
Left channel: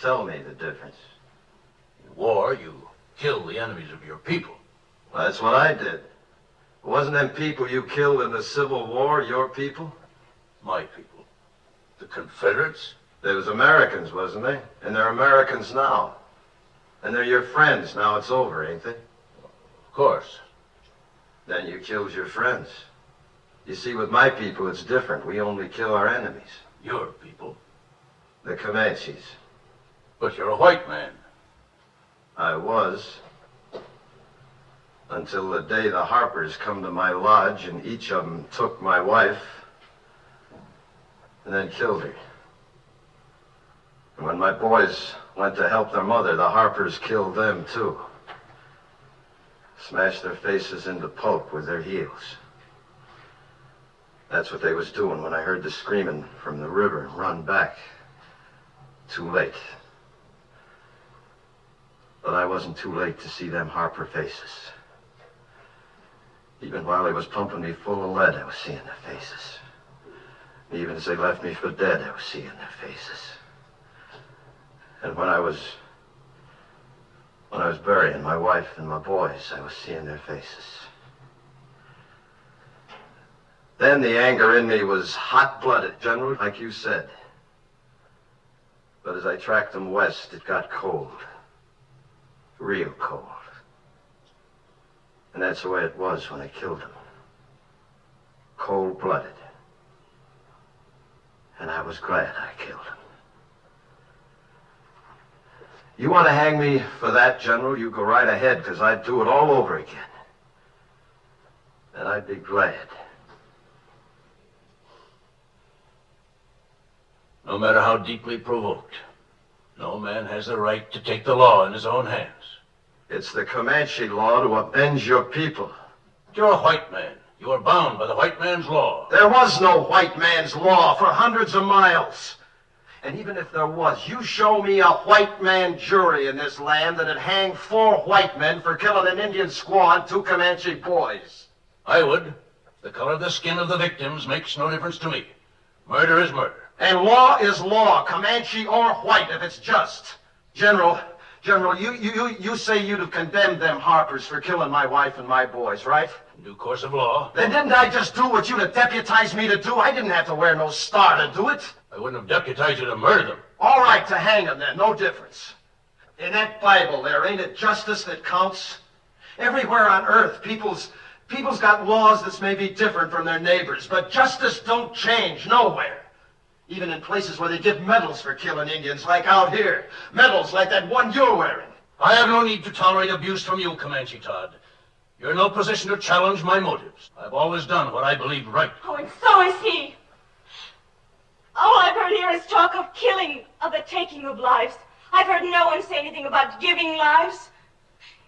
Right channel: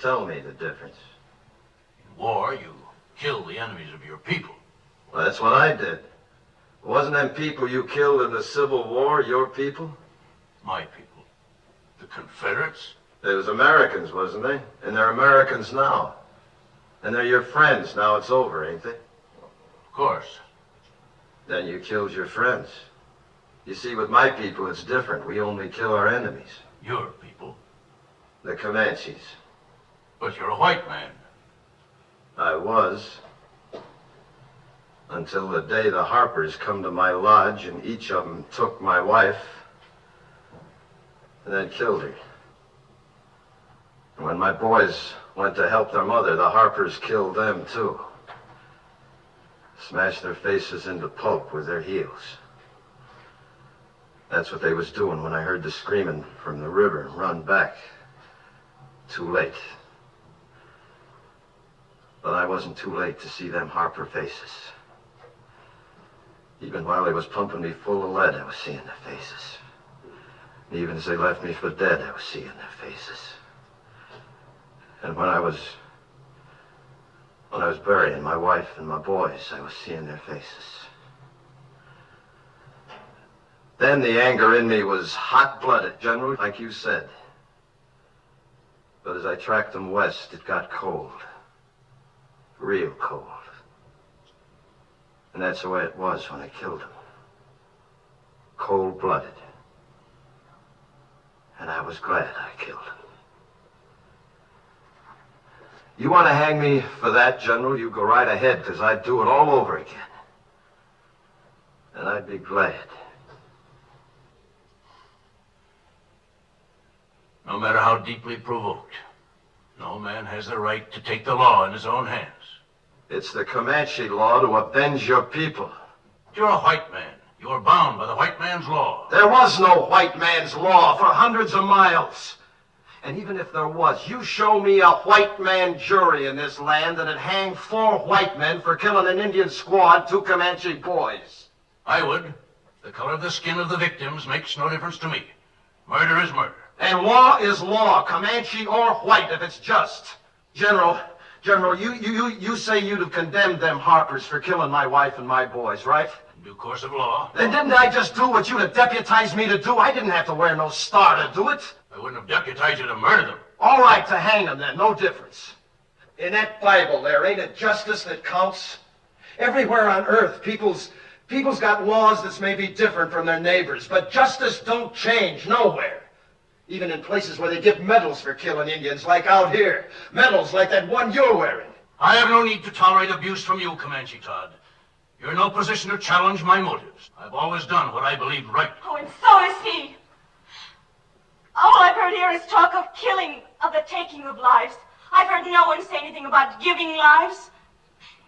Tell me the difference. In war, you kill the enemies of your people. Well, that's what I did. Wasn't them people you killed in the Civil War your people? My people. The Confederates? They was Americans, wasn't they? And they're Americans now. And they're your friends. Now it's over, ain't they? Of course. Then you killed your friends. You see, with my people, it's different. We only kill our enemies. Your people? The Comanches. But you're a white man. I was. Until the day the Harpers come to my lodge and each of them took my wife and then killed her. And when my boys went to help their mother, the Harpers killed them too. Smashed their faces into pulp with their heels. That's what they was doing when I heard the screaming from the river and run back. Too late. But I wasn't too late to see them Harper faces. Even while they was pumping me full of lead, I was seeing their faces. Even as they left me for dead, I was seeing their faces. And when I was burying my wife and my boys, I was seeing their faces. Then the anger in me was hot-blooded, General, like you said. But as I tracked them west, it got cold. Real cold. And that's the way it was when I killed them. Cold-blooded. And I was glad I killed him. You want to hang me for that, General, you go right ahead, because I'd do it all over again. And I'd be glad. No matter how deeply provoked, no man has the right to take the law in his own hands. It's the Comanche law to avenge your people. You're a white man. You are bound by the white man's law. There was no white man's law for hundreds of miles. And even if there was, you show me a white man jury in this land that'd hang 4 white men for killing an Indian squad, 2 Comanche boys. I would. The color of the skin of the victims makes no difference to me. Murder is murder. And law is law, Comanche or white, if it's just. General, you say you'd have condemned them Harpers for killing my wife and my boys, right? In due course of law. Then didn't I just do what you'd have deputized me to do? I didn't have to wear no star to do it. I wouldn't have deputized you to murder them. All right, to hang them then, no difference. In that Bible there, ain't it justice that counts? Everywhere on earth, people's got laws that's maybe different from their neighbors, but justice don't change nowhere. Even in places where they give medals for killing Indians, like out here. Medals like that one you're wearing. I have no need to tolerate abuse from you, Comanche Todd. You're in no position to challenge my motives. I've always done what I believed right. Oh, and so is he. All I've heard here is talk of killing, of the taking of lives. I've heard no one say anything about giving lives.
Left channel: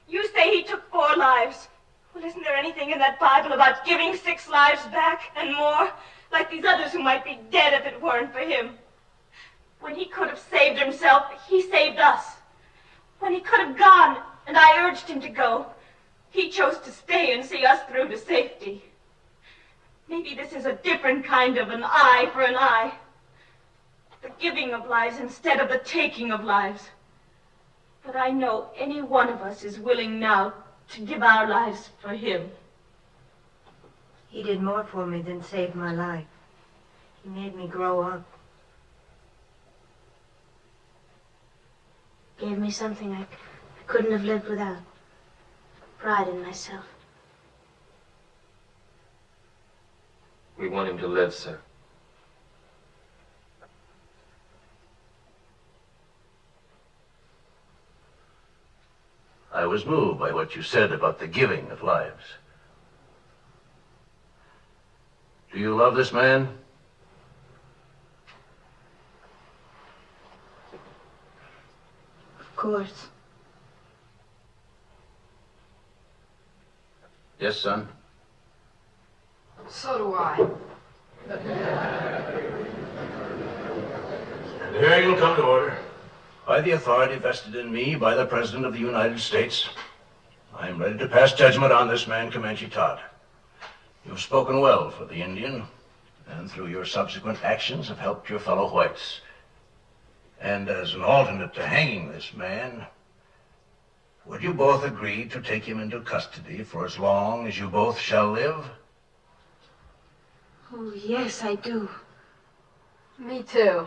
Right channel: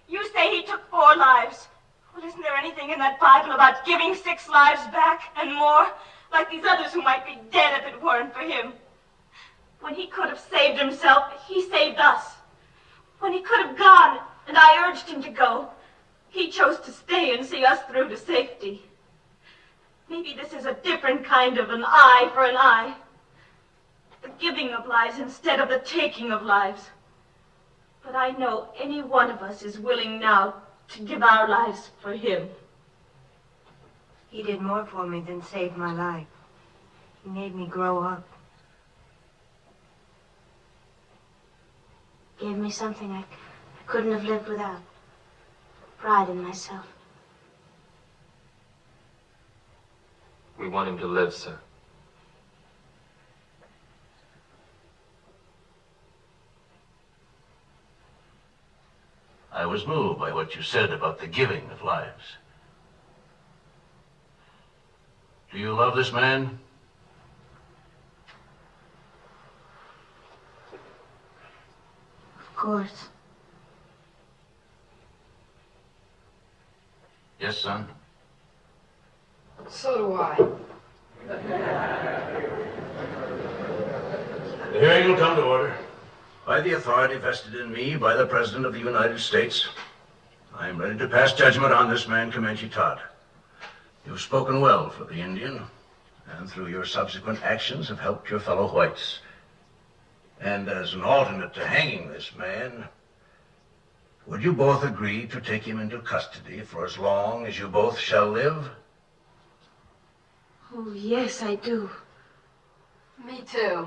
You say he took 4 lives. Well, isn't there anything in that Bible about giving 6 lives back and more? Like these others who might be dead if it weren't for him. When he could have saved himself, he saved us. When he could have gone, and I urged him to go, he chose to stay and see us through to safety. Maybe this is a different kind of an eye for an eye. The giving of lives instead of the taking of lives. But I know any one of us is willing now to give our lives for him. He did more for me than save my life. He made me grow up. Gave me something I couldn't have lived without. Pride in myself. We want him to live, sir. I was moved by what you said about the giving of lives. Do you love this man? Of course. Yes, son. So do I. The hearing will come to order. By the authority vested in me by the President of the United States, I am ready to pass judgment on this man, Comanche Todd. You've spoken well for the Indian, and through your subsequent actions have helped your fellow whites. And as an alternate to hanging this man, would you both agree to take him into custody for as long as you both shall live? Oh, yes, I do. Me too.